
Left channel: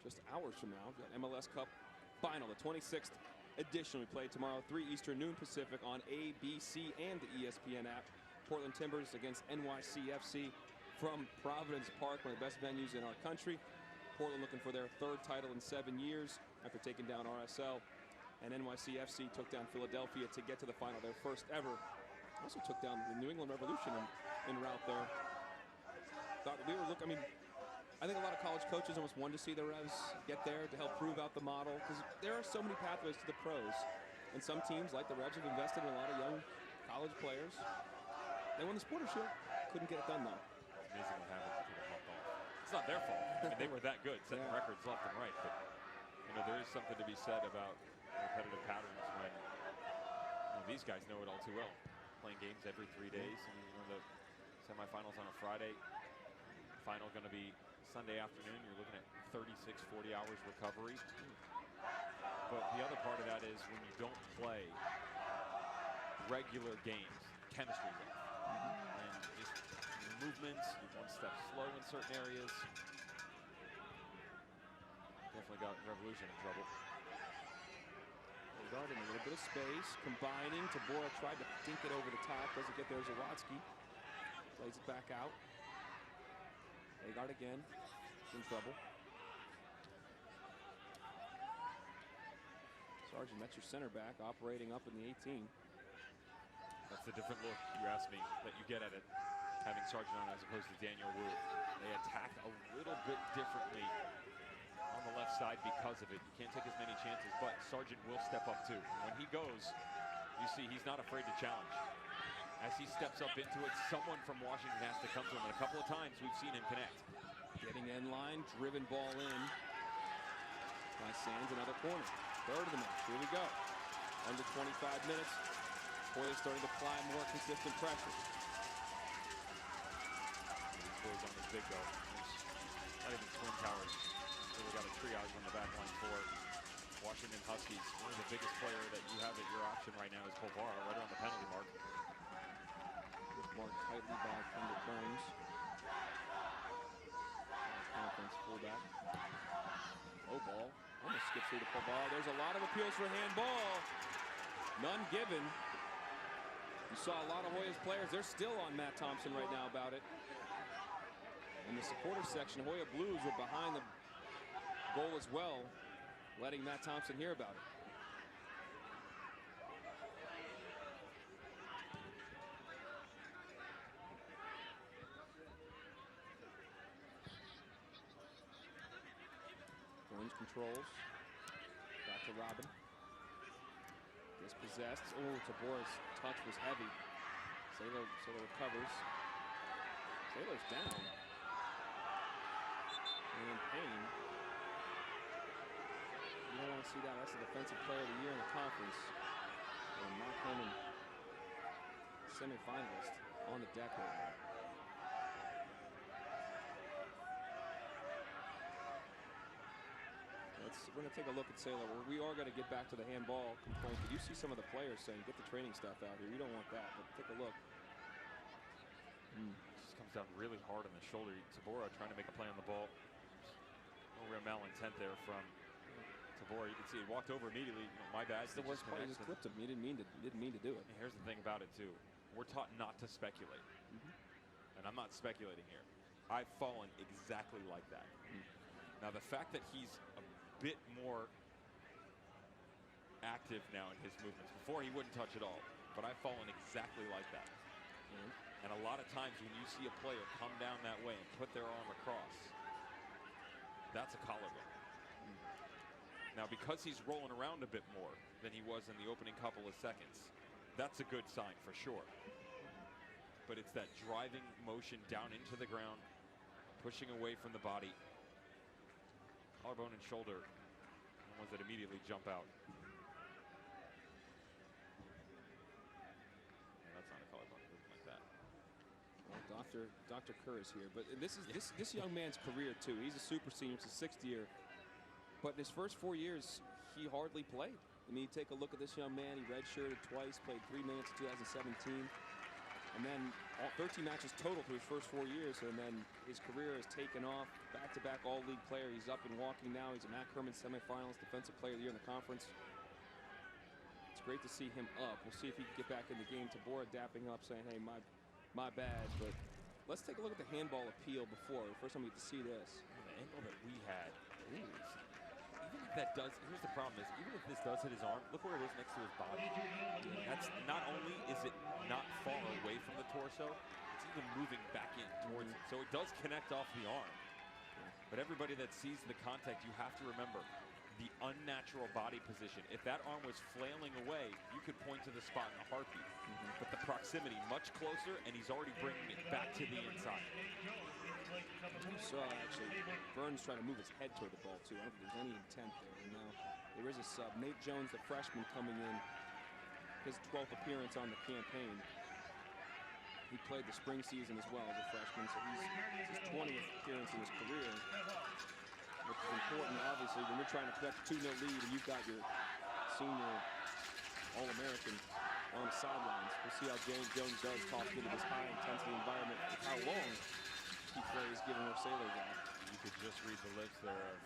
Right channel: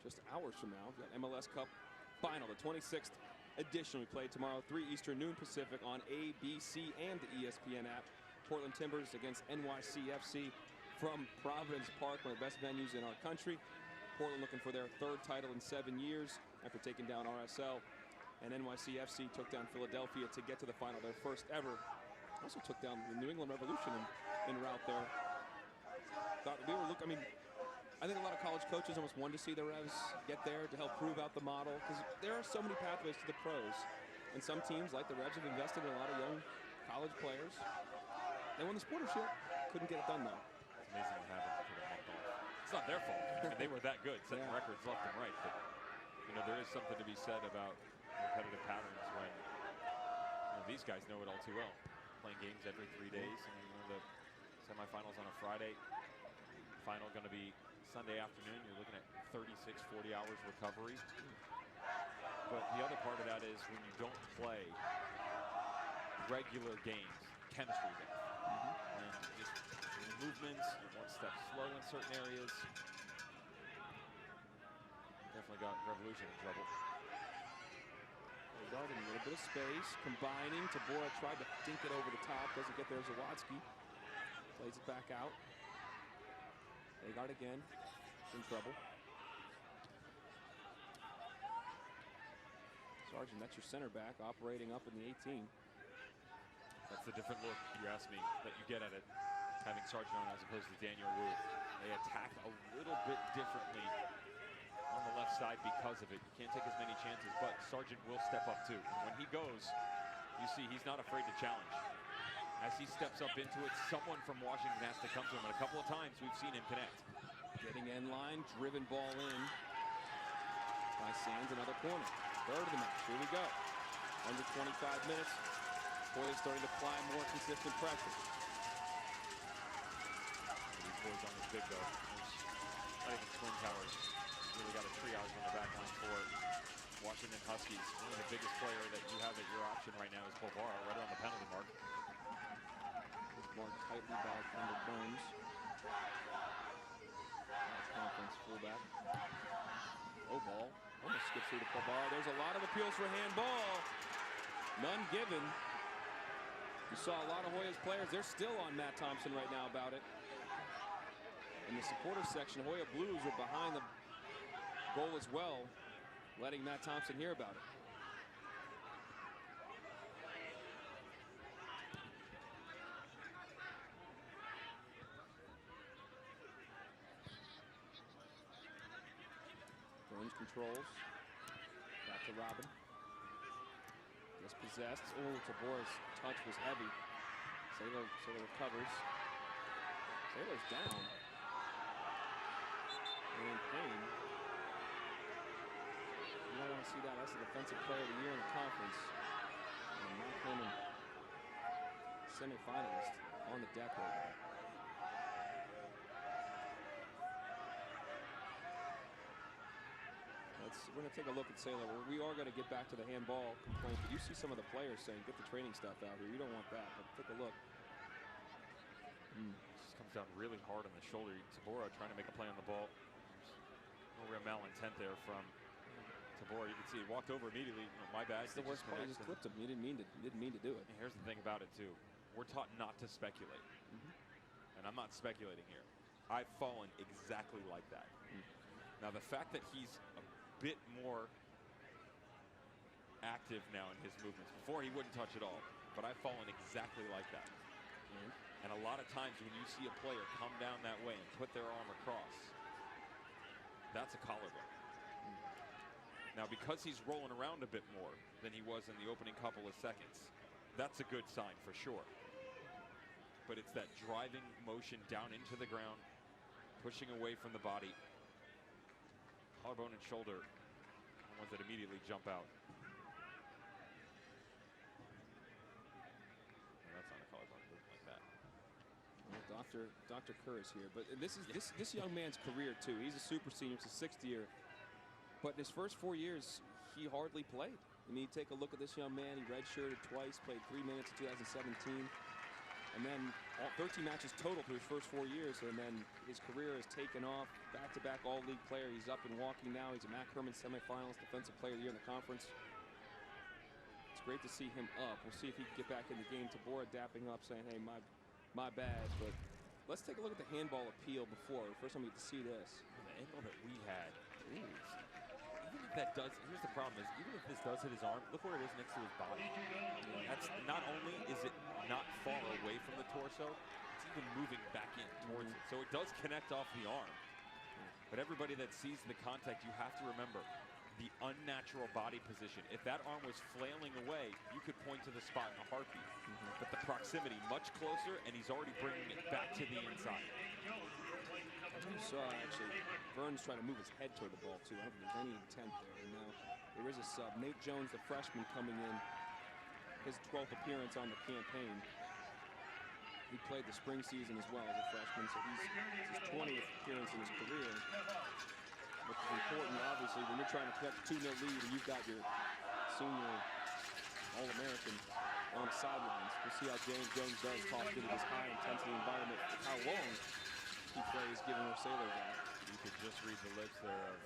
Just hours from now, we've got MLS Cup final, the 26th edition. We play tomorrow, 3 Eastern, noon Pacific on ABC and the ESPN app. Portland Timbers against NYCFC from Providence Park, one of the best venues in our country. Portland looking for their 3rd title in 7 years after taking down RSL. And NYCFC took down Philadelphia to get to the final, their first ever. Also took down the New England Revolution en route there. Thought we were looking, I mean, I think a lot of college coaches almost wanted to see the Revs get there to help prove out the model, because there are so many pathways to the pros. And some teams, like the Revs, have invested in a lot of young college players. They won the Supporter Shield. Couldn't get it done, though. It's amazing what happens if you get a month off. It's not their fault. I mean, they were that good, setting records left and right. But, you know, there is something to be said about repetitive patterns when, you know, these guys know it all too well. Playing games every 3 days. I mean, you know, the semifinals on a Friday, final going to be Sunday afternoon. You're looking at 36, 40 hours recovery. But the other part of that is when you don't play regular games, chemistry's off. And just your movements, you're one step slow in certain areas. Definitely got Revolution in trouble. Agard in a little bit of space, combining. Tabora tried to dink it over the top, doesn't get there. Zawadzki plays it back out. Agard again, in trouble. Sargent, that's your center back, operating up in the 18. That's a different look, you ask me, that you get at it, having Sargent on as opposed to Daniel Wu. They attack a little bit differently on the left side because of it. You can't take as many chances, but Sargent will step up too. And when he goes, you see he's not afraid to challenge. As he steps up into it, someone from Washington has to come to him, and a couple of times we've seen him connect. Getting end line, driven ball in by Sands, another corner. 3rd of the match, here we go. Under 25 minutes, Hoya starting to apply more consistent pressure. These boys aren't as big though. There's not even twin towers. Really got a triage on the back line for Washington Huskies. One of the biggest player that you have at your option right now is Povara, right around the penalty mark. He's marked tightly by Kendall Burns. Conference fullback. Low ball. Almost skips through to Povara. There's a lot of appeals for handball. None given. You saw a lot of Hoya's players. They're still on Matt Thompson right now about it. In the supporter section, Hoya Blues were behind the goal as well, letting Matt Thompson hear about it. Burns controls. Back to Robin. Dispossessed. Oh, Tabora's touch was heavy. Saylor recovers. Saylor's down. And in pain. You don't want to see that. That's the defensive player of the year in the conference. And a Matt Herman semifinalist on the deck right now. We're going to take a look at Saylor. We are going to get back to the handball complaint. But you see some of the players saying, get the training staff out here. You don't want that, but take a look. Just comes down really hard on the shoulder. Tabora trying to make a play on the ball. There's no real malintent there from Tabora. You can see he walked over immediately. You know, my bad. It's the worst part. He just clipped him. He didn't mean to do it. And here's the thing about it too. We're taught not to speculate. And I'm not speculating here. I've fallen exactly like that. Now the fact that he's a bit more active now in his movements. Before he wouldn't touch at all, but I've fallen exactly like that. And a lot of times when you see a player come down that way and put their arm across, that's a collarbone. Now because he's rolling around a bit more than he was in the opening couple of seconds, that's a good sign for sure. but it's that driving motion down into the ground, pushing away from the body. Collarbone and shoulder, the ones that immediately jump out. No, that's not a collarbone movement like that. Well, Dr. Kerr is here, but this is this young man's career too. He's a super senior. It's his 6th year, but in his first 4 years, he hardly played. I mean, you take a look at this young man. He redshirted twice, played 3 minutes in 2017, and then 13 matches total through his first 4 years, and then his career has taken off. Back-to-back all-league player. He's up and walking now. He's a Matt Herman semifinals, defensive player of the year in the conference. It's great to see him up. We'll see if he can get back in the game. Tabora dapping up, saying, hey, my bad. But let's take a look at the handball appeal before. First time we get to see this. The angle that we had. Ooh. Even if that does, here's the problem is, even if this does hit his arm, look where it is next to his body. Yeah. That's not only is it not far away from the torso, it's even moving back in towards it. So it does connect off the arm. But everybody that sees the contact, you have to remember the unnatural body position. If that arm was flailing away, you could point to the spot in a heartbeat. But the proximity much closer, and he's already bringing it back to the inside. You saw actually Burns trying to move his head toward the ball too. I don't think there's any intent there. And now there is a sub. Nate Jones, the freshman, coming in. His 12th appearance on the campaign. He played the spring season as well as a freshman, so he's his 20th appearance in his career, which is important, obviously, when you're trying to protect a 2-0 lead and you've got your senior All-American on the sidelines. We'll see how Jones does tossed into this high-intensity environment, with how long he plays, given where Saylor's at. You could just read the lips there of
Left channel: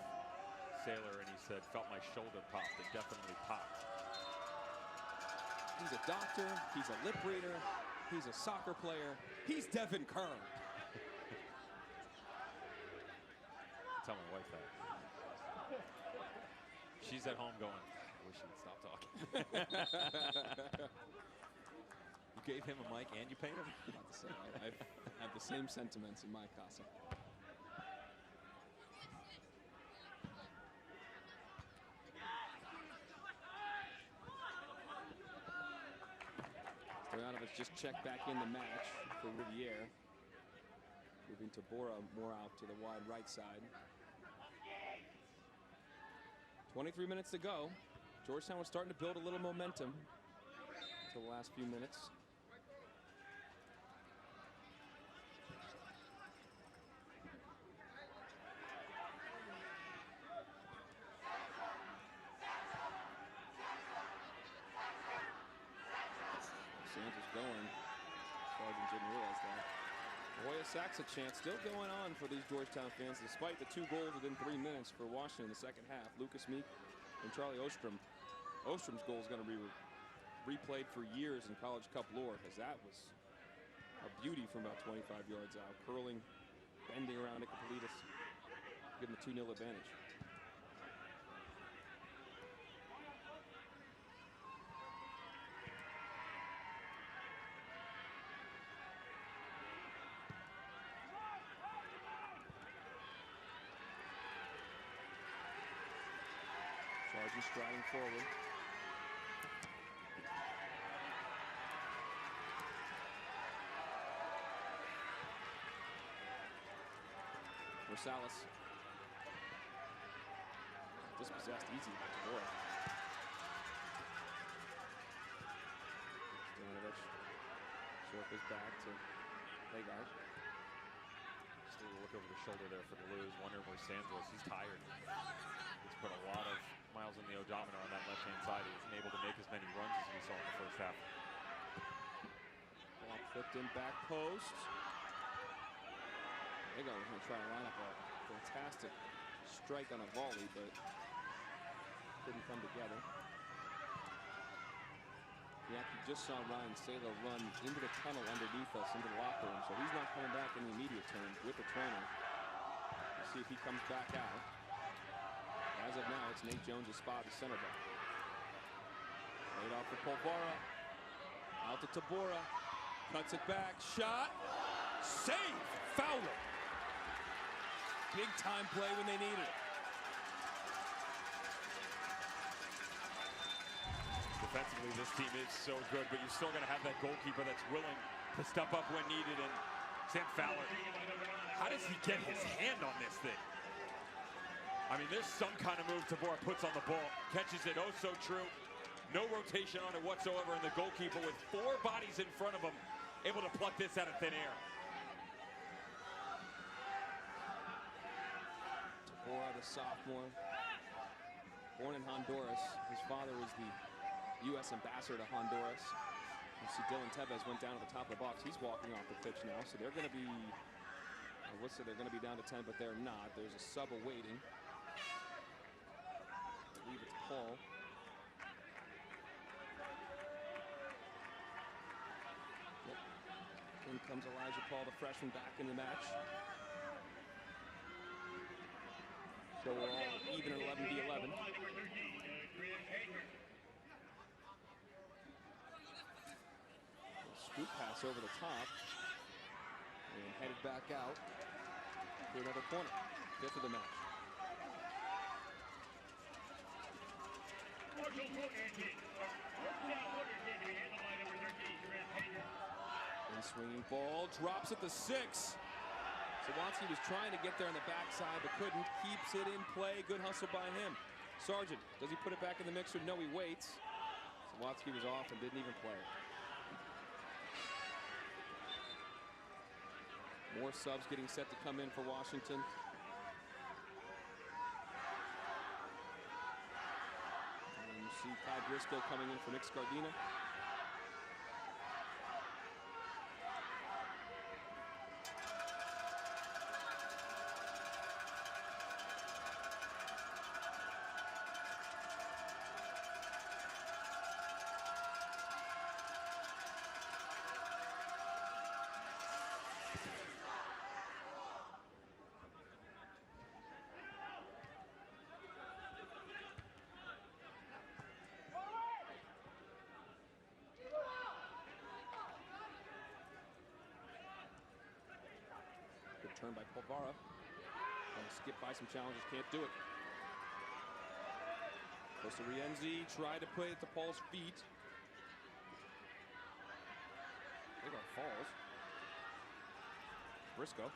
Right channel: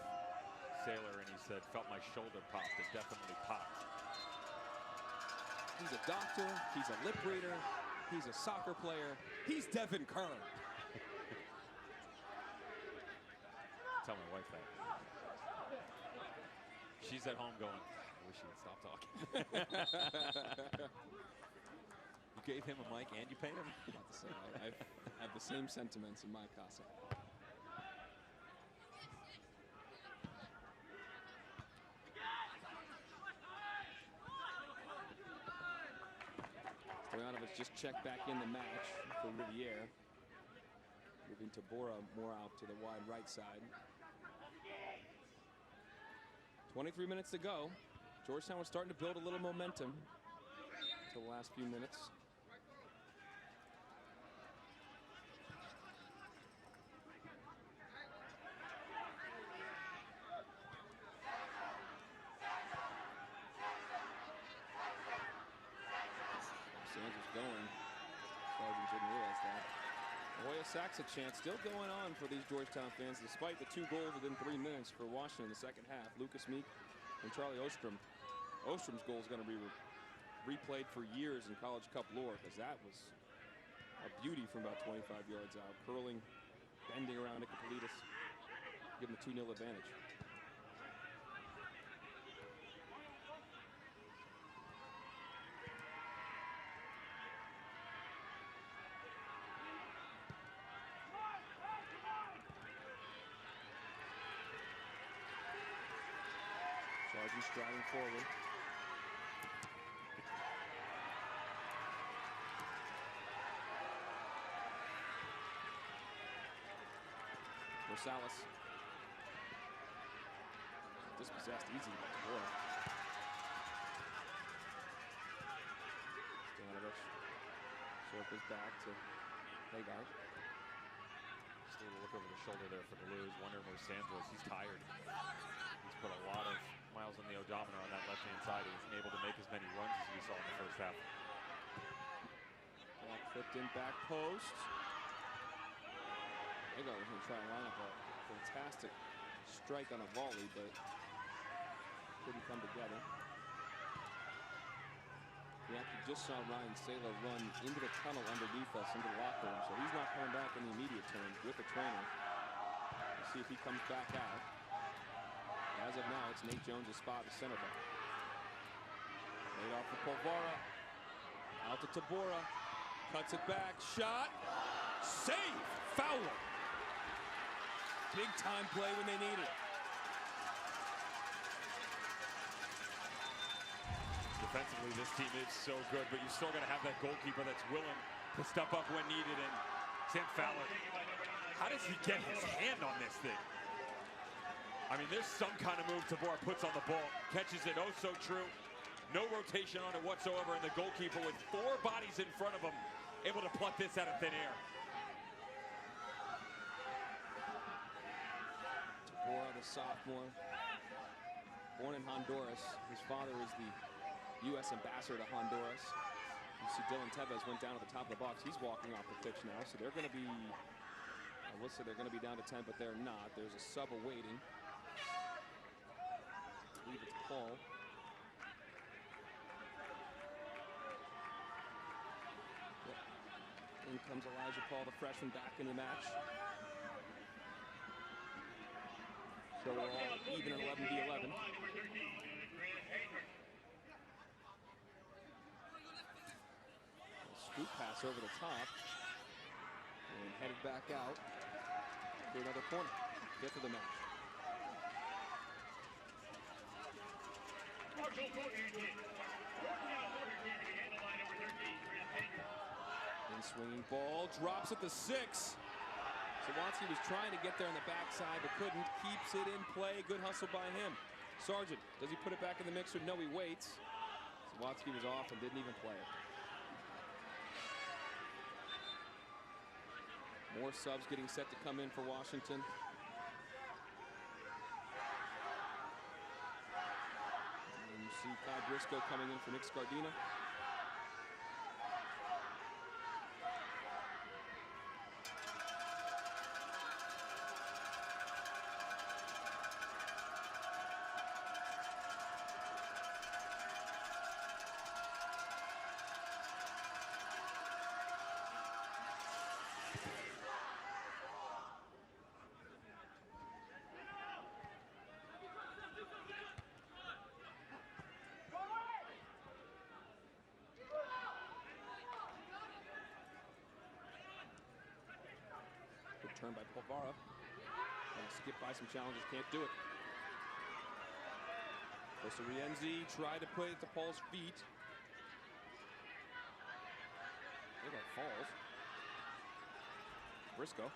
Saylor, and he said, felt my shoulder pop. It definitely popped. He's a doctor. He's a lip reader. He's a soccer player. He's Devin Kerr. Tell my wife that. She's at home going, God, I wish he would stop talking. You gave him a mic and you paid him? I'm about to say, I have the same sentiments in my casa. Stoyanovich just checked back in the match for Riviere. Moving Tabora more out to the wide right side. 23 minutes to go. Georgetown was starting to build a little momentum until the last few minutes. Sands was going. Sargent didn't realize that. Hoya Sacks a chance still going on for these Georgetown fans, despite the 2 goals within 3 minutes for Washington in the second half. Lucas Meek and Charlie Ostrom. Ostrom's goal is going to be replayed for years in College Cup lore, because that was a beauty from about 25 yards out. Curling, bending around Nicopolitis, give him a 2-0 advantage. Sargent striding forward. Rosales. Dispossessed easy by Tabora. Stoyanovich circles back to Hagard. Just a little look over the shoulder there for Deleuze, wondering where Sands was. He's tired. He's put a lot of miles on the odometer on that left-hand side. He isn't able to make as many runs as we saw in the first half. Ball flipped in back post. Hagard was going to try to line up a fantastic strike on a volley, but couldn't come together. We actually just saw Ryan Saylor run into the tunnel underneath us into the locker room, so he's not coming back in the immediate term with the trainer. We'll see if he comes back out. As of now, it's Nate Jones' spot, the center back. Laid off for Polvara. Out to Tabora. Cuts it back. Shot. Save. Fowler. Big time play when they needed it. Defensively, this team is so good, but you still got to have that goalkeeper that's willing to step up when needed. And Sam Fowler, how does he get his hand on this thing? I mean, there's some kind of move Tabor puts on the ball, catches it, oh so true. No rotation on it whatsoever, and the goalkeeper with 4 bodies in front of him, able to pluck this out of thin air. Tabor, the sophomore, born in Honduras. His father is the U.S. ambassador to Honduras. You see Dylan Tevez went down at the top of the box. He's walking off the pitch now, so they're going to be, I would say they're going to be down to 10, but they're not. There's a sub awaiting. I believe it's Paul. Yep. In comes Elijah Paul, the freshman, back in the match. So we're all even at 11v11. Scoop pass over the top and headed back out for another corner. 5th of the match. In swinging ball, drops at the 6. Sawatsky was trying to get there on the backside but couldn't. Keeps it in play. Good hustle by him. Sargent, does he put it back in the mixer? No, he waits. Sawatsky was off and didn't even play it. More subs getting set to come in for Washington. And you see Kai Briscoe coming in for Nick Scardina. Turn by Polvara. Trying to skip by some challenges, can't do it. Goes to Rienzi, tried to put it to Paul's feet. Agard falls. Briscoe.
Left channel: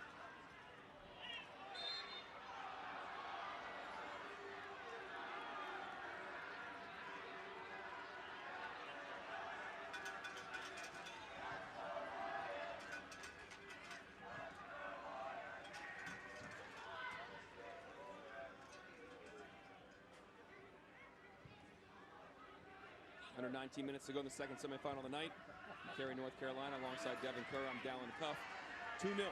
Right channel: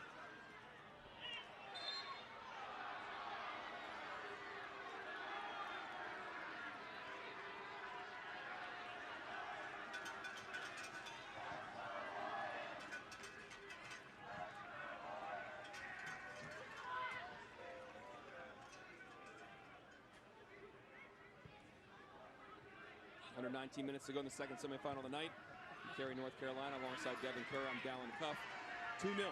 Under 19 minutes to go in the second semifinal of the night. Cary, North Carolina, alongside Devin Kerr. I'm Dallin Cuff. 2-0.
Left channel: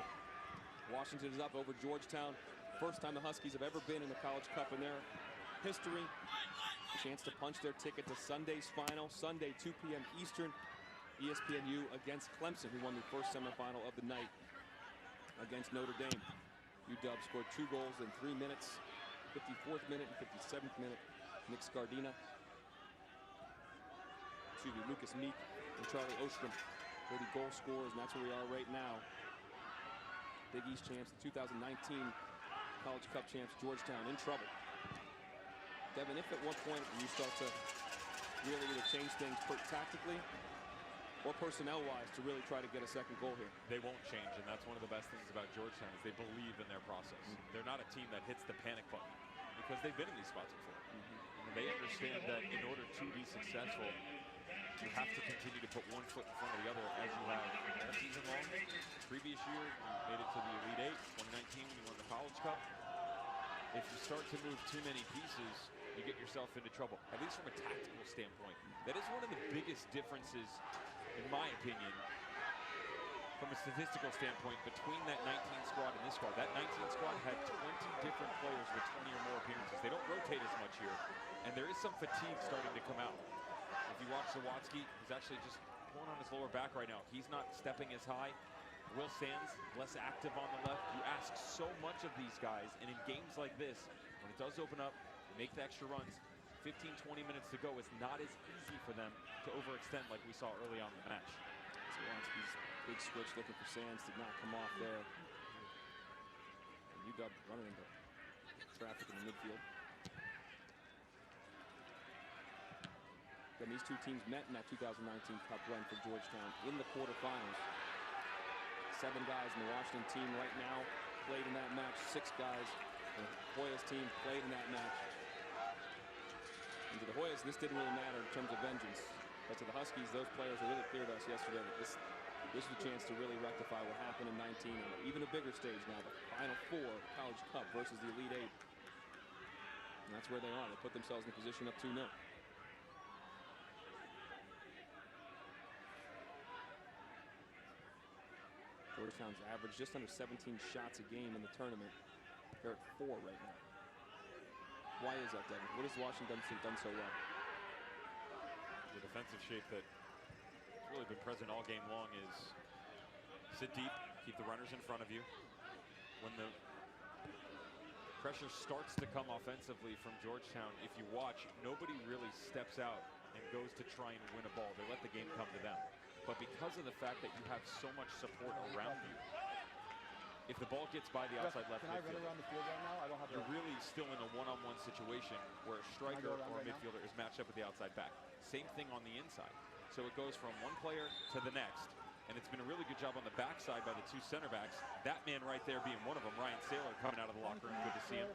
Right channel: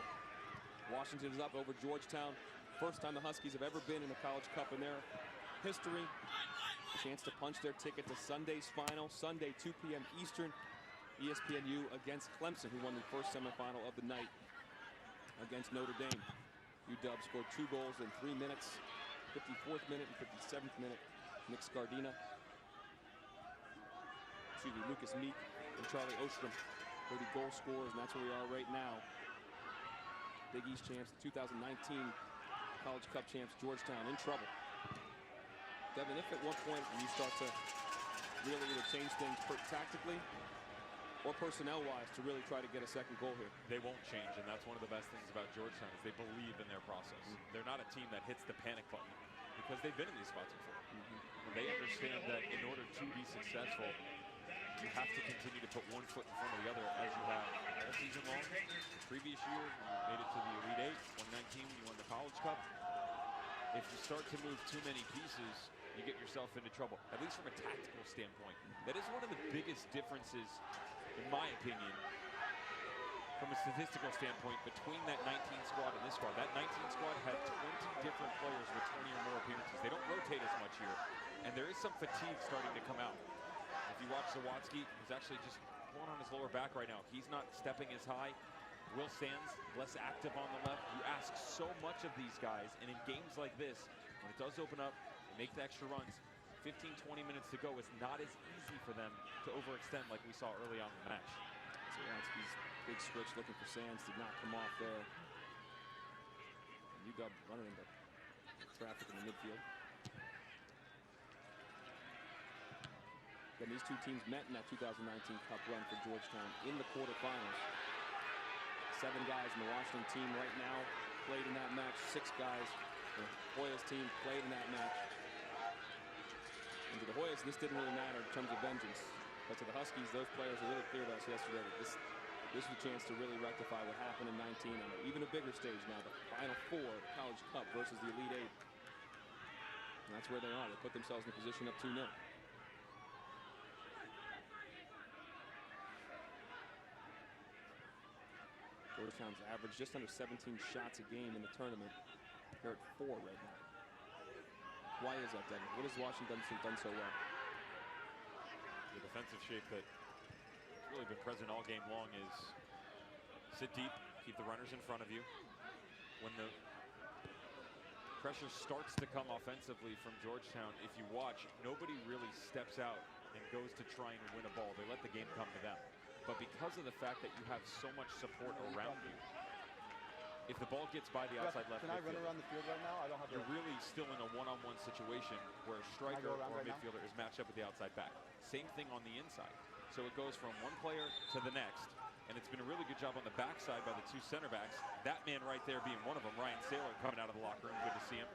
Washington is up over Georgetown. First time the Huskies have ever been in the College Cup in their history. Chance to punch their ticket to Sunday's final. Sunday, 2 p.m. Eastern. ESPNU against Clemson, who won the first semifinal of the night against Notre Dame. UW scored 2 goals in 3 minutes. 54th minute and 57th minute. Nick Scardina. Lucas Meek and Charlie Ostrom were the goal scorers, and that's where we are right now. Big East champs, the 2019 College Cup champs, Georgetown, in trouble. Devin, if at one point you start to really either change things tactically or personnel-wise to really try to get a second goal here? They won't change, and that's one of the best things about Georgetown is they believe in their process. They're not a team that hits the panic button because they've been in these spots before. They understand that in order to be successful, you have to continue to put one foot in front of the other, as you have all season long. The previous year, you made it to the Elite Eight. 2019, when you won the College Cup. If you start to move too many pieces, you get yourself into trouble, at least from a tactical standpoint. That is one of the biggest differences, in my opinion, from a statistical standpoint, between that 19 squad and this squad. That 19 squad had 20 different players with 20 or more appearances. They don't rotate as much here, and there is some fatigue starting to come out. If you watch Sawatsky, he's actually just pulling on his lower back right now. He's not stepping as high. Will Sands, less active on the left. You ask so much of these guys, and in games like this, when it does open up, they make the extra runs. 15, 20 minutes to go is not as easy for them to overextend like we saw early on in the match. Sawatsky's big switch looking for Sands did not come off there. And UW running into traffic in the midfield. Again, these two teams met in that 2019 Cup run for Georgetown in the quarterfinals. 7 guys in the Washington team right now played in that match. 6 guys the Hoyas team played in that match. And to the Hoyas, this didn't really matter in terms of vengeance. But to the Huskies, those players were really clear to us yesterday that this is a chance to really rectify what happened in 19 on even a bigger stage now, the Final Four, the College Cup versus the Elite Eight. And that's where they are. They put themselves in a position up 2-0. Georgetown's average just under 17 shots a game in the tournament. They're at 4 right now. Why is that, Devin? What has Washington done so well? The defensive shape that's really been present all game long is sit deep, keep the runners in front of you. When the pressure starts to come offensively from Georgetown, if you watch, nobody really steps out and goes to try and win a ball. They let the game come to them. But because of the fact that you have so much support around you, if the ball gets by the outside left Can I run midfielder, around the field right now? I don't have. You're really still in a one-on-one situation where a striker or a midfielder is matched up with the outside back. Same thing on the inside. So it goes from one player to the next. And it's been a really good job on the backside by the 2 center backs. That man right there being one of them, Ryan Saylor, coming out of the locker room. Good to see him.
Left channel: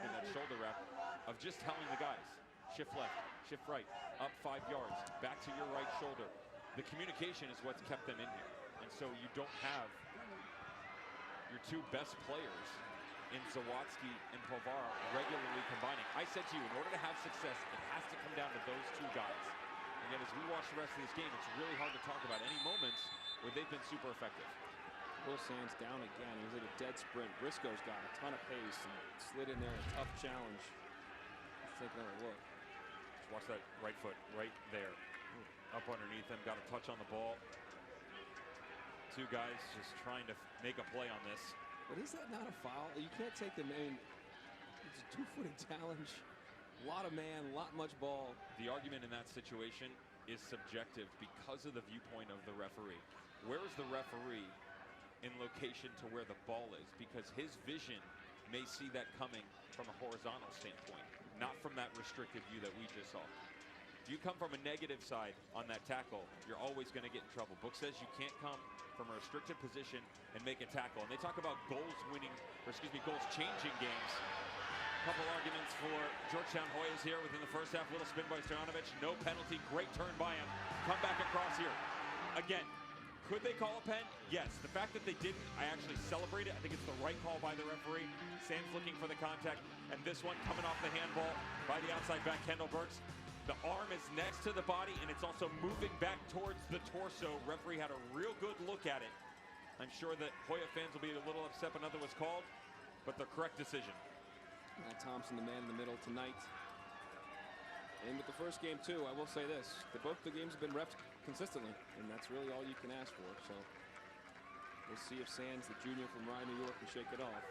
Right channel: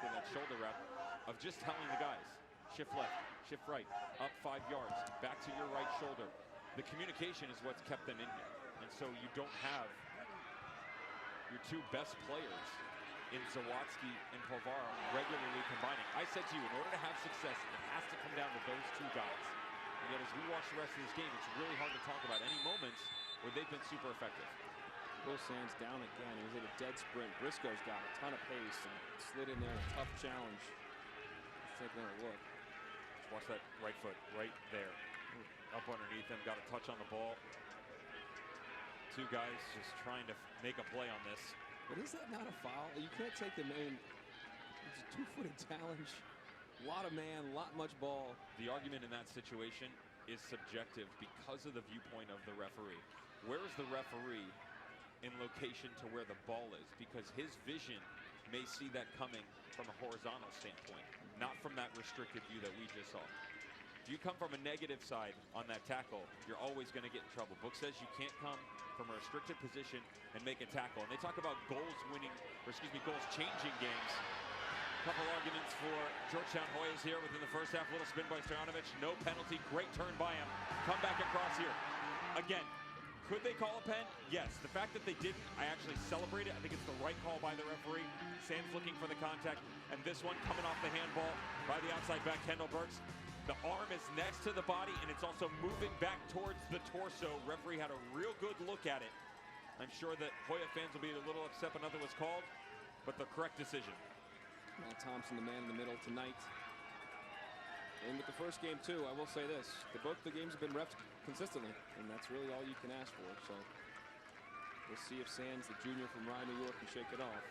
Getting that shoulder wrap of just telling the guys, shift left, shift right, up 5 yards, back to your right shoulder. The communication is what's kept them in here. And so you don't have your 2 best players in Zawadzki and Povara regularly combining. I said to you, in order to have success, it has to come down to those 2 guys. And yet as we watch the rest of this game, it's really hard to talk about any moments where they've been super effective. Will Sands down again. He was at a dead sprint. Briscoe's got a ton of pace and slid in there in a tough challenge. Let's take another look. Just watch that right foot right there. Up underneath him, got a touch on the ball. 2 guys just trying to make a play on this. But is that not a foul? You can't take the man. It's a 2-footed challenge. A lot of man, much ball. The argument in that situation is subjective because of the viewpoint of the referee. Where is the referee in location to where the ball is? Because his vision may see that coming from a horizontal standpoint, not from that restricted view that we just saw. If you come from a negative side on that tackle, you're always going to get in trouble. Book says you can't come from a restricted position and make a tackle. And they talk about goals changing games. Couple arguments for Georgetown Hoyas here within the first half. Little spin by Stojanovic, no penalty, great turn by him. Come back across here. Again, could they call a pen? Yes. The fact that they didn't, I actually celebrate it. I think it's the right call by the referee. Sands looking for the contact. And this one coming off the handball by the outside back, Kendall Burks. The arm is next to the body, and it's also moving back towards the torso. Referee had a real good look at it. I'm sure that Hoya fans will be a little upset when nothing was called, but the correct decision. Matt Thompson, the man in the middle tonight. And with the first game, too, I will say this. Both the games have been refed consistently, and that's really all you can ask for. So we'll see if Sands, the junior from Rye, New York, can shake it off.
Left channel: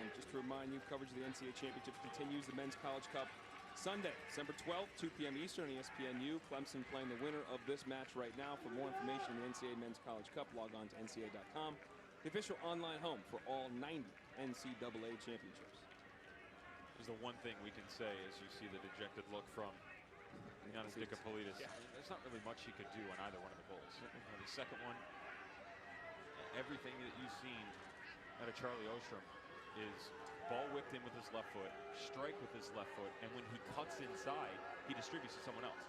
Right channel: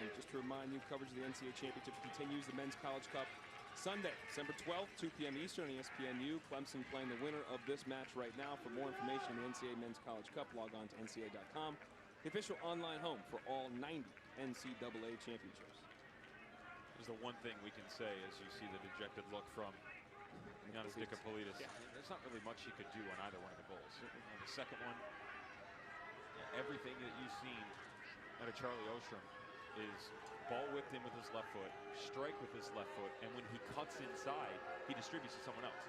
And just to remind you, coverage of the NCAA Championships continues. The Men's College Cup Sunday, December 12th, 2 p.m. Eastern on ESPNU. Clemson playing the winner of this match right now. For more information on the NCAA Men's College Cup, log on to NCAA.com, the official online home for all 90 NCAA championships. There's the one thing we can say as you see the dejected look from Giannis Nicopolidis. Yeah. There's not really much he could do on either one of the goals. The second one, everything that you've seen out of Charlie Ostrom is ball whipped in with his left foot, strike with his left foot, and when he cuts inside, he distributes to someone else.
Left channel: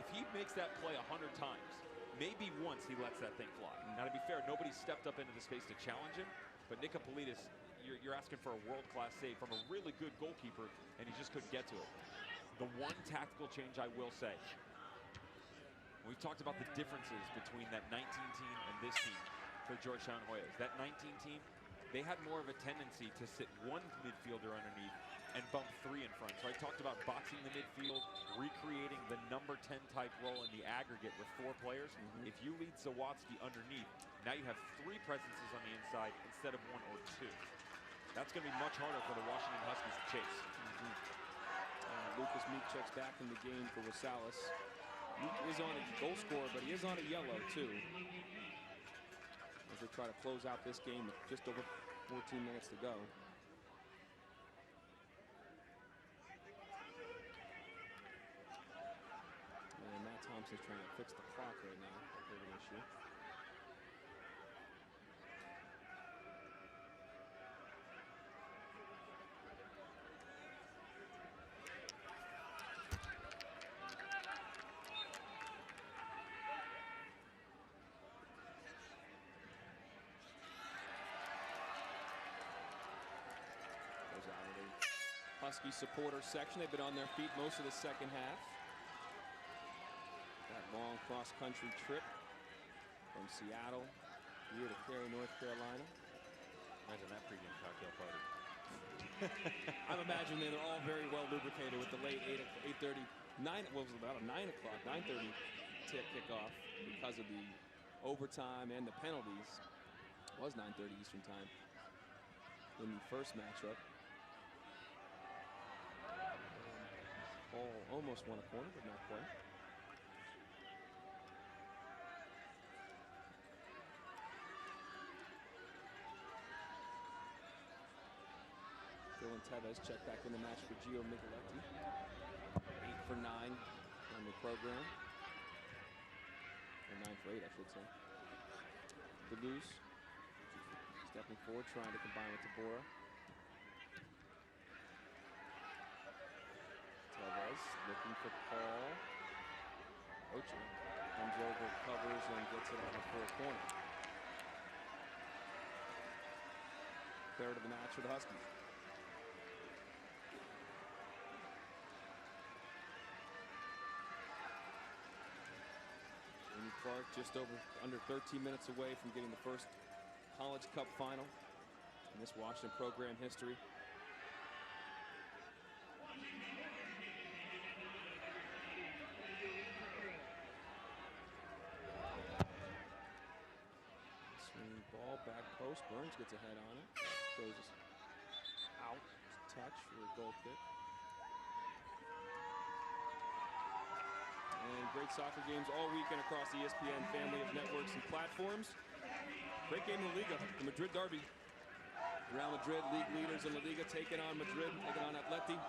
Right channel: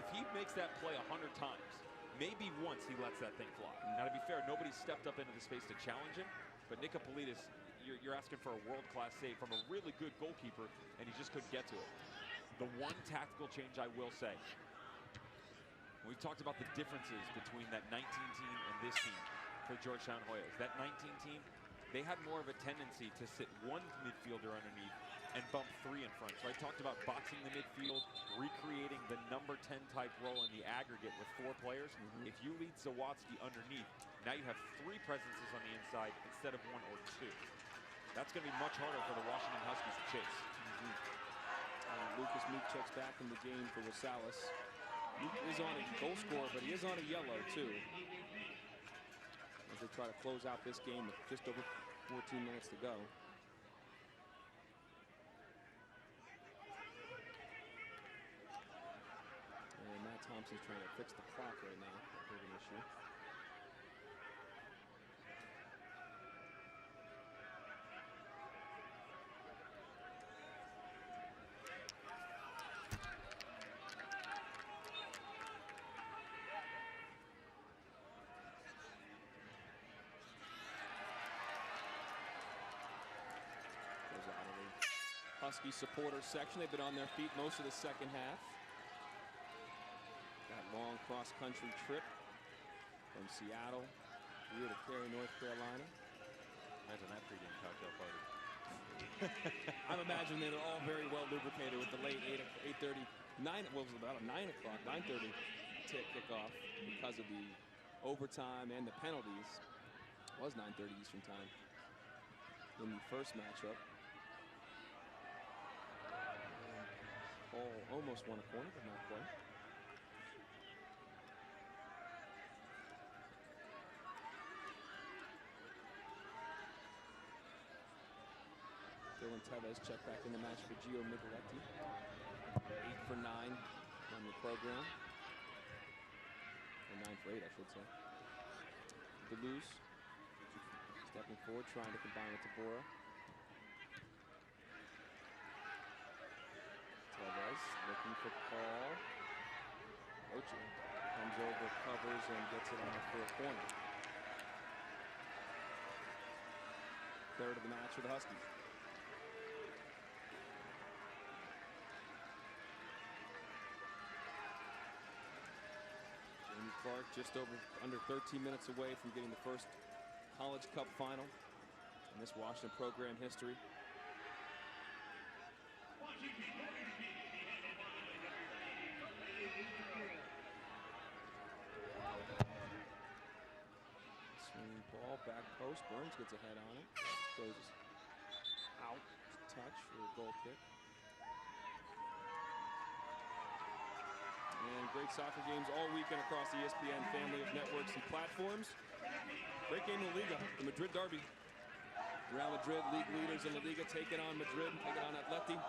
If he makes that play 100 times, maybe once he lets that thing fly. Now, to be fair, nobody stepped up into the space to challenge him, but Nicopolidis, you're asking for a world-class save from a really good goalkeeper, and he just couldn't get to it. The one tactical change I will say, we've talked about the differences between that 19 team and this team for the Georgetown Hoyas. That 19 team, they had more of a tendency to sit one midfielder underneath and bump 3 in front. So I talked about boxing the midfield, recreating the number 10 type role in the aggregate with 4 players. If you lead Zawadzki underneath, now you have 3 presences on the inside instead of 1 or 2. That's going to be much harder for the Washington Huskies to chase. Lucas Meek checks back in the game for Rosales. Meek is on a goal scorer, but he is on a yellow too, as they try to close out this game with just over 14 minutes to go. Thompson's trying to fix the clock right now. That's a bit of an issue. Goes out of the Husky supporter section. They've been on their feet most of the second half. That long cross-country trip from Seattle here to Cary, North Carolina. Imagine that pregame cocktail party. I'm imagining they're all very well lubricated with the late 8:30, 9. What was it, about a 9 o'clock, 9:30 kickoff because of the overtime and the penalties. It was 9:30 Eastern time in the first matchup. And Paul almost won a corner, but not quite. Dylan Tevez checked back in the match for Gio Micheletti. 8 for 9 on the program. Or 9 for 8, I should say. Deleuze stepping forward, trying to combine with Tabora. Tevez looking for Paul. Ocho comes over, covers, and gets it out for a corner. Third of the match for the Huskies. Jamie Clark just under 13 minutes away from getting the first College Cup final in this Washington program history. Swinging ball, back post. Burns gets a head on it. Goes out, touch for a goal kick. And great soccer games all weekend across the ESPN family of networks and platforms. Great game in La Liga, the Madrid derby. Real Madrid, league leaders in La Liga, taking on Madrid, taking on Atleti.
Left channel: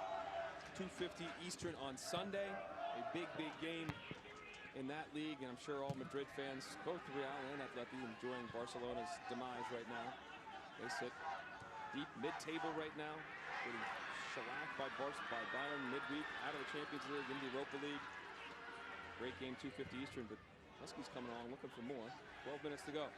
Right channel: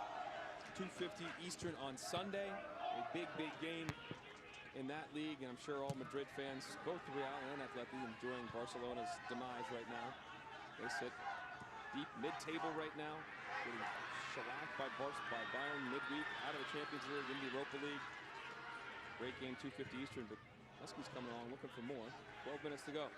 2:50 Eastern on Sunday. A big, big game in that league, and I'm sure all Madrid fans, both Real and Atleti, enjoying Barcelona's demise right now. They sit deep mid-table right now, getting shellacked by Bayern midweek, out of the Champions League, in the Europa League. Great game, 2:50 Eastern, but Huskies coming along looking for more. 12 minutes to go.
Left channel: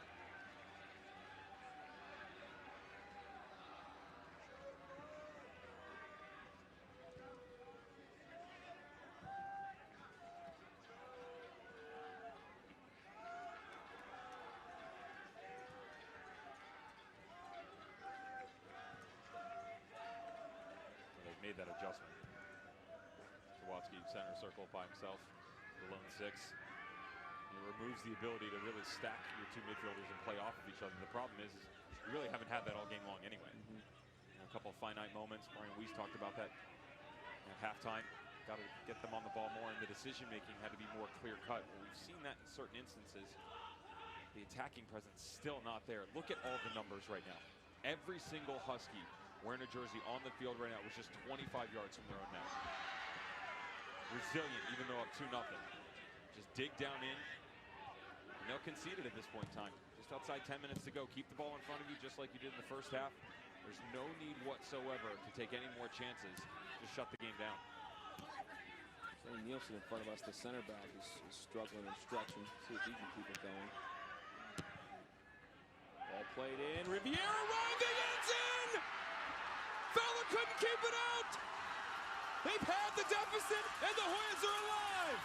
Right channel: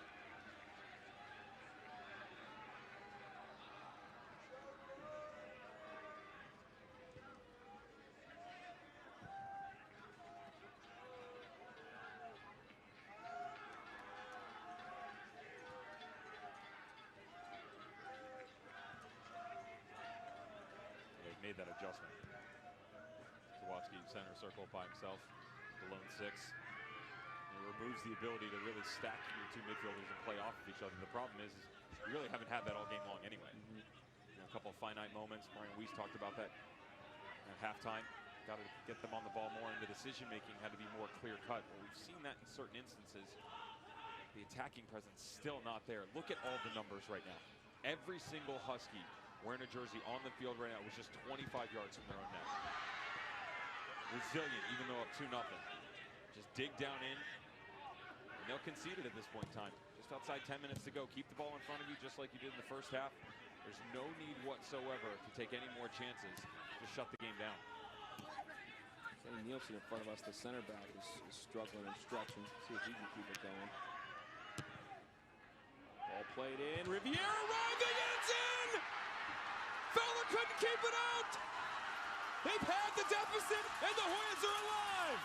They've made that adjustment. Sawatsky center circle by himself. The lone 6. It removes the ability to really stack your two midfielders and play off of each other. The problem is you really haven't had that all game long anyway. You know, a couple of finite moments. Brian Weiss talked about that at halftime. Got to get them on the ball more, and the decision-making had to be more clear-cut. Well, we've seen that in certain instances. The attacking presence still not there. Look at all the numbers right now. Every single Husky wearing a jersey on the field right now was just 25 yards from their own net. Resilient, even though up 2-0. Just dig down in, and they'll concede it at this point in time. Just outside 10 minutes to go. Keep the ball in front of you just like you did in the first half. There's no need whatsoever to take any more chances. Just shut the game down. Kenny Nielsen in front of us, the center back, is struggling and stretching. See if he can keep it going. Ball played in. Riviera arriving, and it's in! Fowler couldn't keep it out! They've had the deficit, and the Hoyas are alive!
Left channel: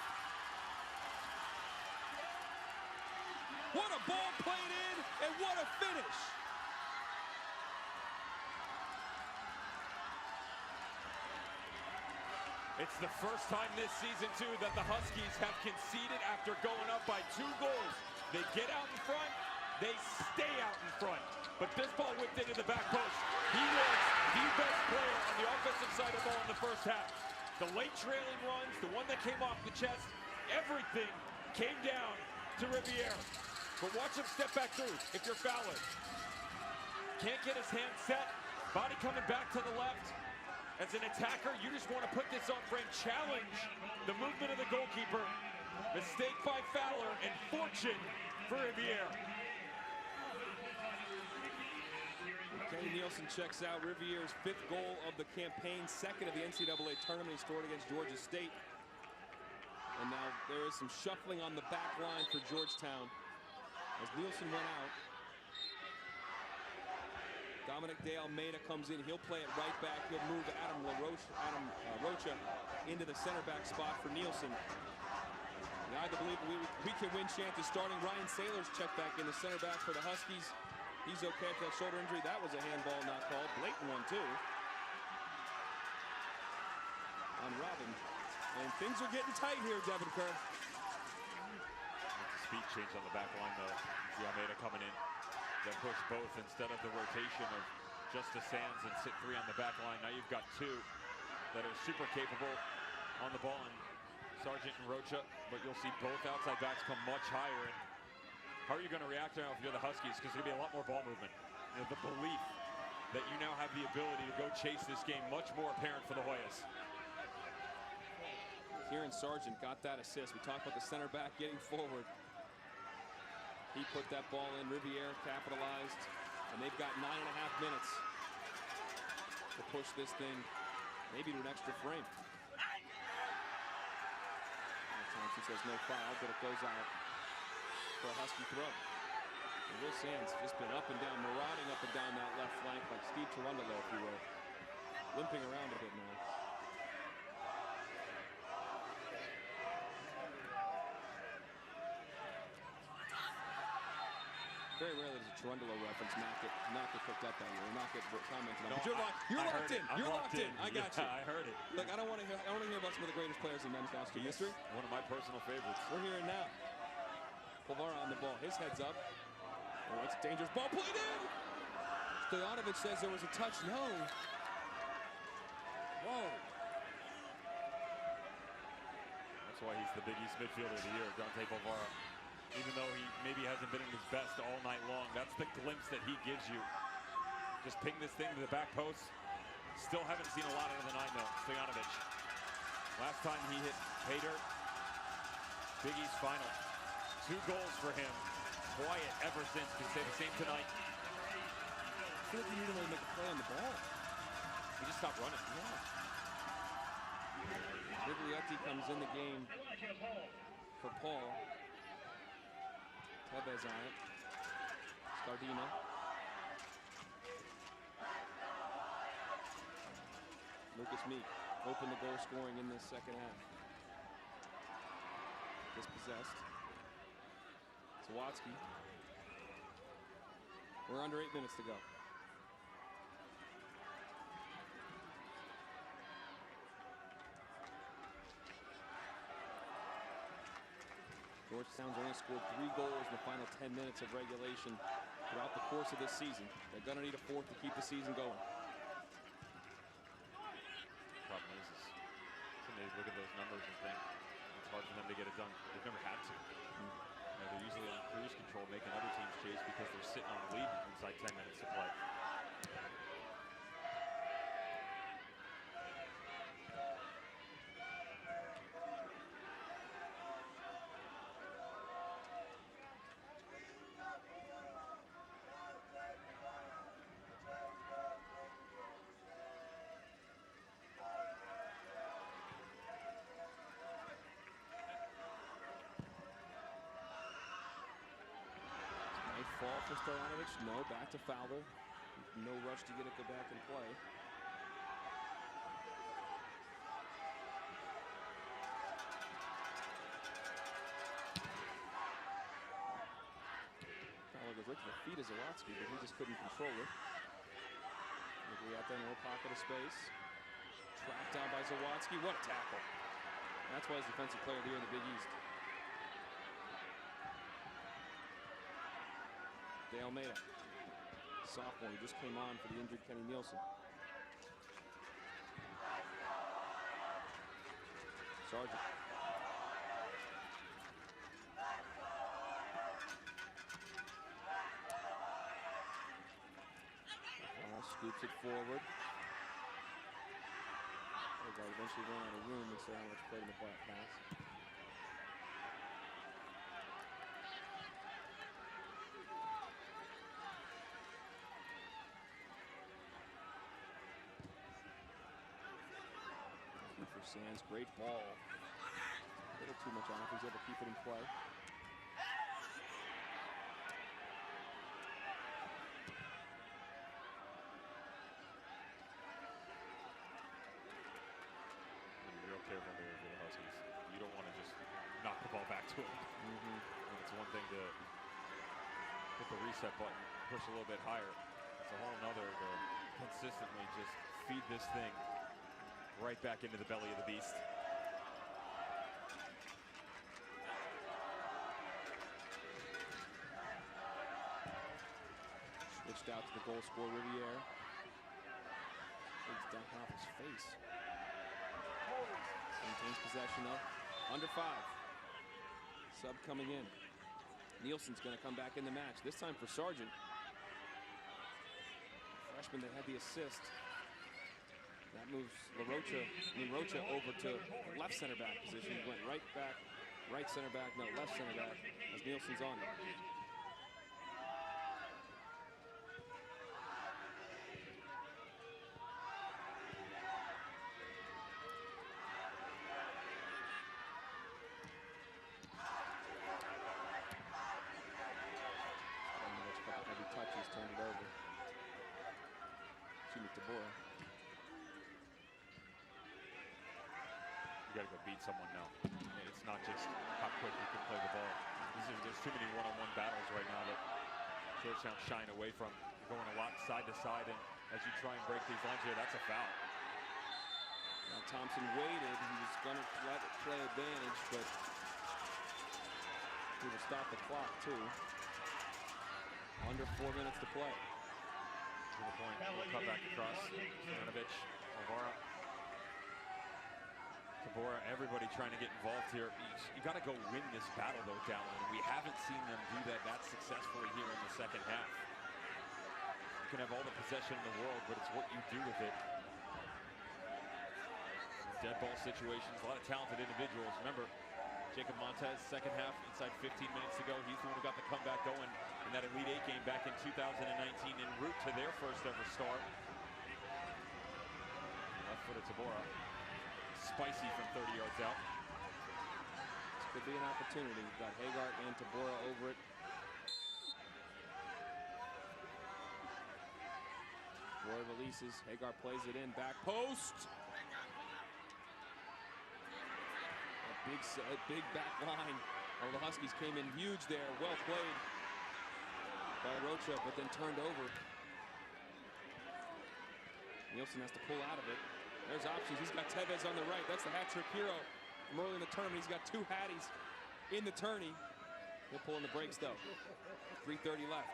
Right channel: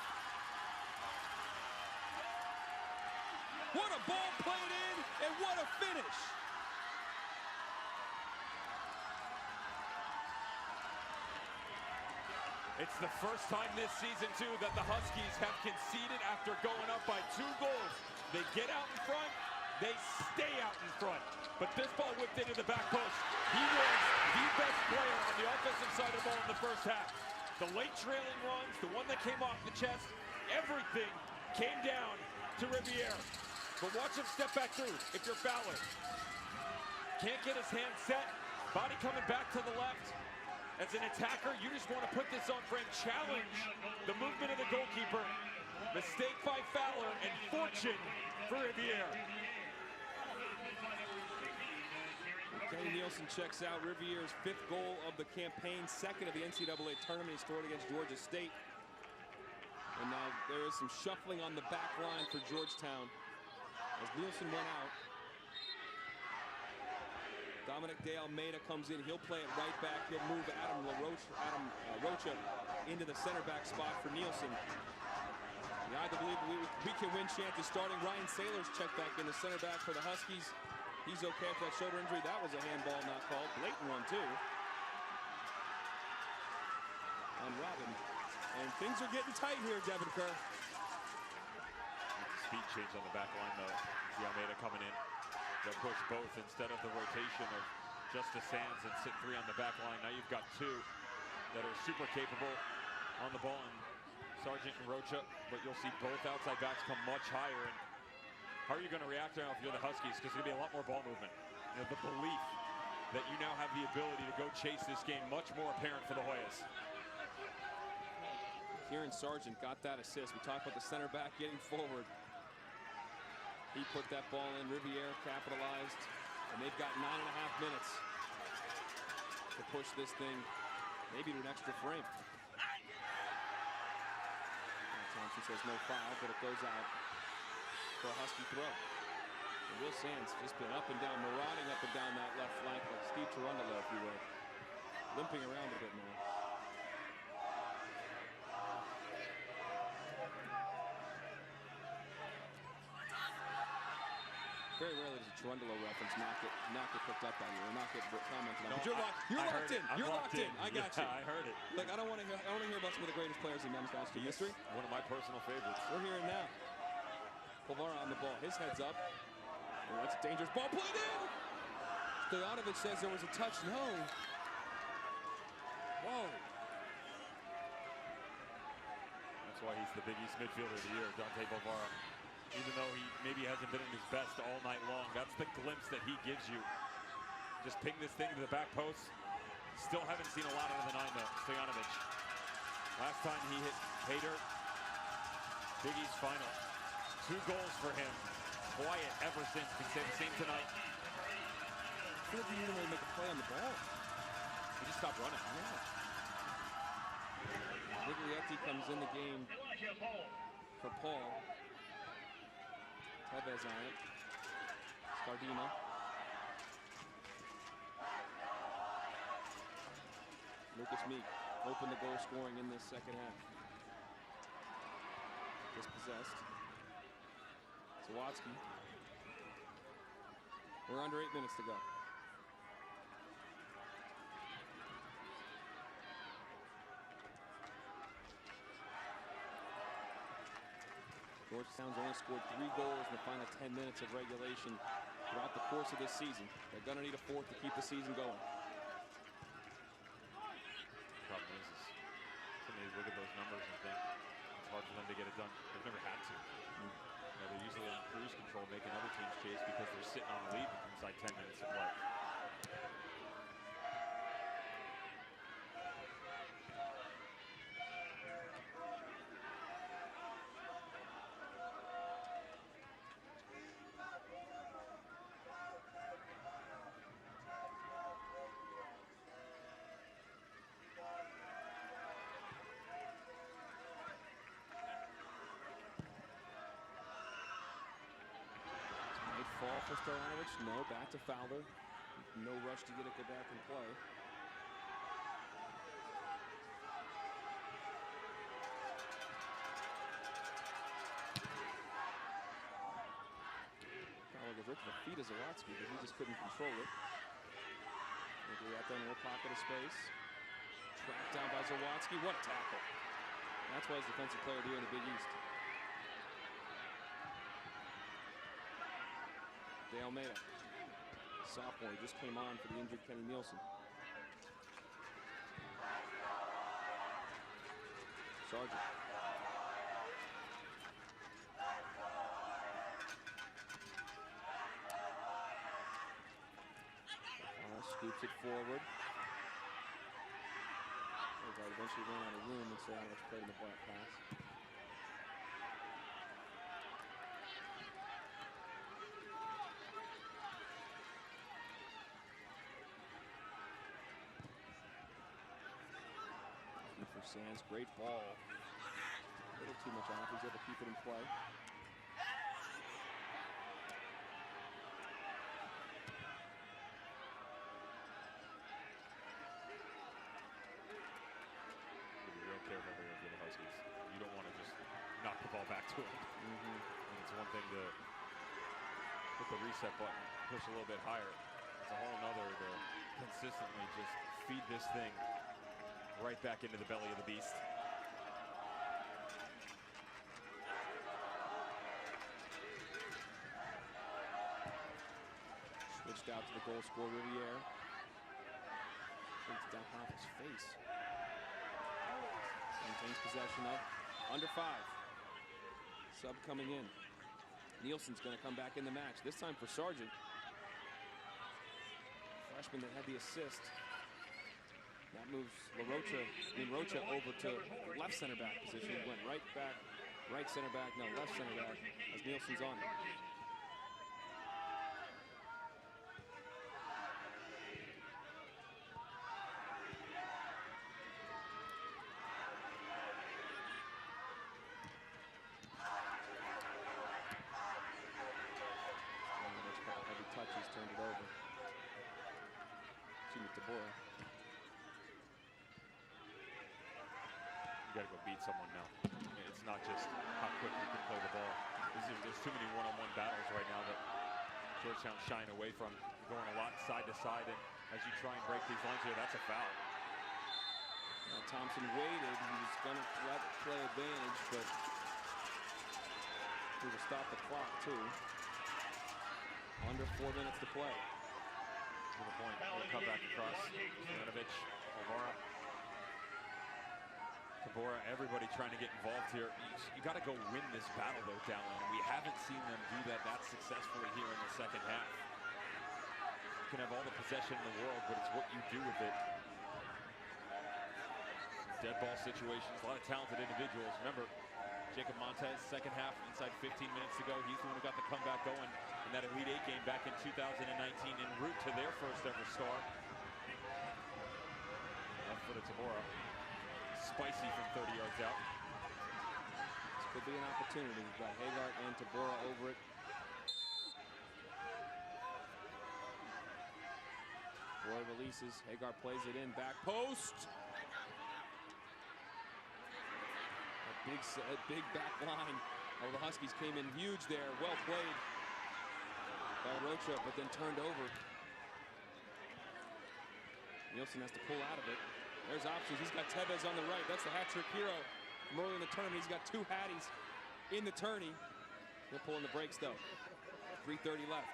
What a ball played in, and what a finish! It's the first time this season, too, that the Huskies have conceded after going up by 2 goals. They get out in front, they stay out in front. But this ball whipped into the back post. He was the best player on the offensive side of the ball in the first half. The late trailing runs, the one that came off the chest, everything came down to Riviere. But watch him step back through if you're Fowler. Can't get his hand set, body coming back to the left. As an attacker, you just want to put this on frame, challenge the movement of the goalkeeper. Mistake by Fowler and fortune for Riviere. Kenny Nielsen checks out Riviere's 5th goal of the campaign, 2nd of the NCAA tournament. He scored against Georgia State. And now there is some shuffling on the back line for Georgetown as Nielsen went out. Dominic De Almeida comes in. He'll play it right back. He'll move Adam Rocha into the center back spot for Nielsen. I believe we can win chant is starting. Ryan Saylor's checked back in the center back for the Huskies. He's okay after that shoulder injury. That was a handball not called. Blatant one, too. On Robin. And things are getting tight here, Devin Kerr. It's a speed change on the back line, though. The Almeida coming in. They'll push both instead of the rotation of Justice Sands and sit 3 on the back line. Now you've got 2 that are super capable on the ball, and Sargent and Rocha, but you'll see both outside backs come much higher. And how are you going to react now if you're the Huskies? Because there's going to be a lot more ball movement. You know, the belief that you now have the ability to go chase this game much more apparent for the Hoyas. Kieran Sargent got that assist. We talked about the center back getting forward. He put that ball in. Riviere capitalized, and they've got 9.5 minutes to push this thing maybe to an extra frame. Thompson says no foul, but it goes out for a Husky throw. And Will Sands just been up and down, marauding up and down that left flank like Steve Cherundolo, if you will. Limping around a bit now. Very rarely does a Cherundolo reference not get picked up by you or not get commented on. No, but you're locked in. You're locked in. I got you. I heard it. Look, I want to hear about some of the greatest players in men's national history. One of my personal favorites. We're here and now. Pulvara on the ball. His head's up. Oh, that's a dangerous ball played in. Stojanovic says there was a touch. No. Whoa. That's why he's the Big East midfielder of the year, Dante Pulvara. Even though he maybe hasn't been at his best all night long, that's the glimpse that he gives you. Just ping this thing to the back post. Still haven't seen a lot out of the 9, though. Stojanovic. Last time he hit pay dirt, Big East final. 2 goals for him. Quiet ever since. Can say the same tonight. I feel like he didn't really make a play on the ball. He just stopped running. Yeah. Miglietti comes in the game for Paul. Tevez on it. Scardina. Lucas Meek opened the goal scoring in this second half. Dispossessed. Sawatsky. We're under 8 minutes to go. Georgetown's only scored 3 goals in the final 10 minutes of regulation throughout the course of this season. They're going to need a 4th to keep the season going. Problem is when they look at those numbers and think it's hard for them to get it done. They've never had to. You know, they're usually on cruise control, making other teams chase because they're sitting on a lead inside 10 minutes to play. Fall for Stojanovic. No, back to Fowler. No rush to get it go back and play. Fowler goes right to the feet of Zawatsky, but he just couldn't control it. Miglietti in a little pocket of space. Tracked down by Zawatsky. What a tackle. And that's why he's Defensive Player of the Year in the Big East. De Almeida, sophomore, who just came on for the injured Kenny Nielsen. Sargent. Scoops it forward. The guard eventually ran out of room and Stojanovic played in the black pass. Sands, great ball. A little too much on it. He's able to keep it in play. Real careful here for the Huskies. You don't want to just knock the ball back to them. And it's one thing to hit the reset button, push a little bit higher. It's a whole nother to consistently just feed this thing right back into the belly of the beast. Switched out to the goal scorer, Riviere. Brings down off his face. Maintains possession though. Under 5. Sub coming in. Nielsen's going to come back in the match. This time for Sargent. Freshman that had the assist. That moves Rocha over to left center back position. He went right back, right center back, no, left center back as Nielsen's on it. Couple heavy touches, turned it over. Excuse me, Tabora. You got to go beat someone now. It's not just how quick you can play the ball. There's too many one-on-one battles right now that Georgetown's shying away from. You're going a lot side to side, and as you try and break these lines here, that's a foul. Now Thompson waited. He was going to let it play advantage, but he will stop the clock too. Under 4 minutes to play. To the point, a little cut back across. Stevanovic, Alvara, Tabora, everybody trying to get involved here. You got to go win this battle though, Dallin, and we haven't seen them do that successfully here in the second half. You can have all the possession in the world, but it's what you do with it. Dead ball situations, a lot of talented individuals. Remember, Jacob Montez, second half, inside 15 minutes to go. He's the one who got the comeback going in that Elite Eight game back in 2019 en route to their first ever start. Left-footed Tabora, spicy from 30 yards out. This could be an opportunity. You've got Hagart and Tabora over it. Tabora releases. Hagart plays it in. Back post. That big back line. Oh, the Huskies came in huge there. Well played by Rocha, but then turned over. Nielsen has to pull out of it. There's options. He's got Tevez on the right. That's the hat-trick hero from early in the tournament. He's got 2 hatties in the tourney. They're pulling the brakes, though. 3:30 left.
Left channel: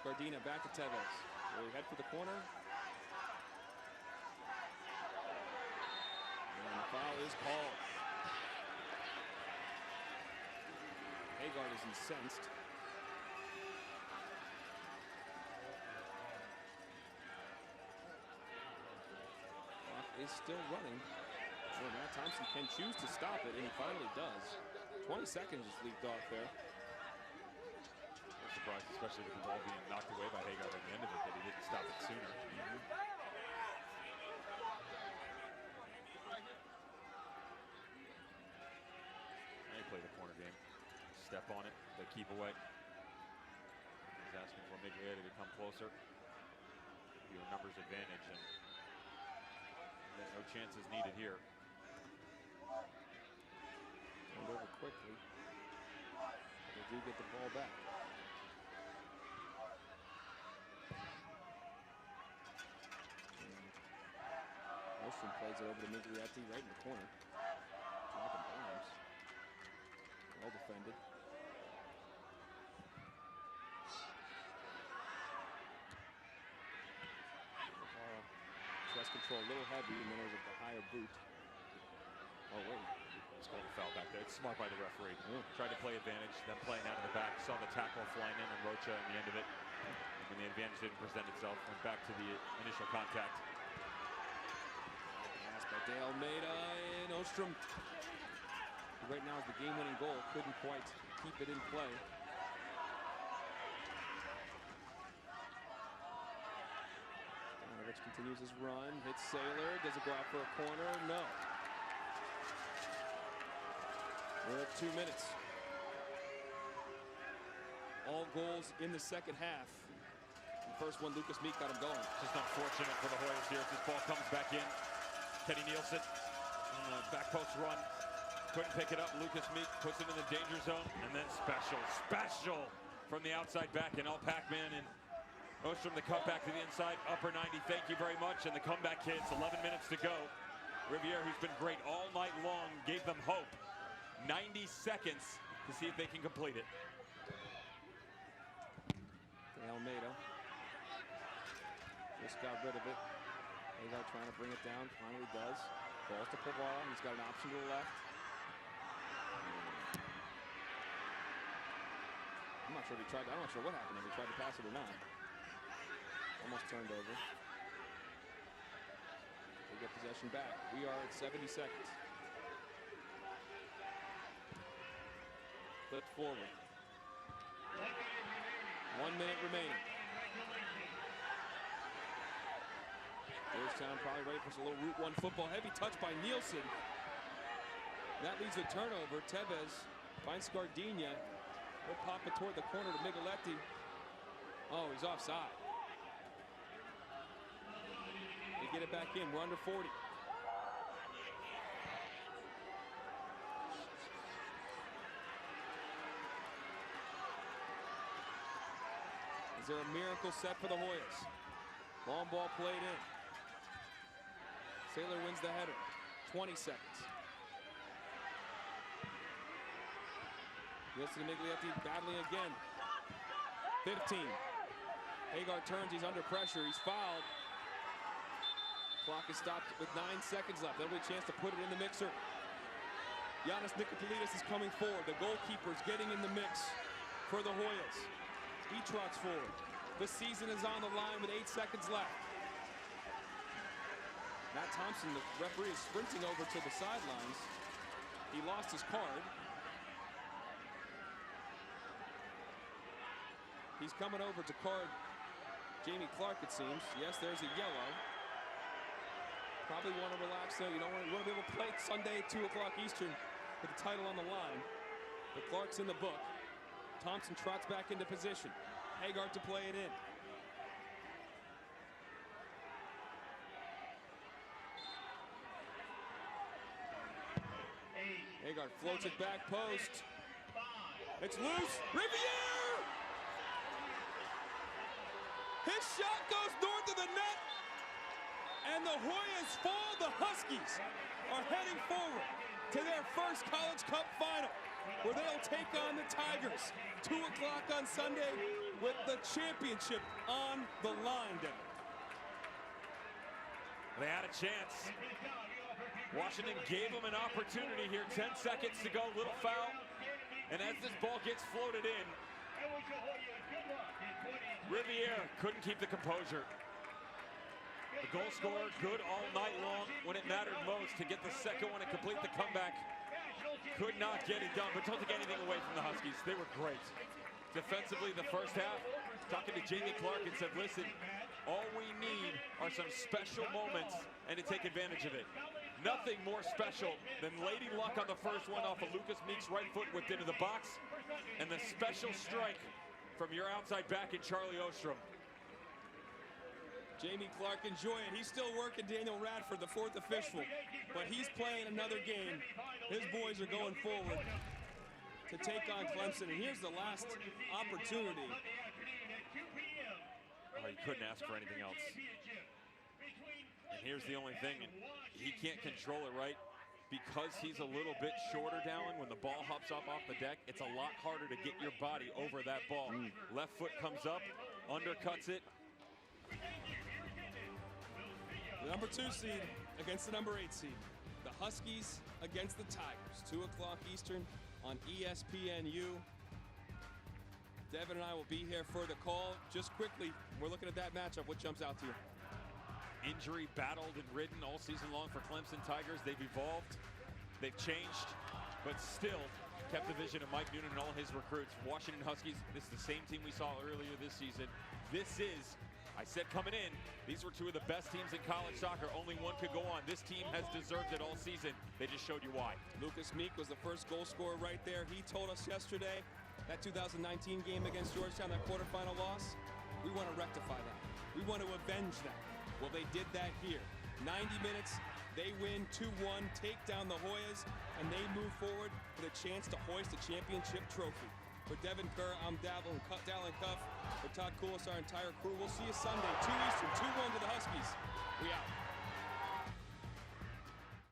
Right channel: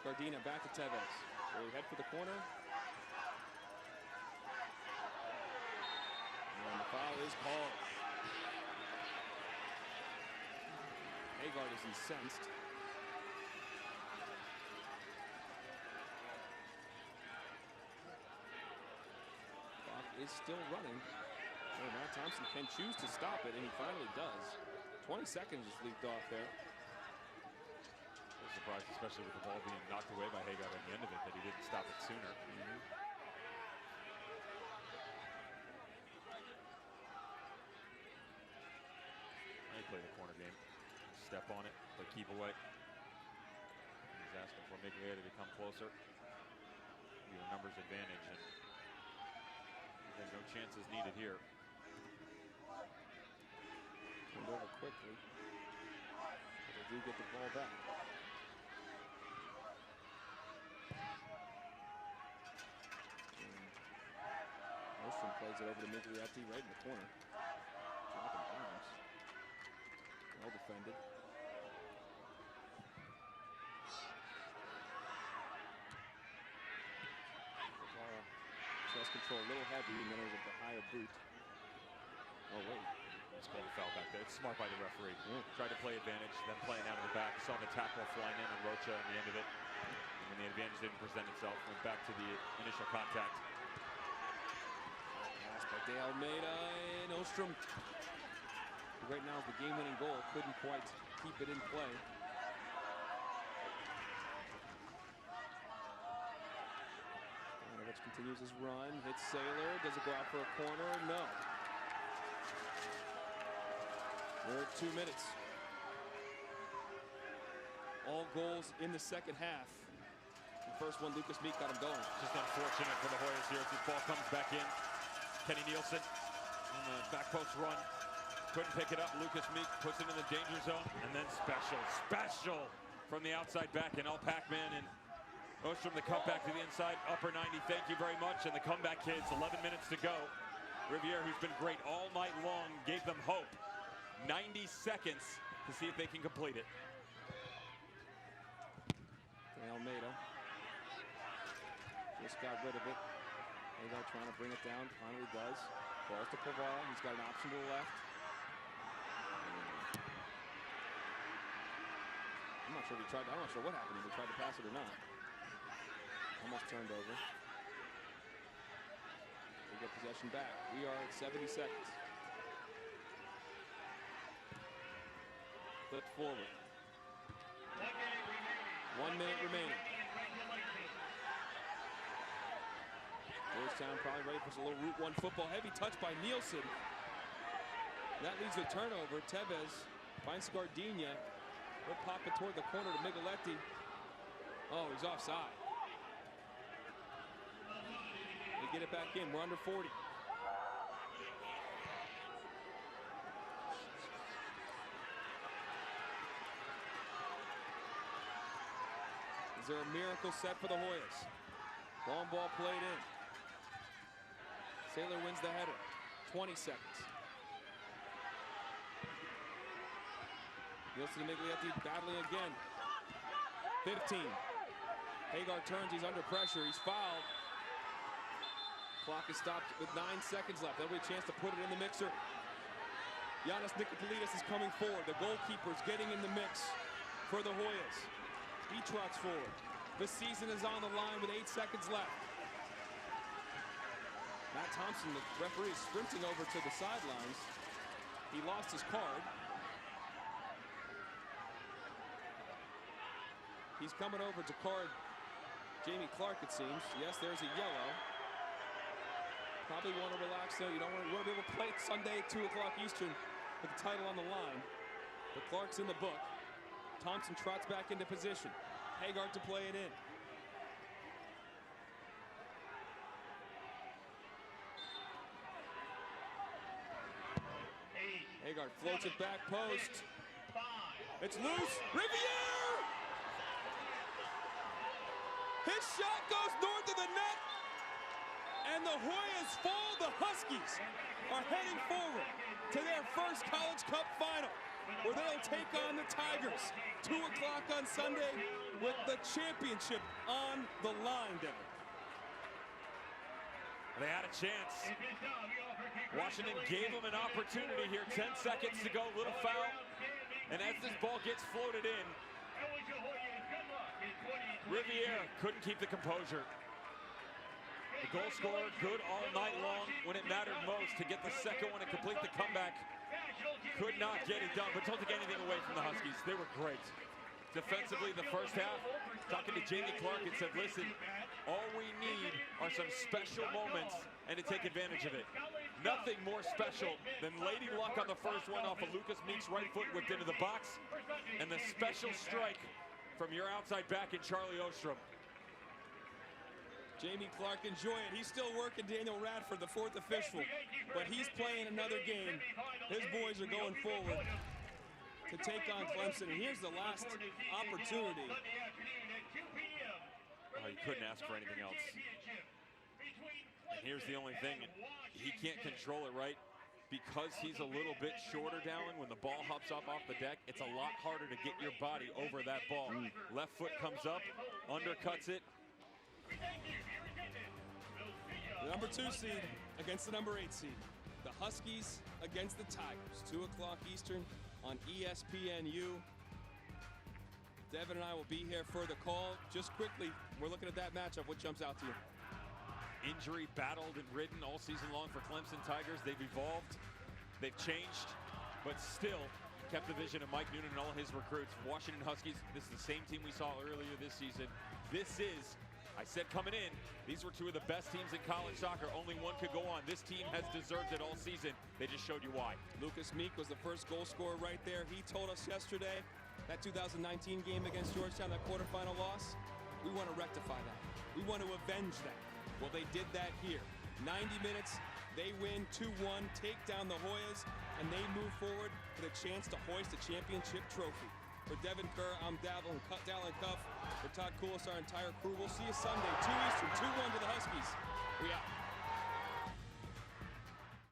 Scardina back to Tevez. Will he head for the corner? And the foul is called. Hagart is incensed. Clock is still running. Oh, Matt Thompson can choose to stop it, and he finally does. 20 seconds just leaked off there. A little surprised, especially with the ball being knocked away by Hagart at the end of it, that he didn't stop it sooner. Now you play the corner game. Step on it, but keep away. He's asking for Miglietti to come closer. Give you a numbers advantage, and then no chances needed here. Turned over quickly, but they do get the ball back. And Ostrom plays it over to Miglietti right in the corner. Dropping bombs. Well defended. Guevara, chest control a little heavy, and then it was a higher boot. Oh wait, It's called a foul back there. It's smart by the referee. Tried to play advantage, then playing out of the back. Saw the tackle flying in on Rocha at the end of it. And when the advantage didn't present itself, went back to the initial contact. Pass by De Almeida, and Ostrom. Right now is the game-winning goal. Couldn't quite keep it in play. Stevanovic continues his run, hits Saylor. Does it go out for a corner? No. We're at 2 minutes. All goals in the second half. The first one, Lucas Meek got him going. Just unfortunate for the Hoyas here as this ball comes back in. Kenny Nielsen on the back post run. Couldn't pick it up. Lucas Meek puts it in the danger zone. And then special from the outside back. And Pac-Man and Ostrom, the cutback to the inside. Upper 90, thank you very much. And the comeback kids, 11 minutes to go. Riviere, who's been great all night long, gave them hope. 90 seconds to see if they can complete it. Almeida just got rid of it. Hagar trying to bring it down, finally does. Balls to Pavara, he's got an option to the left. I'm not sure if he tried, I'm not sure what happened if he tried to pass it or not. Almost turned over. They get possession back. We are at 70 seconds. Flipped forward. 1 minute remaining. Georgetown probably ready for some little Route 1 football. Heavy touch by Nielsen. That leads to a turnover. Tevez finds Scardina. He'll pop it toward the corner to Micheletti. Oh, he's offside. They get it back in. We're under 40. Is there a miracle set for the Hoyas? Long ball played in. Saylor wins the header. 20 seconds. Nielsen and Miglietti battling again. 15. Hagar turns, he's under pressure, he's fouled. Clock is stopped with 9 seconds left. That'll be a chance to put it in the mixer. Giannis Nicopolidis is coming forward. The goalkeeper's getting in the mix for the Hoyas. He trots forward. The season is on the line with 8 seconds left. Matt Thompson, the referee, is sprinting over to the sidelines. He lost his card. He's coming over to card Jamie Clark, it seems. Yes, there's a yellow. Probably want to relax, though. You want to be able to play it Sunday, 2 o'clock Eastern, with the title on the line. But Clark's in the book. Thompson trots back into position. Hagar to play it in. Hagar floats it back post. It's loose. Riviere! His shot goes north of the net. And the Hoyas fall. The Huskies are heading forward to their first College Cup final, where they'll take on the Tigers. 2 o'clock on Sunday with the championship on the line, Devin. They had a chance. Washington gave them an opportunity here. 10 seconds to go, little foul. And as this ball gets floated in, Riviere couldn't keep the composure. The goal scorer good all night long when it mattered most to get the second one and complete the comeback. Could not get it done, but don't take anything away from the Huskies. They were great. Defensively, the first half, talking to Jamie Clark and said, listen, all we need are some special moments and to take advantage of it. Nothing more special than Lady Luck on the first one off of Lucas Meek's right foot whipped into the box, and the special strike from your outside back in Charlie Ostrom. Jamie Clark, enjoy it. He's still working Daniel Radford, the fourth official, but he's playing another game. His boys are going forward to take on Clemson, and here's the last opportunity. Oh, you couldn't ask for anything else. And here's the only thing, and he can't control it right because he's a little bit shorter, Dallin. When the ball hops up off the deck, it's a lot harder to get your body over that ball. Left foot comes up, undercuts it. The number 2 seed against the number 8 seed. The Huskies against the Tigers. 2 o'clock Eastern on ESPNU. Devin and I will be here for the call. Just quickly, we're looking at that matchup. What jumps out to you? Injury battled and ridden all season long for Clemson Tigers. They've evolved, they've changed, but still kept the vision of Mike Noonan and all his recruits. Washington Huskies, this is the same team we saw earlier this season. This is I said coming in, these were two of the best teams in college soccer. Only one could go on. This team has deserved it all season. They just showed you why. Lucas Meek was the first goal scorer right there. He told us yesterday that 2019 game against Georgetown, that quarterfinal loss, we want to rectify that. We want to avenge that. Well, they did that here. 90 minutes, they win 2-1, take down the Hoyas, and they move forward with a chance to hoist a championship trophy. For Devin Kerr, I'm Dallin Cuff. For Todd Koulis, our entire crew, we'll see you Sunday, 2 Eastern, 2-1 to the Huskies. We out.